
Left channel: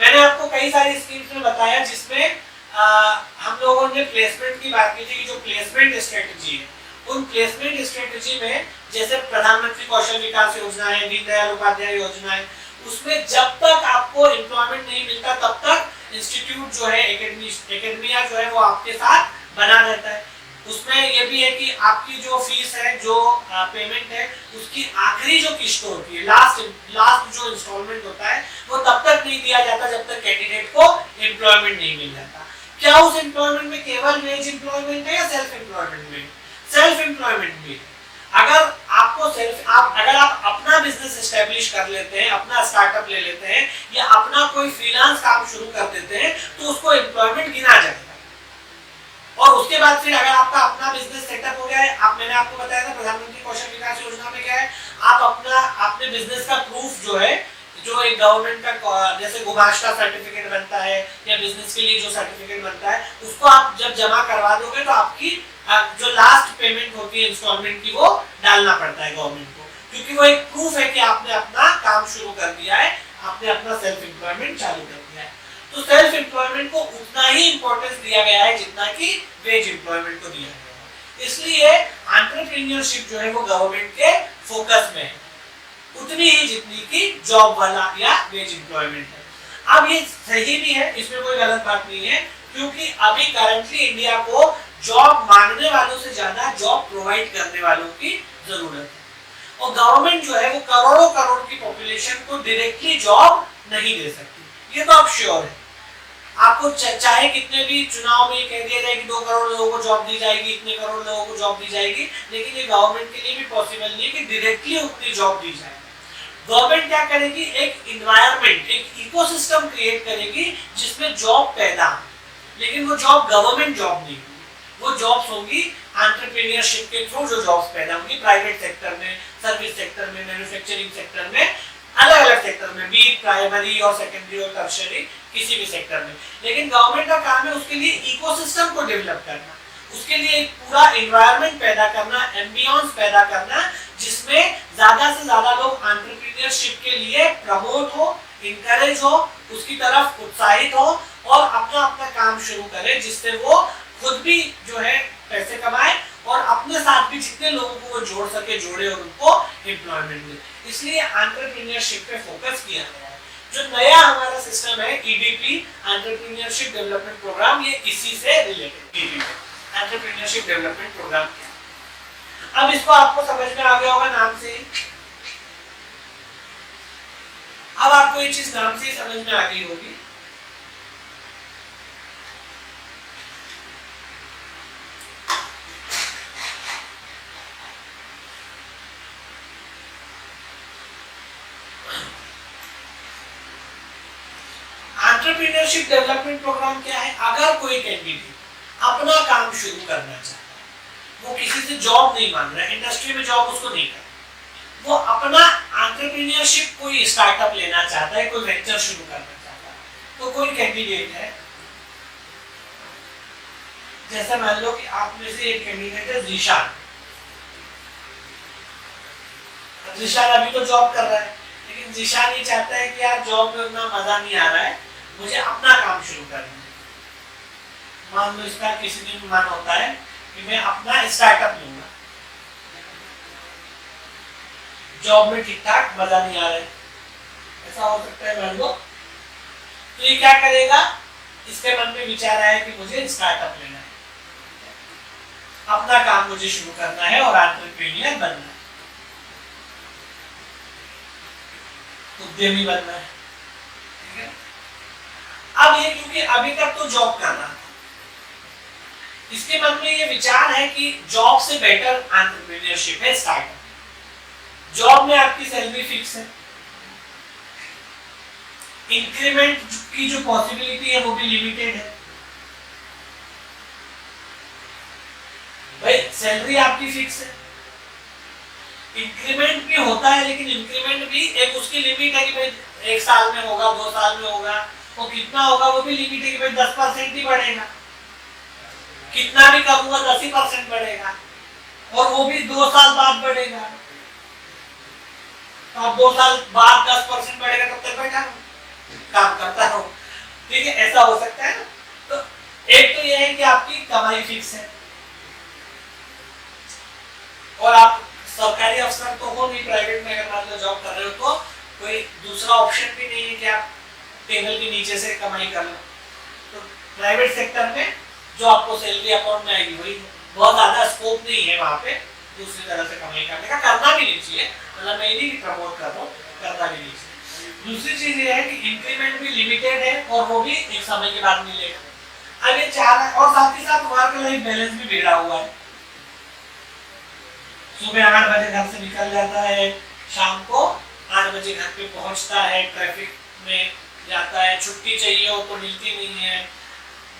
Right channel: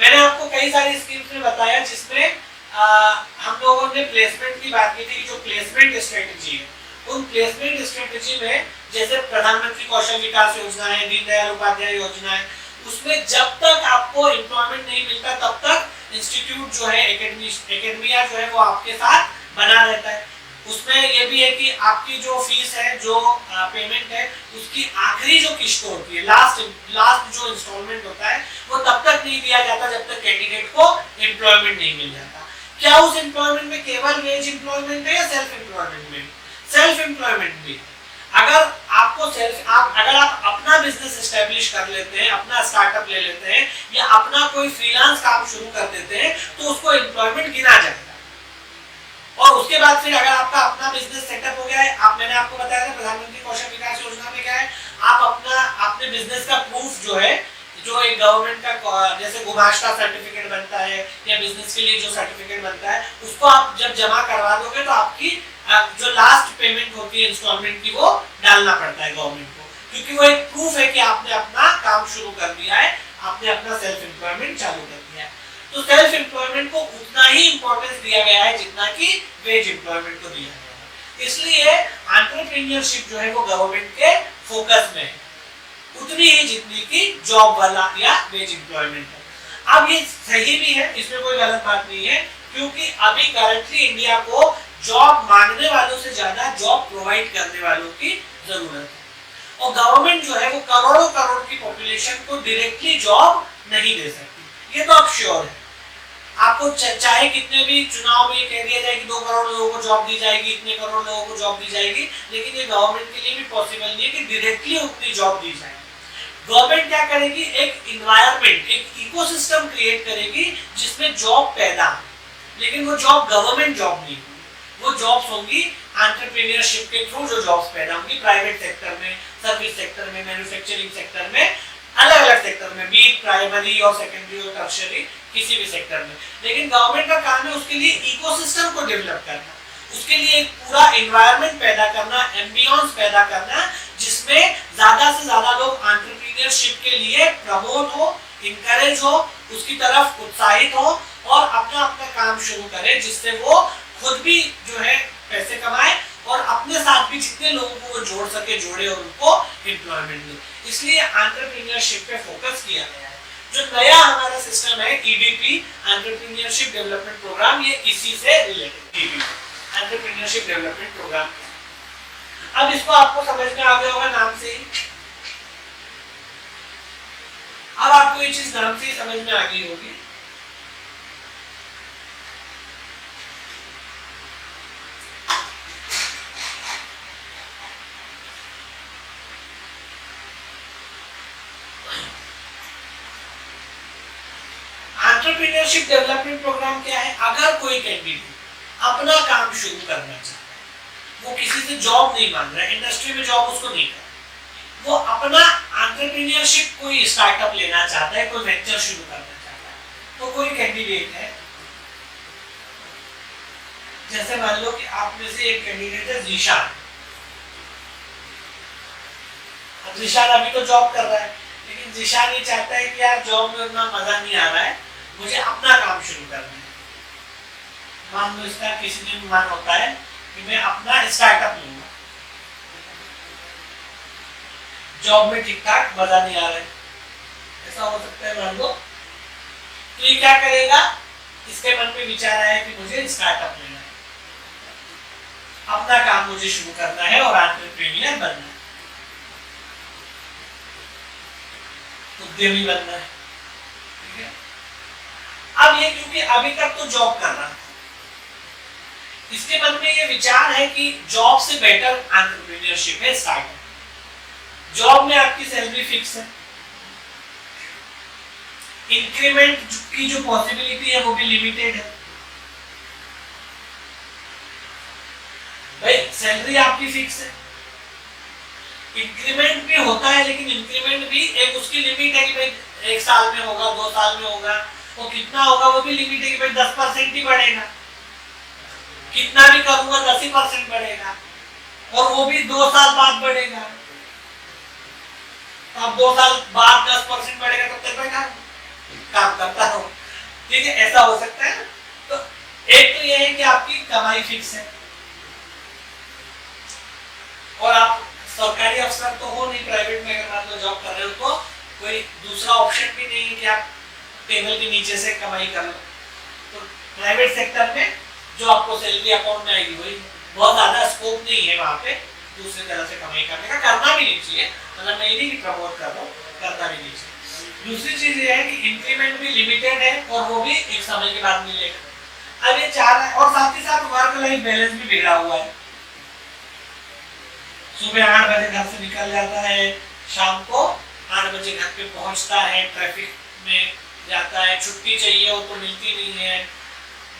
मैंने आपको कई सारी स्कीम्स में बताया जिसमें हम लोगों ने प्लेसमेंट की बात की थी। जो प्लेसमेंट स्ट्रेटजी है, उन प्लेसमेंट स्ट्रेटजी में जैसे प्रधानमंत्री कौशल विकास योजना है, दीनदयाल उपाध्याय योजना है, उसमें जब तक आपको एम्प्लॉयमेंट नहीं मिलता तब तक इंस्टीट्यूट जो है, एकेडमिया जो है वो आपके साथ बना रहता है। उसमें ये भी है कि आपकी जो फीस है, जो पेमेंट है, उसकी आखिरी जो किस्त होती है, लास्ट जो इंस्टॉलमेंट होता है, वो तब तक नहीं दिया जाता जब तक कैंडिडेट को एम्प्लॉयमेंट नहीं मिल जाता। क्या उस एम्प्लॉयमेंट में केवल वेज एम्प्लॉयमेंट है या सेल्फ एम्प्लॉयमेंट में? सेल्फ एम्प्लॉयमेंट भी। अगर आप अपना बिजनेस एस्टेब्लिश कर लेते हैं, अपना स्टार्टअप ले लेते हैं या अपना कोई फ्रीलांस काम शुरू कर देते हैं तो उसको एम्प्लॉयमेंट गिना जाएगा। और उसके बाद फिर अगर आपका अपना बिजनेस सेटअप हो गया है, मैंने आपको बताया था प्रधानमंत्री कौशल विकास योजना में क्या है, आप अपने बिजनेस का प्रूफ जो है, जो एक गवर्नमेंट का जैसे गुमाश्ता सर्टिफिकेट बनता है या बिजनेस के लिए जो सर्टिफिकेट बनता है, उसको आप जब जमा करवा दोगे तो आपकी जो लास्ट पेमेंट होती है इंस्टॉलमेंट की, वो डालना पड़ता है गवर्नमेंट को, क्योंकि वो एक प्रूफ है कि आपने अपना काम शुरू कर दिया है, आपने अपना सेल्फ एम्प्लॉयमेंट चालू कर दिया है। तो सेल्फ एम्प्लॉयमेंट को उतना ही इंपॉर्टेंस दिया गया है जितना कि वेज एम्प्लॉयमेंट को दिया गया है। इसलिए एंटरप्रेन्योरशिप जो है वो गवर्नमेंट के फोकस में है, उतनी ही जितनी कि जॉब वाला या वेज एम्प्लॉयमेंट है। अब ये सही भी है, इसमें कोई गलत बात नहीं है, क्योंकि अभी करंटली इंडिया को जॉब मांगने वालों से ज्यादा जॉब प्रोवाइड करने वालों की जरूरत है। और गवर्नमेंट जो है वो करोड़ों करोड़ की पॉपुलेशन को डायरेक्टली जॉब नहीं दे सकती, ये तो आप श्योर है। आपको चाहे कितने भी चुनाव में कह दिया जाए कि 2 करोड़ लोगों को जॉब दी जाएगी, इतने करोड़ लोगों को जॉब दी जाएगी, लेकिन ये गवर्नमेंट के लिए भी पॉसिबल नहीं है कि डायरेक्टली उतनी जॉब दी जाएगी। गवर्नमेंट क्या करेगी, एक इन्वायरमेंट, एक इकोसिस्टम क्रिएट करेगी जिसमें जॉब पैदा हो, लेकिन वो जॉब गवर्नमेंट जॉब नहीं होगी, वो जॉब्स होंगी एंटरप्रेन्योरशिप के थ्रू जो जॉब्स पैदा होंगी प्राइवेट सेक्टर में, सर्विस सेक्टर में, मैन्युफैक्चरिंग सेक्टर में, अलग अलग सेक्टर में, बी प्राइमरी और सेकेंडरी और टर्शियरी, किसी भी सेक्टर में। लेकिन गवर्नमेंट का काम है उसके लिए इकोसिस्टम को डेवलप करना, उसके लिए एक पूरा एनवायरनमेंट पैदा करना, एम्बियंस पैदा करना, जिसमें ज्यादा से ज्यादा लोग एंटरप्रेन्योरशिप के लिए प्रमोट हो, इनकरेज हो, उसकी तरफ उत्साहित हो और अपना अपना काम शुरू करें, जिससे वो खुद भी जो है पैसे कमाए और अपने साथ भी जितने लोगों को वो जोड़ सके जोड़े और उनको एम्प्लॉयमेंट दे। इसलिए एंटरप्रेन्योरशिप पे फोकस किया गया है। जो नया हमारा सिस्टम है ईडीपी, एंटरप्रेन्योरशिप डेवलपमेंट प्रोग्राम, ये इसी से related EDP entrepreneurship development programme. अब इसको आपको समझ में आ गया होगा नाम से ही। अब आपको ये चीज नाम से ही समझ में आ गई होगी। एंटरप्रेन्योरशिप डेवलपमेंट प्रोग्राम क्या है? अगर कोई कैंडिडेट अपना काम शुरू करना चाहता है, वो किसी से जॉब नहीं मांग रहा है, इंडस्ट्री में जॉब उसको नहीं करना, वो अपना एंटरप्रेन्योरशिप कोई स्टार्टअप लेना चाहता है, कोई वेंचर शुरू करना चाहता है, तो कोई कैंडिडेट है, जैसे मान लो कि आप में से एक कैंडिडेट है जीशान। जीशान अभी तो जॉब कर रहा है, लेकिन जीशान ये चाहता है कि यार जॉब में उतना मजा नहीं आ रहा है, मुझे अपना काम शुरू करना है। मान लो इसका किसी दिन मन होता है कि मैं अपना स्टार्टअप लूंगा, जॉब में ठीक ठाक मजा नहीं आ रहा है, ऐसा हो सकता है मान लो। तो ये क्या करेगा, इसके मन में विचार आया कि मुझे स्टार्टअप लेना है, अपना काम मुझे शुरू करना है और एंटरप्रेन्योर बनना है। उद्यमी बनना है, ठीक है। अब ये क्योंकि अभी तक तो जॉब कर रहा था, इसके मन में ये विचार है कि जॉब से बेटर एंटरप्रेन्योरशिप है, स्टार्टअप। जॉब में आपकी सैलरी फिक्स है, इंक्रीमेंट की जो पॉसिबिलिटी है वो भी लिमिटेड है। भाई सैलरी आपकी फिक्स है, इंक्रीमेंट भी होता है, लेकिन इंक्रीमेंट भी एक उसकी लिमिट है कि भाई 1 साल में होगा, 2 साल में होगा, वो कितना होगा वो भी लिमिट है कि भाई 10% ही बढ़ेगा, कितना भी करूंगा 10% बढ़ेगा, और वो भी 2 साल बाद बढ़ेगा। तो अब 2 साल बाद 10% बढ़ेगा, तब तक बैठा काम करता हूं, ठीक है, ऐसा हो सकता है ना। तो एक तो ये है कि आपकी कमाई फिक्स है, और आप सरकारी अफसर तो हो नहीं, प्राइवेट में अगर मान लो जॉब कर रहे हो तो कोई दूसरा ऑप्शन भी नहीं है कि आप टेबल के नीचे से कमाई कर लो। तो प्राइवेट सेक्टर में जो आपको सैलरी अकाउंट में आएगी वही, बहुत ज्यादा स्कोप नहीं है वहां पे दूसरी तरह से कमाई करने का, करना भी नहीं चाहिए, मतलब मैं नहीं प्रमोट कर रहा हूँ, करना भी नहीं चाहिए। दूसरी चीज ये है कि इंक्रीमेंट भी लिमिटेड है और वो भी एक समय के बाद मिलेगा। अब ये चाह रहा है, और साथ ही साथ वर्क लाइफ बैलेंस भी बिगड़ा हुआ है। सुबह 8 बजे घर से निकल जाता है, शाम को 8 बजे घर पे पहुंचता है, ट्रैफिक में जाता है, छुट्टी चाहिए हो तो मिलती नहीं है,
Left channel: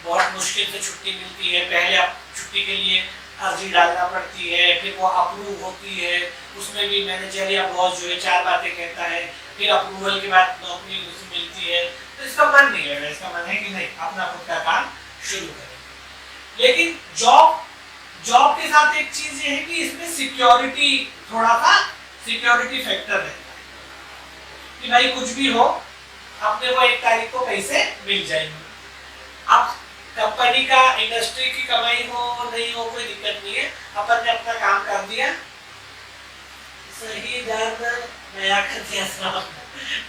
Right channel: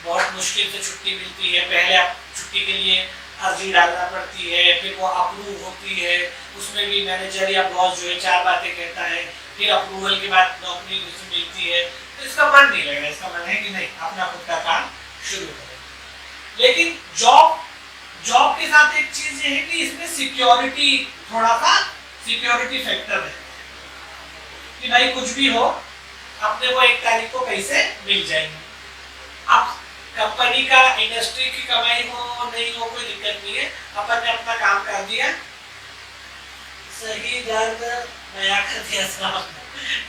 बहुत मुश्किल से छुट्टी मिलती है, पहले आप छुट्टी के लिए अर्जी डालना पड़ती है, फिर वो अप्रूव होती है, उसमें भी मैनेजर या बॉस जो है 4 बातें कहता है, फिर अप्रूवल के बाद नौकरी उसे मिलती है। तो इसका मन नहीं है, इसका मन है कि नहीं अपना खुद का काम शुरू करें। लेकिन जॉब के साथ एक चीज ये है कि इसमें सिक्योरिटी, थोड़ा सा सिक्योरिटी फैक्टर है कि भाई कुछ भी हो अपने को 1 तारीख को पैसे मिल जाएंगे। अब कंपनी का, इंडस्ट्री की कमाई हो नहीं हो कोई दिक्कत नहीं है, अपन ने अपना काम कर दिया, सही दर्द नया कर दिया,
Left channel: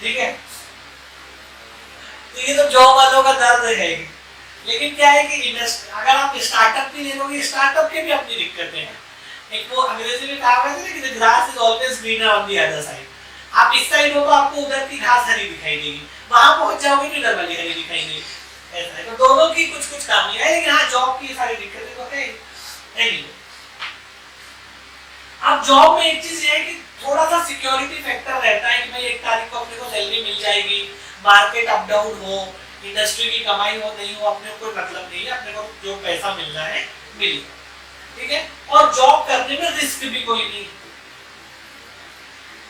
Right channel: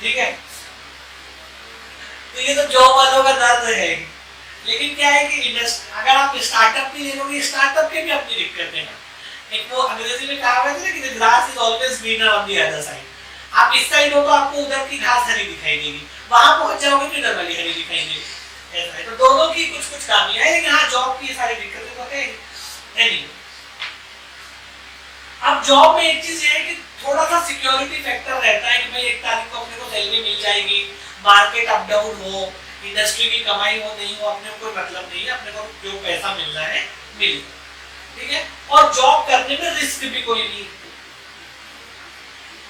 ठीक है। तो ये तो जॉब वालों का दर्द है। लेकिन क्या है कि अगर आप स्टार्टअप भी ले लोगे, स्टार्टअप के भी अपनी दिक्कतें हैं। एक वो अंग्रेजी में कहा है कि the grass is always greener on the other side। आप इस साइड हो तो आपको उधर की घास हरी दिखाई देगी, वहां पहुंच जाओगे तो इधर वाली हरी दिखाई देगी, ऐसा है। तो दोनों की कुछ कुछ खामियां है, लेकिन हाँ जॉब की सारी दिक्कतें तो है नहीं। अब जॉब में एक चीज ये है कि थोड़ा सा सिक्योरिटी फैक्टर रहता है कि भाई 1 तारीख को अपने को सैलरी मिल जाएगी, मार्केट अप डाउन हो, इंडस्ट्री की कमाई हो नहीं हो, अपने को कोई मतलब नहीं है, अपने को जो पैसा मिलना है मिलेगा, ठीक है। और जॉब करने में रिस्क भी कोई नहीं,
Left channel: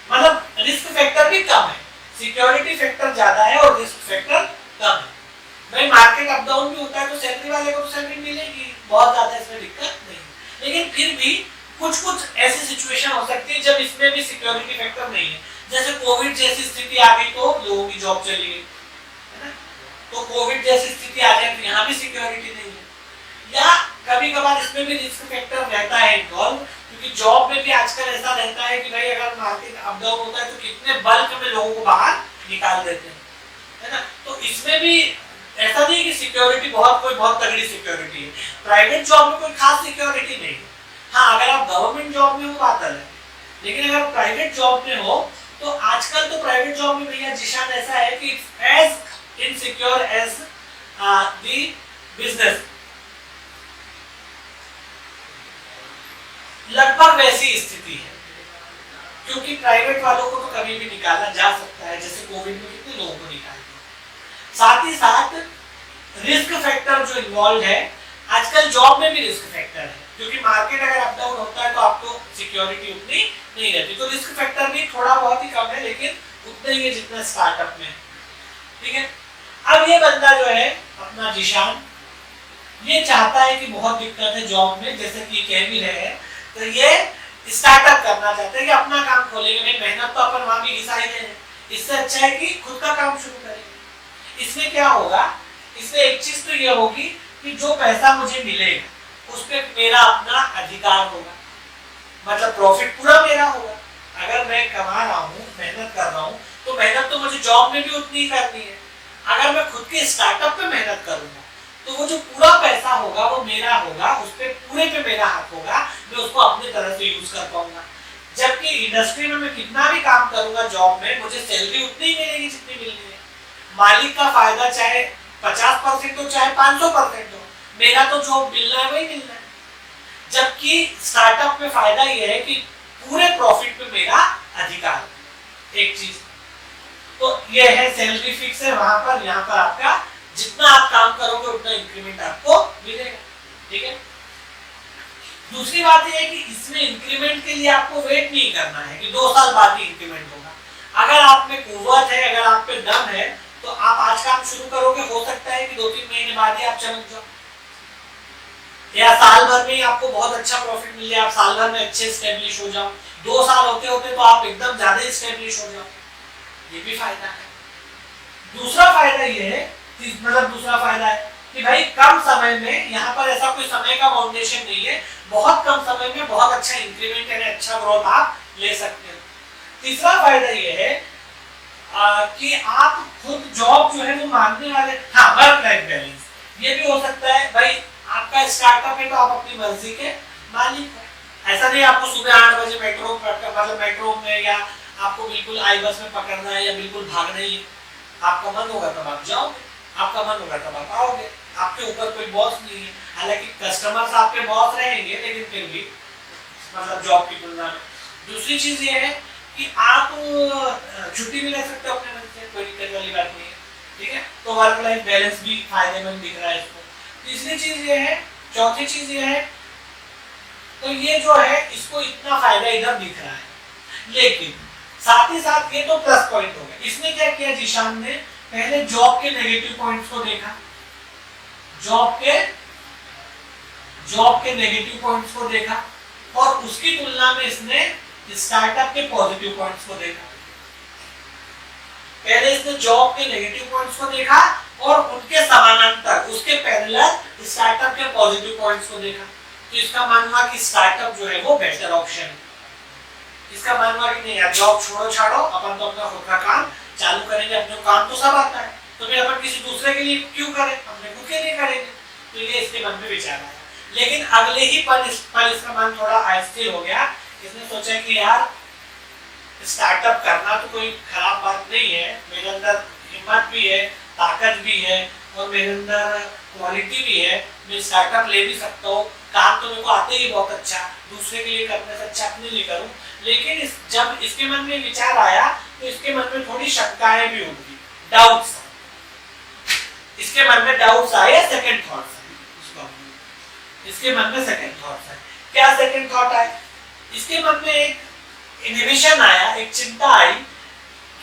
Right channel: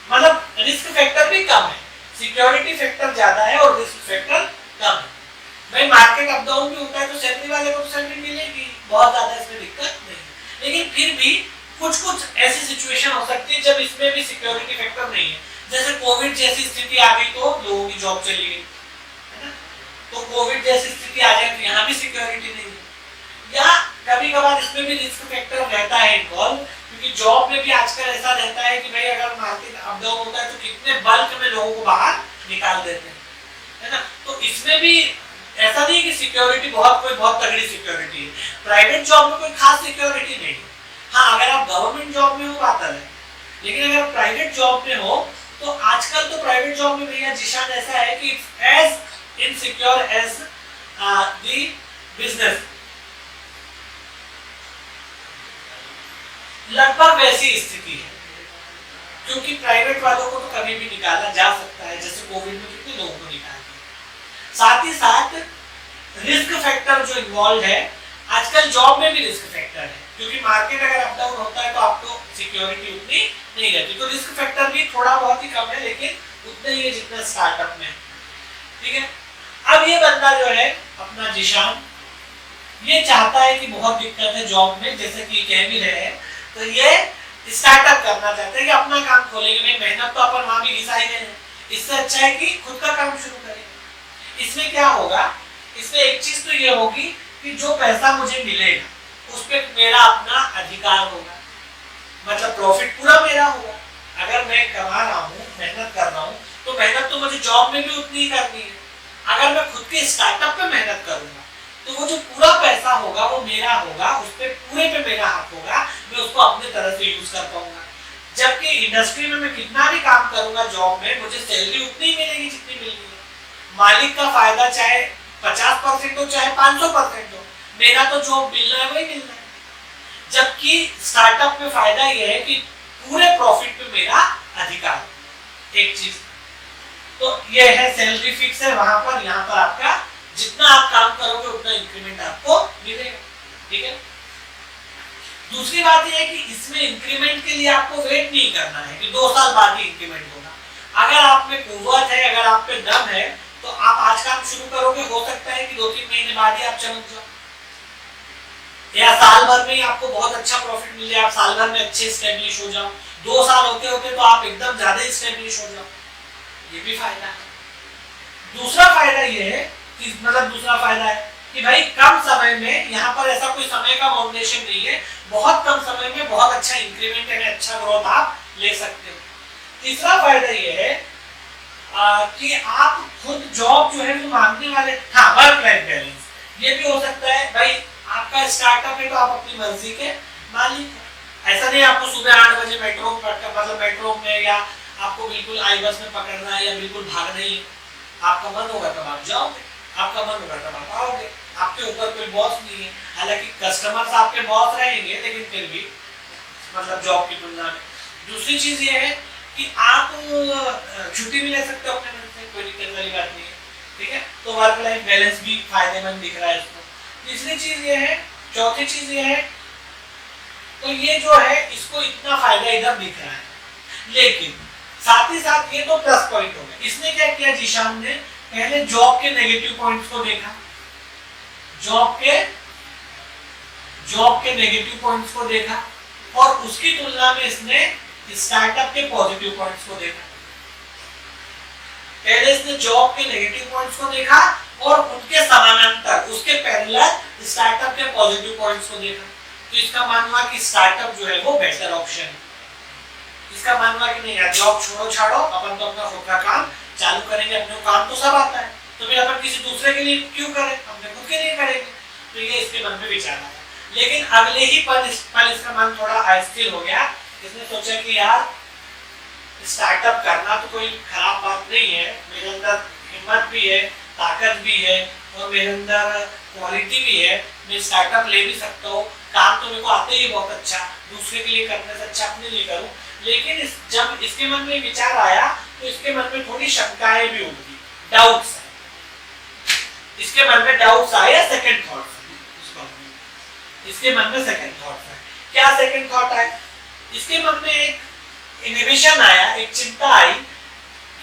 मतलब रिस्क फैक्टर भी कम है, सिक्योरिटी फैक्टर ज्यादा है और रिस्क फैक्टर कम है। भाई मार्केट अप डाउन भी होता है तो सैलरी वाले को तो सैलरी मिलेगी, बहुत ज्यादा इसमें दिक्कत नहीं, लेकिन फिर भी कुछ कुछ ऐसी सिचुएशन हो सकती है जब इसमें भी सिक्योरिटी फैक्टर नहीं है। जैसे कोविड जैसी स्थिति आ गई तो लोगों की जॉब चली गई, है ना। तो कोविड जैसी स्थिति आ जाए तो यहाँ भी सिक्योरिटी नहीं है, या कभी कभार इसमें भी रिस्क फैक्टर रहता है इन्वॉल्व, क्योंकि जॉब में भी आजकल ऐसा रहता है कि भाई अगर मार्केट अप डाउन होता है तो कितने बल्क में लोगों को बाहर निकाल देते हैं, है ना। तो इसमें भी ऐसा नहीं कि सिक्योरिटी बहुत तगड़ी सिक्योरिटी है, प्राइवेट जॉब में कोई खास सिक्योरिटी नहीं है। हाँ अगर आप गवर्नमेंट जॉब में हो बात अलग है, लेकिन अगर प्राइवेट जॉब में हो तो आजकल तो प्राइवेट जॉब में भैया जिशान ऐसा है कि as insecure as the business, लगभग वैसी स्थिति है, क्योंकि प्राइवेट वालों को तो कभी भी निकाला जा सकता है, जैसे कोविड में कितने लोगों को निकाल दिया। साथ ही साथ रिस्क फैक्टर जो इन्वॉल्व है, आजकल जॉब में भी रिस्क फैक्टर है, क्योंकि मार्केट अगर अप डाउन होता है तो आपको सिक्योरिटी उतनी नहीं रहती, तो रिस्क फैक्टर भी थोड़ा बहुत ही कम है, लेकिन उतना ही है जितना स्टार्टअप में है, ठीक है। अब ये बंदा जो है अपना जिशान, ये चाहता है कि बहुत दिक्कत है जॉब में, जैसे कि कह भी रहे हैं, तो ये स्टार्टअप करना चाहते हैं कि अपना काम खोलेंगे। भाई मेहनत तो अपन वहां भी घिसाई दे, इससे अच्छा है कि खुद का काम शुरू करेंगे। इसमें क्या होगा, इसमें एक चीज तो ये होगी कि जो पैसा मुझे मिलेगा उस पर मेरा अपना अधिकार होगा, मतलब प्रॉफिट पूरा मेरा होगा। अगर मैं कमा रहा हूँ, मेहनत कर रहा हूँ, तो मेहनत तो मुझे जॉब में भी उतनी ही करनी है। अगर मैं खुद के स्टार्टअप पे मेहनत करूंगा तो वो जो पूरा पैसा होगा वो मेरा होगा, उस पे पूरे पे मेरा हाथ होगा, मैं उसको अपने तरह से यूज कर पाऊंगा। जबकि इंडस्ट्री में मैं कितना भी काम करूंगा जॉब में, मुझे सैलरी उतनी ही मिलेगी जितनी मिलनी है। मालिक का फायदा चाहे 50% हो चाहे 500% हो, मेरा तो जॉब मिलना है वही मिलना है। जबकि स्टार्टअप में फायदा यह है कि पूरे प्रॉफिट पे मेरा अधिकार। एक चीज तो ये है, सैलरी फिक्स है वहां पर, यहाँ पर आपका जितना आप काम करोगे उतना इंक्रीमेंट आपको मिलेगा। ठीक है। दूसरी बात यह है कि इसमें इंक्रीमेंट के लिए आपको वेट नहीं करना है कि 2 साल बाद ही इंक्रीमेंट होगा। अगर आप में कुव्वत है, अगर आप पे दम है, तो आप आज काम शुरू करोगे, हो सकता है कि 2-3 महीने बाद ही आप चमक जाओ, या साल भर में ही आपको बहुत अच्छा प्रॉफिट मिल जाए, आप साल भर में अच्छे स्टेब्लिश हो जाओ। 2 साल होते होते तो आप एकदम ज्यादा स्टेब्लिश हो जाओ, ये भी फायदा है। दूसरा फायदा ये है, दूसरा फायदा है कि भाई कम समय में, यहाँ पर ऐसा कोई समय का फाउंडेशन नहीं है, बहुत कम समय में बहुत अच्छा इंक्रीमेंट यानी अच्छा ग्रोथ आप ले सकते हो। तीसरा फायदा ये है कि आप खुद जॉब जो है वो मांगने वाले, हाँ वर्क लाइफ बैलेंस, ये भी हो सकता है भाई आपका स्टार्टअप है तो आप अपनी मर्जी के मालिक हो। ऐसा नहीं आपको सुबह 8 बजे मेट्रो में या आपको बिल्कुल आई बस में पकड़ना है या बिल्कुल भागना ही है। आपका मन होगा तब आप जाओगे, आपका मन होगा तब आप आओगे, आपके ऊपर कोई बॉस नहीं है। हालांकि कस्टमर्स आपके बॉस रहेंगे, लेकिन फिर भी जॉब की तुलना में। दूसरी चीज ये है कि आप छुट्टी भी ले सकते हो अपने मन से, कोई दिक्कत वाली बात नहीं है। ठीक है, तो वर्क लाइफ बैलेंस भी फायदेमंद दिख रहा है इसको। तीसरी चीज ये है, चौथी चीज ये है, तो ये जो है इसको इतना फायदा इधर दिख रहा है, लेकिन साथ ही साथ ये तो प्लस पॉइंट हो गया। इसने क्या किया, जीशान ने पहले जॉब के नेगेटिव पॉइंट्स को देखा, जॉब के नेगेटिव पॉइंट्स को देखा, और उसकी तुलना में इसने स्टार्टअप के पॉजिटिव पॉइंट्स को देखा। पहले इसने जॉब के नेगेटिव पॉइंट्स को देखा और उनके समानांतर, उसके पैरेलल स्टार्टअप के पॉजिटिव पॉइंट्स को देखा। तो इसका मानना कि स्टार्टअप जो है वो बेटर ऑप्शन है। इसका मानना कि नहीं यार, जॉब छोड़ो छाड़ो, अपन तो अपना खुद का काम चालू करेंगे, अपने काम तो सब आता है, तो फिर अपन किसी दूसरे के लिए क्यों करें, अपने खुद के लिए करेंगे। तो ये इसके मन में विचार आया। लेकिन अगले ही पल इसका मन थोड़ा अस्थिर हो गया। इसने सोचा कि यार स्टार्टअप करना तो कोई खराब बात नहीं है, मेरे अंदर हिम्मत भी है, ताकत भी है, और मेरे अंदर क्वालिटी भी है, मैं स्टार्टअप ले भी सकता हूँ, काम तो मेरे को आते ही बहुत अच्छा, दूसरे के लिए करने से अच्छा अपने लिए करूँ। लेकिन जब इसके मन में विचार आया तो इसके मन में थोड़ी शंकाएं भी उठी, डाउट्स। इसके मन में डाउट्स आए, सेकंड थॉट्स। इसके मन में सेकंड थॉट्स है। क्या सेकंड थॉट आए? इसके मन में एक इनोवेशन आया, एक चिंता आई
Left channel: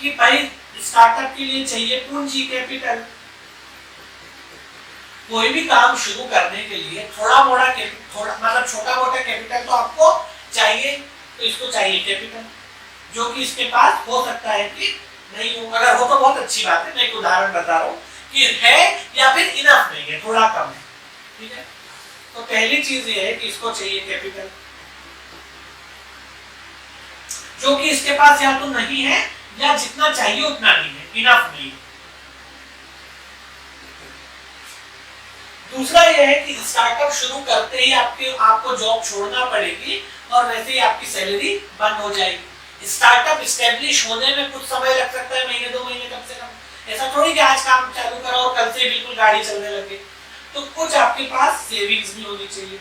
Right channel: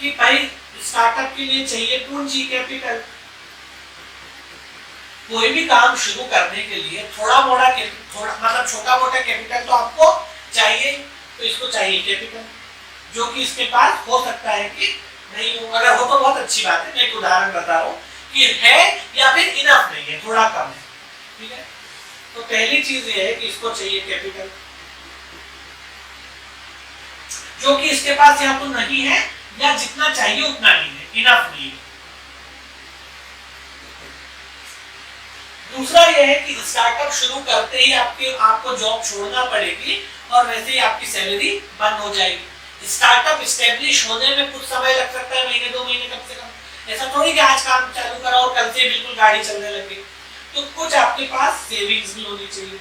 कि भाई स्टार्टअप के लिए चाहिए पूंजी, कैपिटल। कोई भी काम शुरू करने के लिए छोटा मोटा कैपिटल तो आपको चाहिए, तो इसको चाहिए कैपिटल, जो कि इसके पास हो सकता है कि नहीं हो। अगर हो तो बहुत अच्छी बात है, मैं एक उदाहरण बता रहा हूँ कि है या फिर इनफ नहीं है, थोड़ा कम है। ठीक है, तो पहली चीज ये है कि इसको चाहिए कैपिटल, जो कि इसके पास या तो नहीं है या जितना चाहिए उतना नहीं है, इनफ नहीं है। दूसरा यह है कि स्टार्टअप शुरू करते ही आपको जॉब छोड़ना पड़ेगी और वैसे ही आपकी सैलरी बंद हो जाएगी। स्टार्टअप स्टैब्लिश होने में कुछ समय लग सकता है, महीने 2 महीने कम से कम। ऐसा थोड़ी कि आज काम चालू करा और कल से बिल्कुल गाड़ी चलने लगे। तो कुछ आपके पास सेविंग्स भी होनी चाहिए,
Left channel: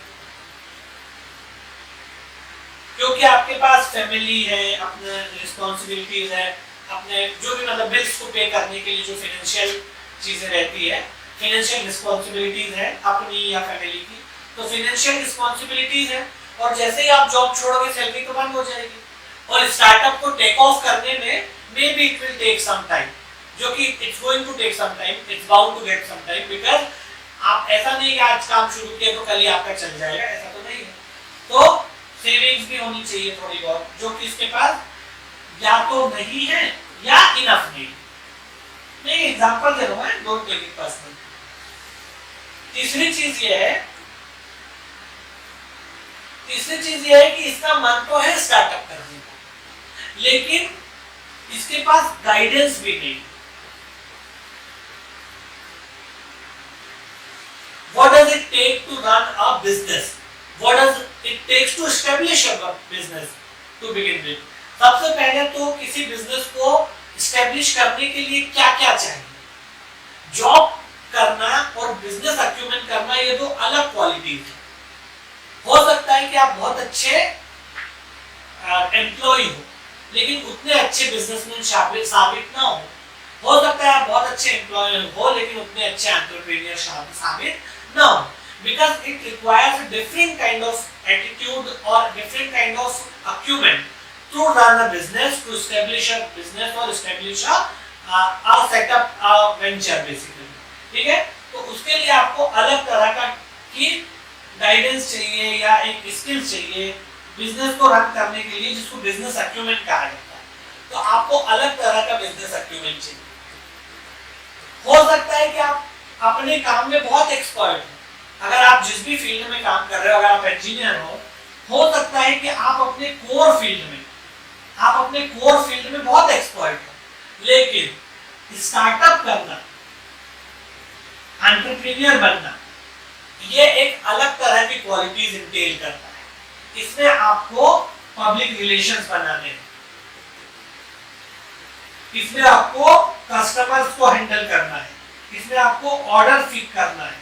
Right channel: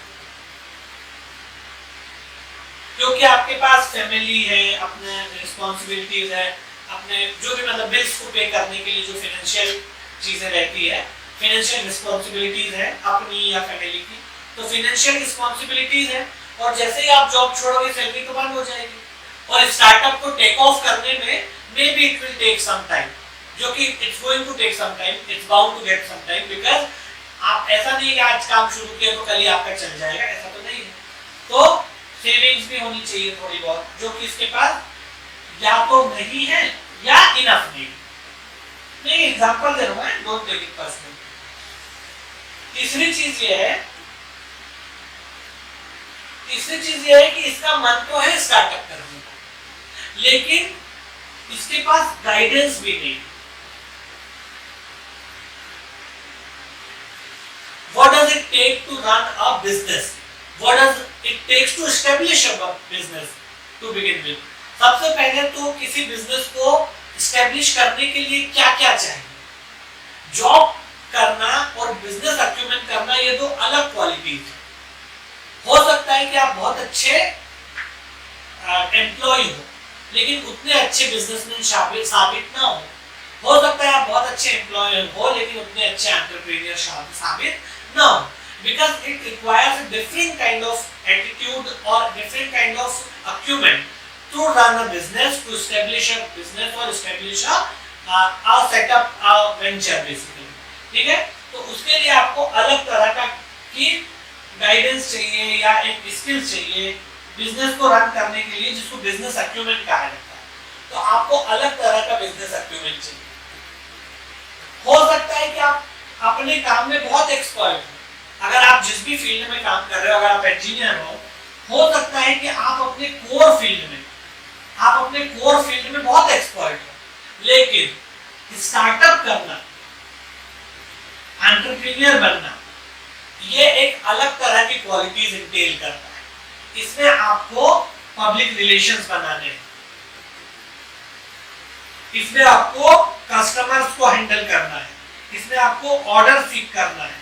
क्योंकि आपके पास फैमिली है, अपने रिस्पॉन्सिबिलिटीज है, अपने जो भी बिल्स को पे करने के लिए जो फाइनेंशियल चीजें रहती है, फाइनेंशियल रिस्पॉन्सिबिलिटीज है अपनी या फैमिली की, तो फाइनेंशियल रिस्पॉन्सिबिलिटीज है। और जैसे ही आप जॉब छोड़ोगे सैलरी तो बंद हो जाएगी, और स्टार्टअप को टेक ऑफ करने में maybe it will take some time, जो कि it's going to take some time, it's bound to get some time, because आप ऐसा नहीं कि आज काम शुरू किया तो कल ही आपका चल जाएगा, ऐसा तो नहीं है। तो सेविंग्स भी होनी चाहिए थोड़ी बहुत, जो कि इसके पास या तो नहीं है या इनफ नहीं। एग्जांपल दे रहा हूं, डोंट टेक इट पर्सनल। तीसरी चीज ये है कि इसका मन तो है स्टार्टअप करने का, लेकिन इसके पास गाइडेंस भी नहीं। What does it take to run a business? What does it takes to establish a business? To begin with. सबसे पहले तो किसी बिजनेस को एस्टेब्लिश करने के लिए क्या क्या चाहिए। जॉब करना और बिजनेस अक्यूमेंट करना ये दो अलग क्वालिटीज है। हो सकता है कि आप बहुत अच्छे एम्प्लॉय हो लेकिन उतने अच्छे बिजनेसमैन साबित ना हो सकता है आप बहुत अच्छे एम्प्लॉय हो लेकिन उतने अच्छे एंटरप्रेन्योर साबित ना हो, because it requires a different kind of attitude or different kind of acumen to run a business, to establish a business or establish a setup, a venture basically। ठीक है, तो उसके लिए आपको अलग तरह का की गाइडेंस चाहिए या एक स्किल चाहिए बिजनेस को रन करने के लिए, जिसको बिजनेस अक्यूमेन कहा जाता है। तो आपको अलग तरह का बिजनेस अक्यूमेन चाहिए। हो सकता है कि आप अपने काम में बहुत एक्सपर्ट हो, अगर आप जिस भी फील्ड में काम कर रहे हो, अगर आप इंजीनियर हो सकता है कि आप अपने कोर फील्ड में बहुत एक्सपर्ट हो, लेकिन स्टार्टअप करना, एंटरप्रेन्योर बनना, ये एक अलग तरह की क्वालिटीज इंटेल करता है। इसमें आपको पब्लिक रिलेशंस बनाने हैं, इसमें आपको कस्टमर्स को हैंडल करना है, इसमें आपको ऑर्डर सीक करना है,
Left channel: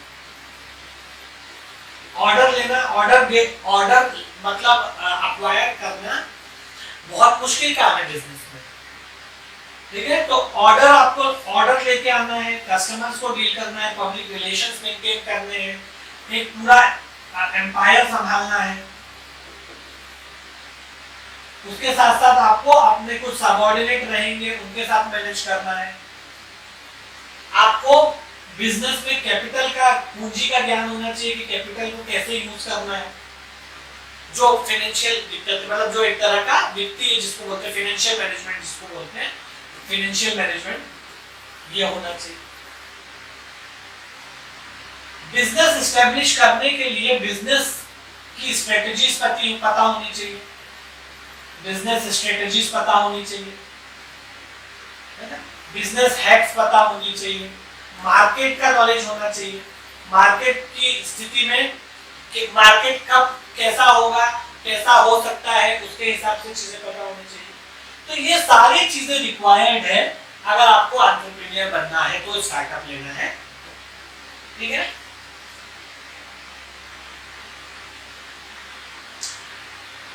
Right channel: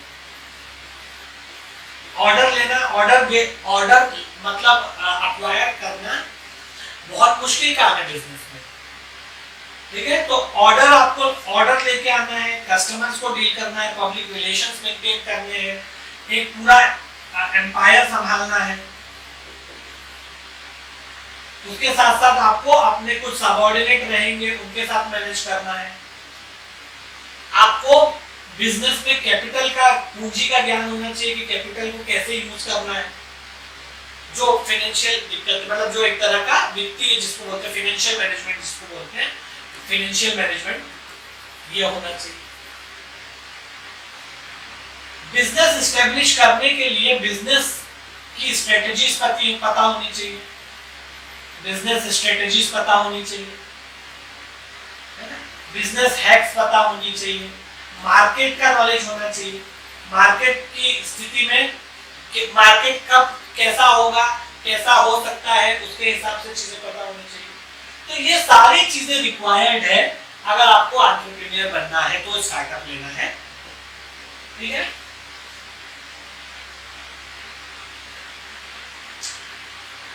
ऑर्डर लेना, ऑर्डर मतलब अक्वायर करना बहुत मुश्किल काम है बिजनेस में। ठीक है, तो ऑर्डर लेके आना है, कस्टमर्स को डील करना है, पब्लिक रिलेशंस मेंटेन करने हैं, एक पूरा एम्पायर संभालना है। उसके साथ साथ आपको अपने कुछ सबऑर्डिनेट रहेंगे, उनके साथ मैनेज करना है। आपको बिजनेस में कैपिटल का, पूंजी का ज्ञान होना चाहिए कि कैपिटल को कैसे यूज करना है। जो फाइनेंशियल दिक्कत, मतलब जो एक तरह का वित्तीय, जिसको बोलते हैं फाइनेंशियल मैनेजमेंट, जिसको बोलते हैं फाइनेंशियल मैनेजमेंट, ये होना चाहिए। बिजनेस एस्टेब्लिश करने के लिए बिजनेस की स्ट्रेटजीज पता होनी चाहिए, बिजनेस स्ट्रेटजीज पता होनी चाहिए, बिजनेस हैक्स पता होनी चाहिए, मार्केट का नॉलेज होना चाहिए, मार्केट की स्थिति में कि मार्केट कब कैसा होगा, कैसा हो सकता है, उसके हिसाब से चीजें पता होनी चाहिए। तो ये सारी चीजें रिक्वायर्ड है अगर आपको एंटरप्रेन्योर बनना है, तो स्टार्टअप लेना है। ठीक है,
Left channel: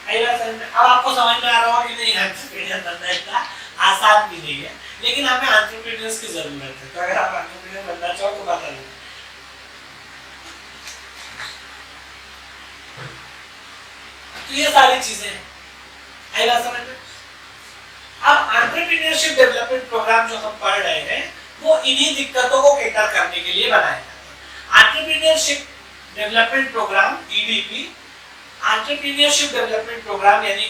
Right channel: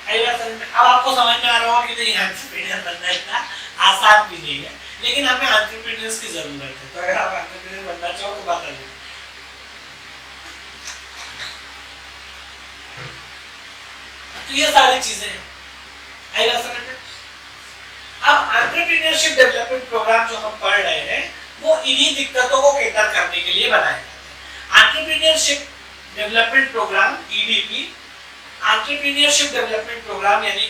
अब आपको समझ में आ रहा होगा कि नहीं, एंटरप्रेन्योर बनना इतना आसान भी नहीं है, लेकिन हमें एंटरप्रेन्योर्स की जरूरत है। तो अगर आप एंटरप्रेन्योर बनना चाहो तो बता दीजिए। तो ये सारी चीजें हैं, आइए समझ में। अब एंटरप्रेन्योरशिप डेवलपमेंट प्रोग्राम जो हम पढ़ रहे हैं वो इन्हीं दिक्कतों को कैटर करने के लिए बनाए जाते हैं। Entrepreneurship development programme EDP, entrepreneurship development programme यानी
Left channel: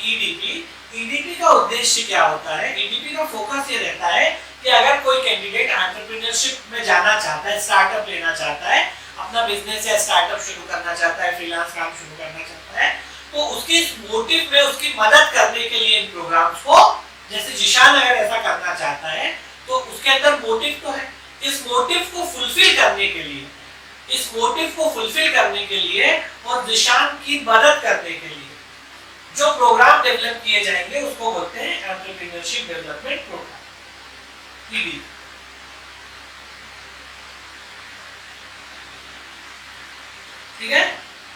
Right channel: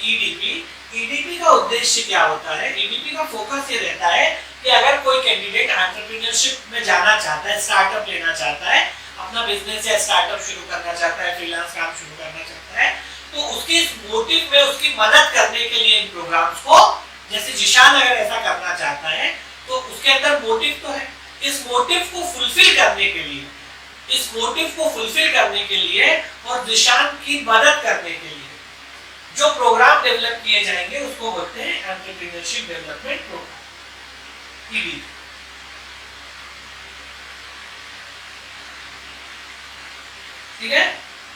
ईडीपी का उद्देश्य क्या होता है? ईडीपी का फोकस ये रहता है कि अगर कोई कैंडिडेट एंटरप्रेन्योरशिप में जाना चाहता है, स्टार्टअप लेना चाहता है, अपना बिजनेस या स्टार्टअप शुरू करना चाहता है, फ्रीलांस काम शुरू करना चाहता है, तो उसके इस मोटिव में उसकी मदद करने के लिए इन प्रोग्राम्स को, जैसे जिशान अगर ऐसा करना चाहता है तो उसके अंदर मोटिव तो है, इस मोटिव को फुलफिल करने के लिए और जिशान की मदद करने के लिए जो प्रोग्राम डेवलप किए जाएंगे उसको बोलते हैं एंटरप्रेन्योरशिप डेवलपमेंट प्रोग्राम, ईडी। ठीक है,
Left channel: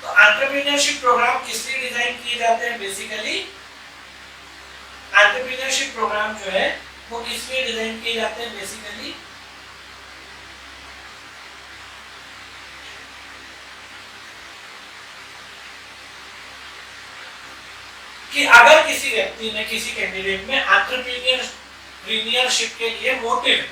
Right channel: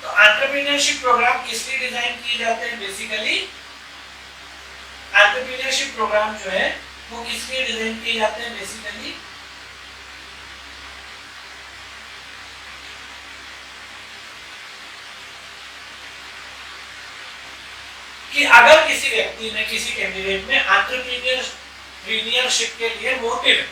तो एंटरप्रेन्योरशिप प्रोग्राम किस लिए डिजाइन किए जाते हैं? बेसिकली एंटरप्रेन्योरशिप प्रोग्राम जो है वो किस लिए डिजाइन किए जाते हैं? बेसिकली कि अगर किसी व्यक्ति में, किसी कैंडिडेट में एंटरप्रेन्योरशिप के लिए मोटिव है,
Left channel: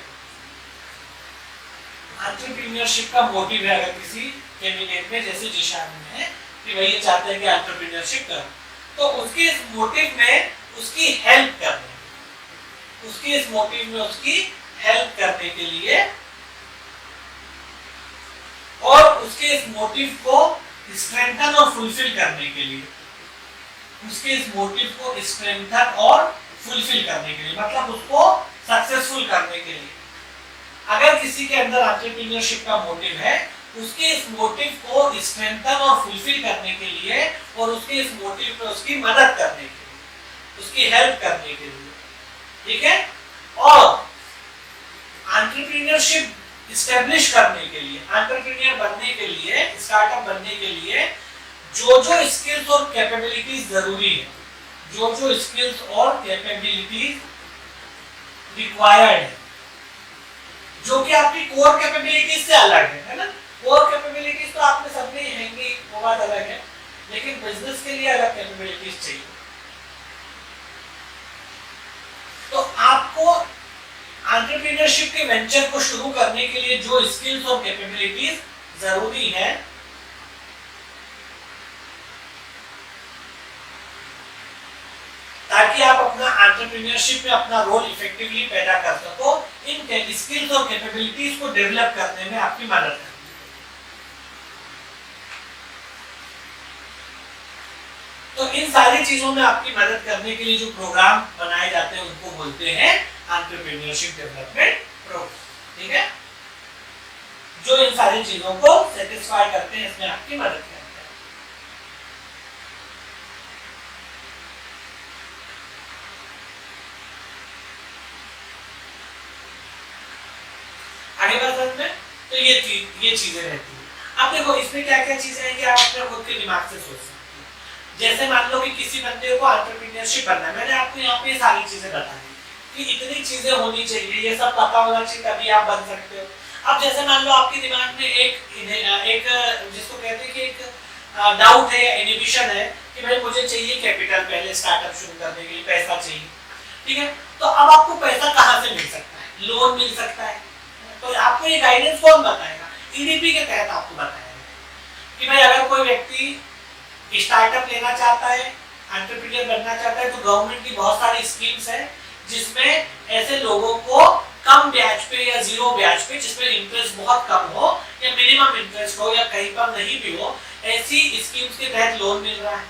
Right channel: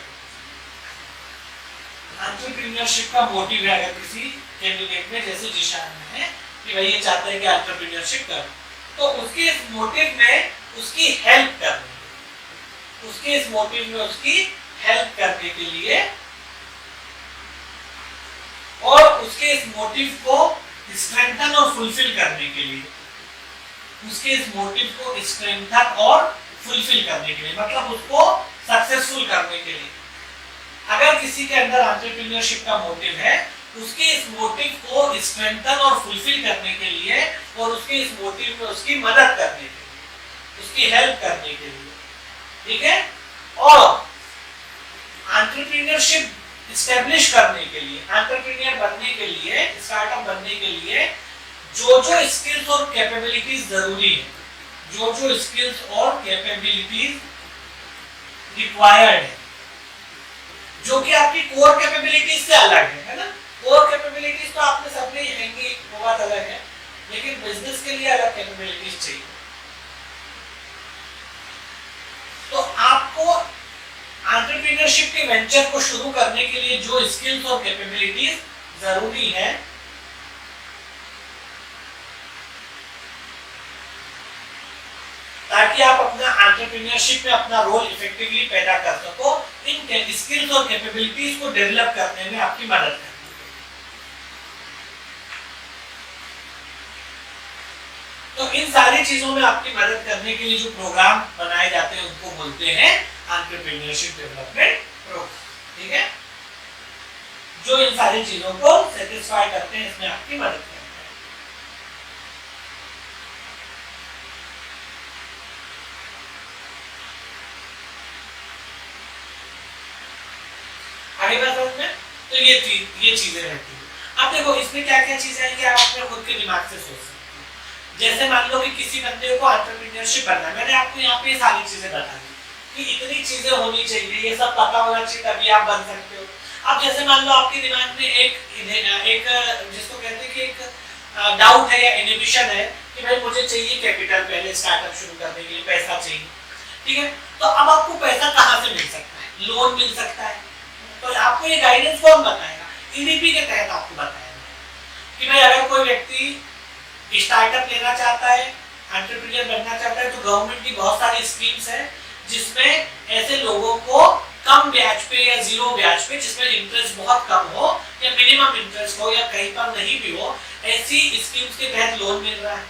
एंटरप्रेन्योरशिप का मोटिव है अगर किसी कैंडिडेट में, जैसे जिशान में है कि भाई ये चाहते हैं कि एंटरप्रेन्योरशिप करो, तो उसके इस मोटिव में उसकी हेल्प करने, उसके इस मोटिव में उसकी हेल्प करने के लिए और उसके इस मोटिव को स्ट्रेंथन और फुलफिल करने के लिए, उसके इस मोटिव को स्ट्रेंथन और फुलफिल करने के लिए, मतलब उसको सक्सेसफुल करने के लिए, अगर किसी के अंदर एंटरप्रेन्योरशिप का मोटिव है, उसके इस मोटिव को स्ट्रेंथन और फुलफिल करने के लिए और उसके इस मोटिव में उसकी मदद करने के लिए, उसकी हेल्प करने के लिए, ठीक है। और एंटरप्रेन्योरशिप इस्टेब्लिश करने के लिए, एंटरप्रेन्योर बनने के लिए, स्टार्टअप बनने के लिए जो जो स्किल्स और कैपेबिलिटीज जरूरी है, जो जो स्किल्स और कैपेबिलिटीज रिक्वायर्ड है, जो कि आपकी कोर कैपेबिलिटीज से अलग है ना। कोर कैपेबिलिटीज तो आपने सबने ही हैंगी, वो बात अलग है, लेकिन बिजनेस के लिए अलग कैपेबिलिटीज चाहिए। तो आपको एंटरप्रेन्योरशिप के वेंचर को शुरू करने के लिए जो स्किल्स और कैपेबिलिटीज जरूरी है, ताकि आप अपना एंटरप्रेन्योरशिप में अपना रोल इफेक्टिवली पैदा कर सको, इन स्किल्स और कैपेबिलिटीज को डेवलप करने में आपकी मदद है। तो इन सारी चीजों में आपकी मदद करने के लिए जो प्रोग्राम बनाए जाते हैं उनको बोलते हैं एंटरप्रेन्योरशिप डेवलपमेंट प्रोग्राम, ठीक है, जो इन सारी चीजों को सेटिस्फाई करते हैं, इसमें आपकी मदद करते हैं। आगे बात में तो ये चीजें रहती हैं। अब देखो इसमें क्या क्या चीजें आएंगी, आप अपने खुद के दिमाग से सोच सकते हो। जैसे मान लो कि किसी बंदे को एंटरप्रेन्योरशिप बनना है, मैंने आपको यहाँ पे सारी चीजें बता दी कि इतनी चीजें होनी चाहिए, ये सब पता होना चाहिए, तभी आप बन सकते हो। अब जैसे मान लो आपके दिमाग में एक जिसको कहते हैं कि एक डाउट है या इनहिबिशन है कि भाई मुझे चाहिए कैपिटल, पहले स्टार्टअप शुरू करने के लिए पैसा चाहिए, ठीक है। तो अब आपको पैसा कहाँ से मिल सकता है? लोन मिल सकता है। तो आपको ये गाइडेंस कौन बताएगा? ईडीपी के तहत आपको बताएगा कि भाई अगर कोई व्यक्ति स्टार्टअप लेना चाहता है, एंटरप्रेन्योर बनना चाहता है, तो गवर्नमेंट की बहुत सारी स्कीम्स है जिसमें ऐसे लोगों को कम ब्याज पे या जीरो ब्याज पे, जिसमें इंटरेस्ट बहुत कम हो या मिनिमम इंटरेस्ट हो या कहीं पर नहीं भी हो, ऐसी स्कीम्स के तहत लोन मिल रहा है।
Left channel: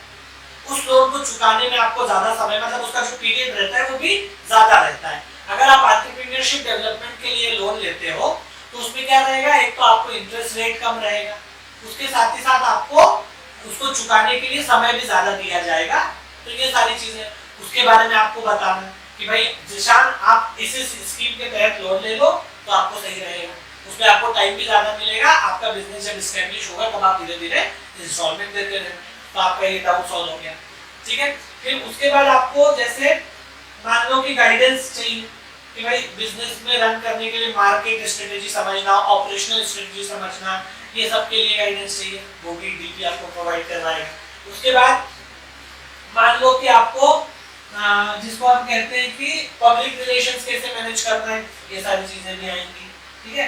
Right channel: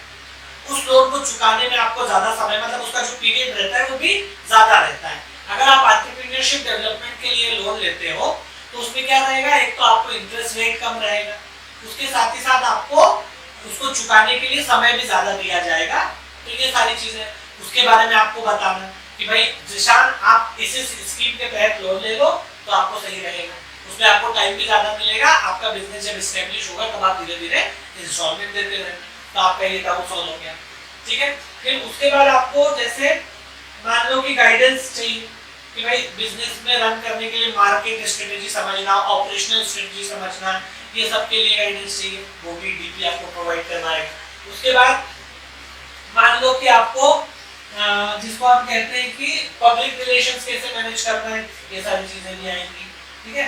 उस लोन को चुकाने में आपको ज्यादा समय, मतलब उसका जो पीरियड रहता है वो भी ज्यादा रहता है। अगर आप एंटरप्रेन्योरशिप डेवलपमेंट के लिए लोन लेते हो तो उसमें क्या रहेगा, एक तो आपको इंटरेस्ट रेट कम रहेगा, उसके साथ ही साथ आपको उसको चुकाने के लिए समय भी ज्यादा दिया जाएगा। तो ये सारी चीजें उसके बारे में आपको बताना कि भाई जिशान आप इस स्कीम के तहत लोन ले लो तो आपको सही रहेगा, उसमें आपको टाइम भी ज्यादा मिलेगा, आपका बिजनेस जब एस्टेब्लिश होगा तब आप धीरे धीरे इंस्टॉलमेंट देते रहेंगे, तो आपका ये डाउट सॉल्व हो गया, ठीक है। फिर उसके बाद आपको जैसे मान लो कि गाइडेंस चाहिए कि भाई बिजनेस में रन करने के लिए मार्केट स्ट्रेटेजी समझना, ऑपरेशनल स्ट्रेटेजी समझना, ये सब के लिए गाइडेंस चाहिए, वो भी डीपी आपको प्रोवाइड करना है। उसके बाद मान लो कि आपको जिसको हम कहते हैं कि पब्लिक रिलेशंस कैसे मैनेज करना है, ये सारी चीजें भी आएंगी, ठीक है।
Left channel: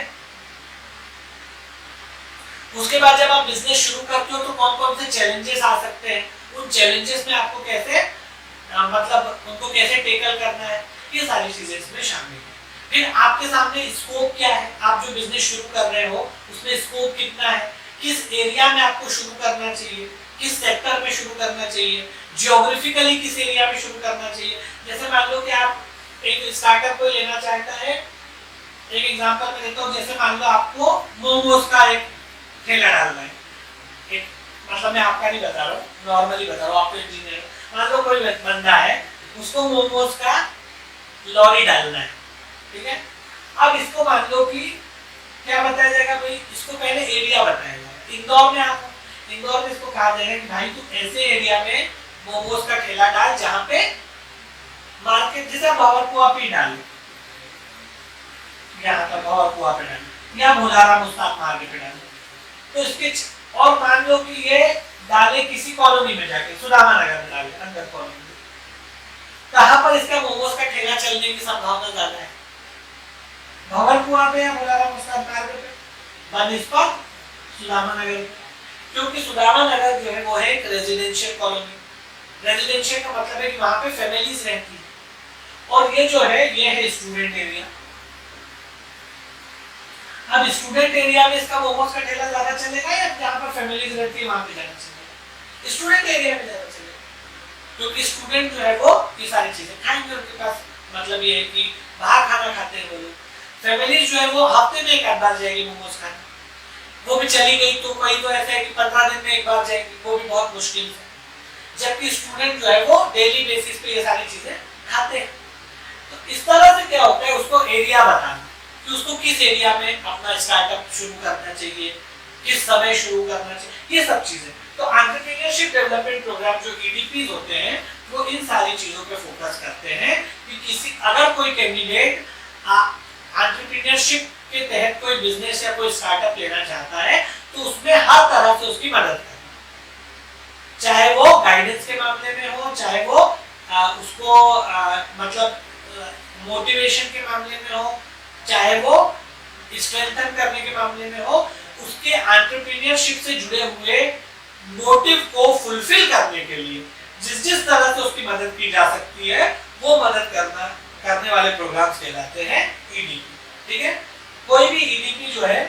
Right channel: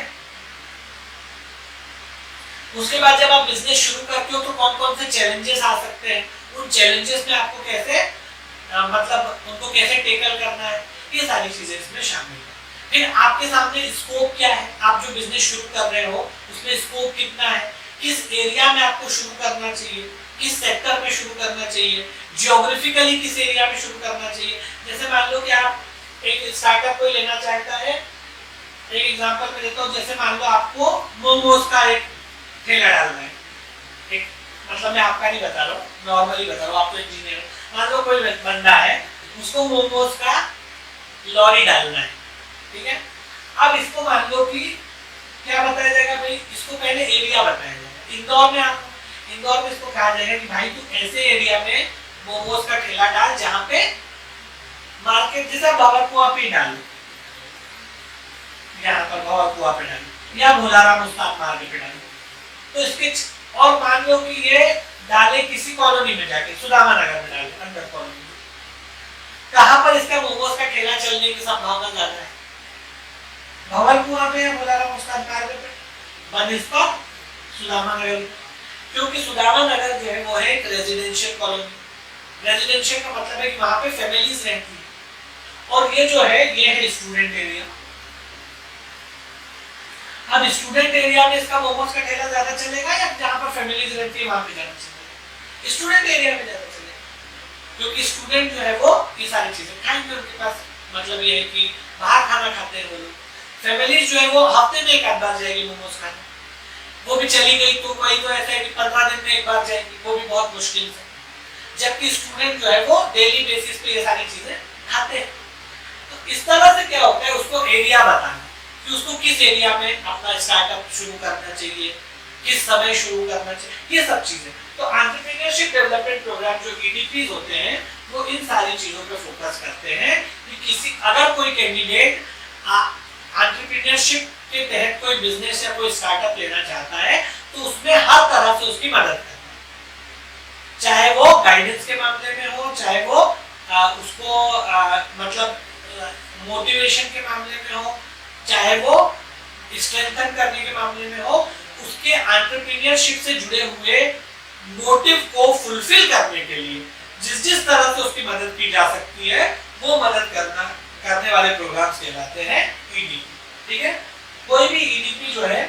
उसके बाद जब आप बिजनेस शुरू करते हो तो कौन कौन से चैलेंजेस आ सकते हैं, उन चैलेंजेस में आपको कैसे मतलब उनको कैसे टेकल करना है, ये सारी चीजें इसमें शामिल है। फिर आपके सामने स्कोप क्या है, आप जो बिजनेस शुरू कर रहे हो उसमें स्कोप कितना है, किस एरिया में आपको शुरू करना चाहिए, किस सेक्टर में शुरू करना चाहिए, जियोग्राफिकली किस एरिया में शुरू करना चाहिए। जैसे मान लो कि आप एक स्टार्टअप कोई लेना चाहता है, एक एग्जांपल मैं देता हूँ, जैसे मान लो आपको मोमोज का एक ठेला डालना है, एक मतलब मैं आपका नहीं बता रहा हूँ, नॉर्मली बता रहा हूँ, आप तो इंजीनियर हो। मान लो कोई बंदा है, उसको मोमोज का लॉरी डालना है, ठीक है। अब इसको मान लो कि क्या बताया जाएगा भाई, इसको पहले एरिया बताया जाएगा। इंदौर में आपको, इंदौर में इसको कहा जाएगा कि भाई तू ऐसे एरिया में मोमोज का ठेला डाल जहां पे मार्केट, जैसा भंवरकुआ पे डाल, यहाँ पर भंवरकुआ पे डाल या भोलाराम उस्ताद मार्केट पे डाल। तो इसके और मान लो कि ये डाले किसी कॉलोनी में जाके, सुदामा नगर में डाले, अंदर कॉलोनी में, कहां पर इसका मोमोज का ठेला चलने की संभावना ज्यादा है, भंवरकुआ पे या भोलाराम उस्ताद मार्केट पे, बनस्पत सुदामा नगर। क्योंकि सुदामा नगर जो है वो है एक रेजिडेंशियल कॉलोनी। रेजिडेंशियल का मतलब है कि वहां पे फैमिलीज रहती है, और ये जो है ये है स्टूडेंट एरिया। अब स्टूडेंट एरिया में इसका मोमोज का ठेला ज्यादा चलेगा या जहां पर फैमिलीज रहती है वहां पे ज्यादा चलेगा? स्टूडेंट एरिया में ज्यादा चलेगा, क्योंकि स्टूडेंट जो है वो ये सारी चीजें खाएंगे, उनके पास मतलब ये है कि बाहर खाना खाते हैं वो लोग। फैमिलीज जो है वो हफ्ते में एक आध बार जाएगी मोमोज खाने, वो भी चली गई तो कोई तो ऐसा है कि 15 दिन में एक बार जाएगी, वो भी बहुत मुश्किल से। जबकि स्टूडेंट जो है वो डेली बेसिस पे ये सारी चीजें खाते हैं। तो इस तरह से क्या होता है, उसको एरिया बताना कि उसको किस एरिया में अपना स्टार्टअप शुरू करना चाहिए, किस समय शुरू करना चाहिए, ये सब चीजें। तो एंटरप्रेन्योरशिप डेवलपमेंट प्रोग्राम जो ईडीपीज होते हैं वो इन सारी चीजों पे फोकस करते हैं कि किसी अगर कोई कैंडिडेट एंटरप्रेन्योरशिप के तहत कोई बिजनेस या कोई स्टार्टअप लेना चाहता है तो उसमें हर तरह से उसकी मदद करना, चाहे वो गाइडेंस के मामले में हो, चाहे वो उसको मतलब मोटिवेशन के मामले में हो, चाहे वो स्ट्रेंथन करने के मामले में हो, उसके एंटरप्रेन्योरशिप से जुड़े हुए मोटिव को फुलफिल करने के लिए जिस तरह से उसकी मदद की जा सकती है वो मदद करने वाले प्रोग्राम्स कहलाते हैं ईडीपी। ठीक है, कोई भी ईडीपी जो है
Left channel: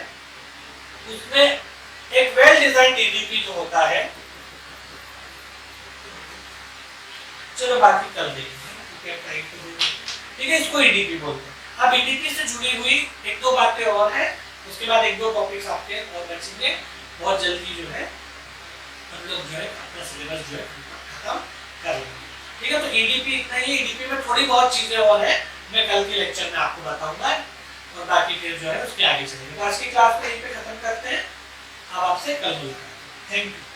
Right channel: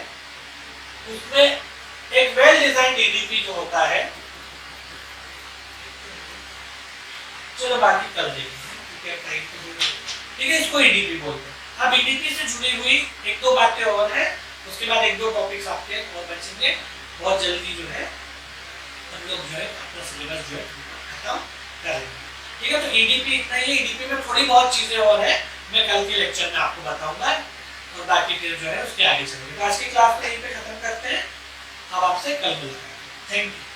उसमें एक वेल डिजाइंड ईडीपी जो होता है, चलो बाकी कर देंगे, ठीक है, इसको ईडीपी बोलते हैं। अब ईडीपी से जुड़ी हुई एक दो बातें और हैं, उसके बाद एक दो टॉपिक्स आपके और बचेंगे, बहुत जल्दी जो है हम लोग जो है अपना सिलेबस जो है खत्म कर लेंगे। ठीक है, तो ईडीपी इतना ही। ईडीपी में थोड़ी बहुत चीजें और है, मैं कल के लेक्चर में आपको बताऊंगा और बाकी फिर जो है उसके आगे चलेंगे। तो आज की क्लास को यहीं पे खत्म करते हैं, अब आपसे कल मिलते हैं। Thank you.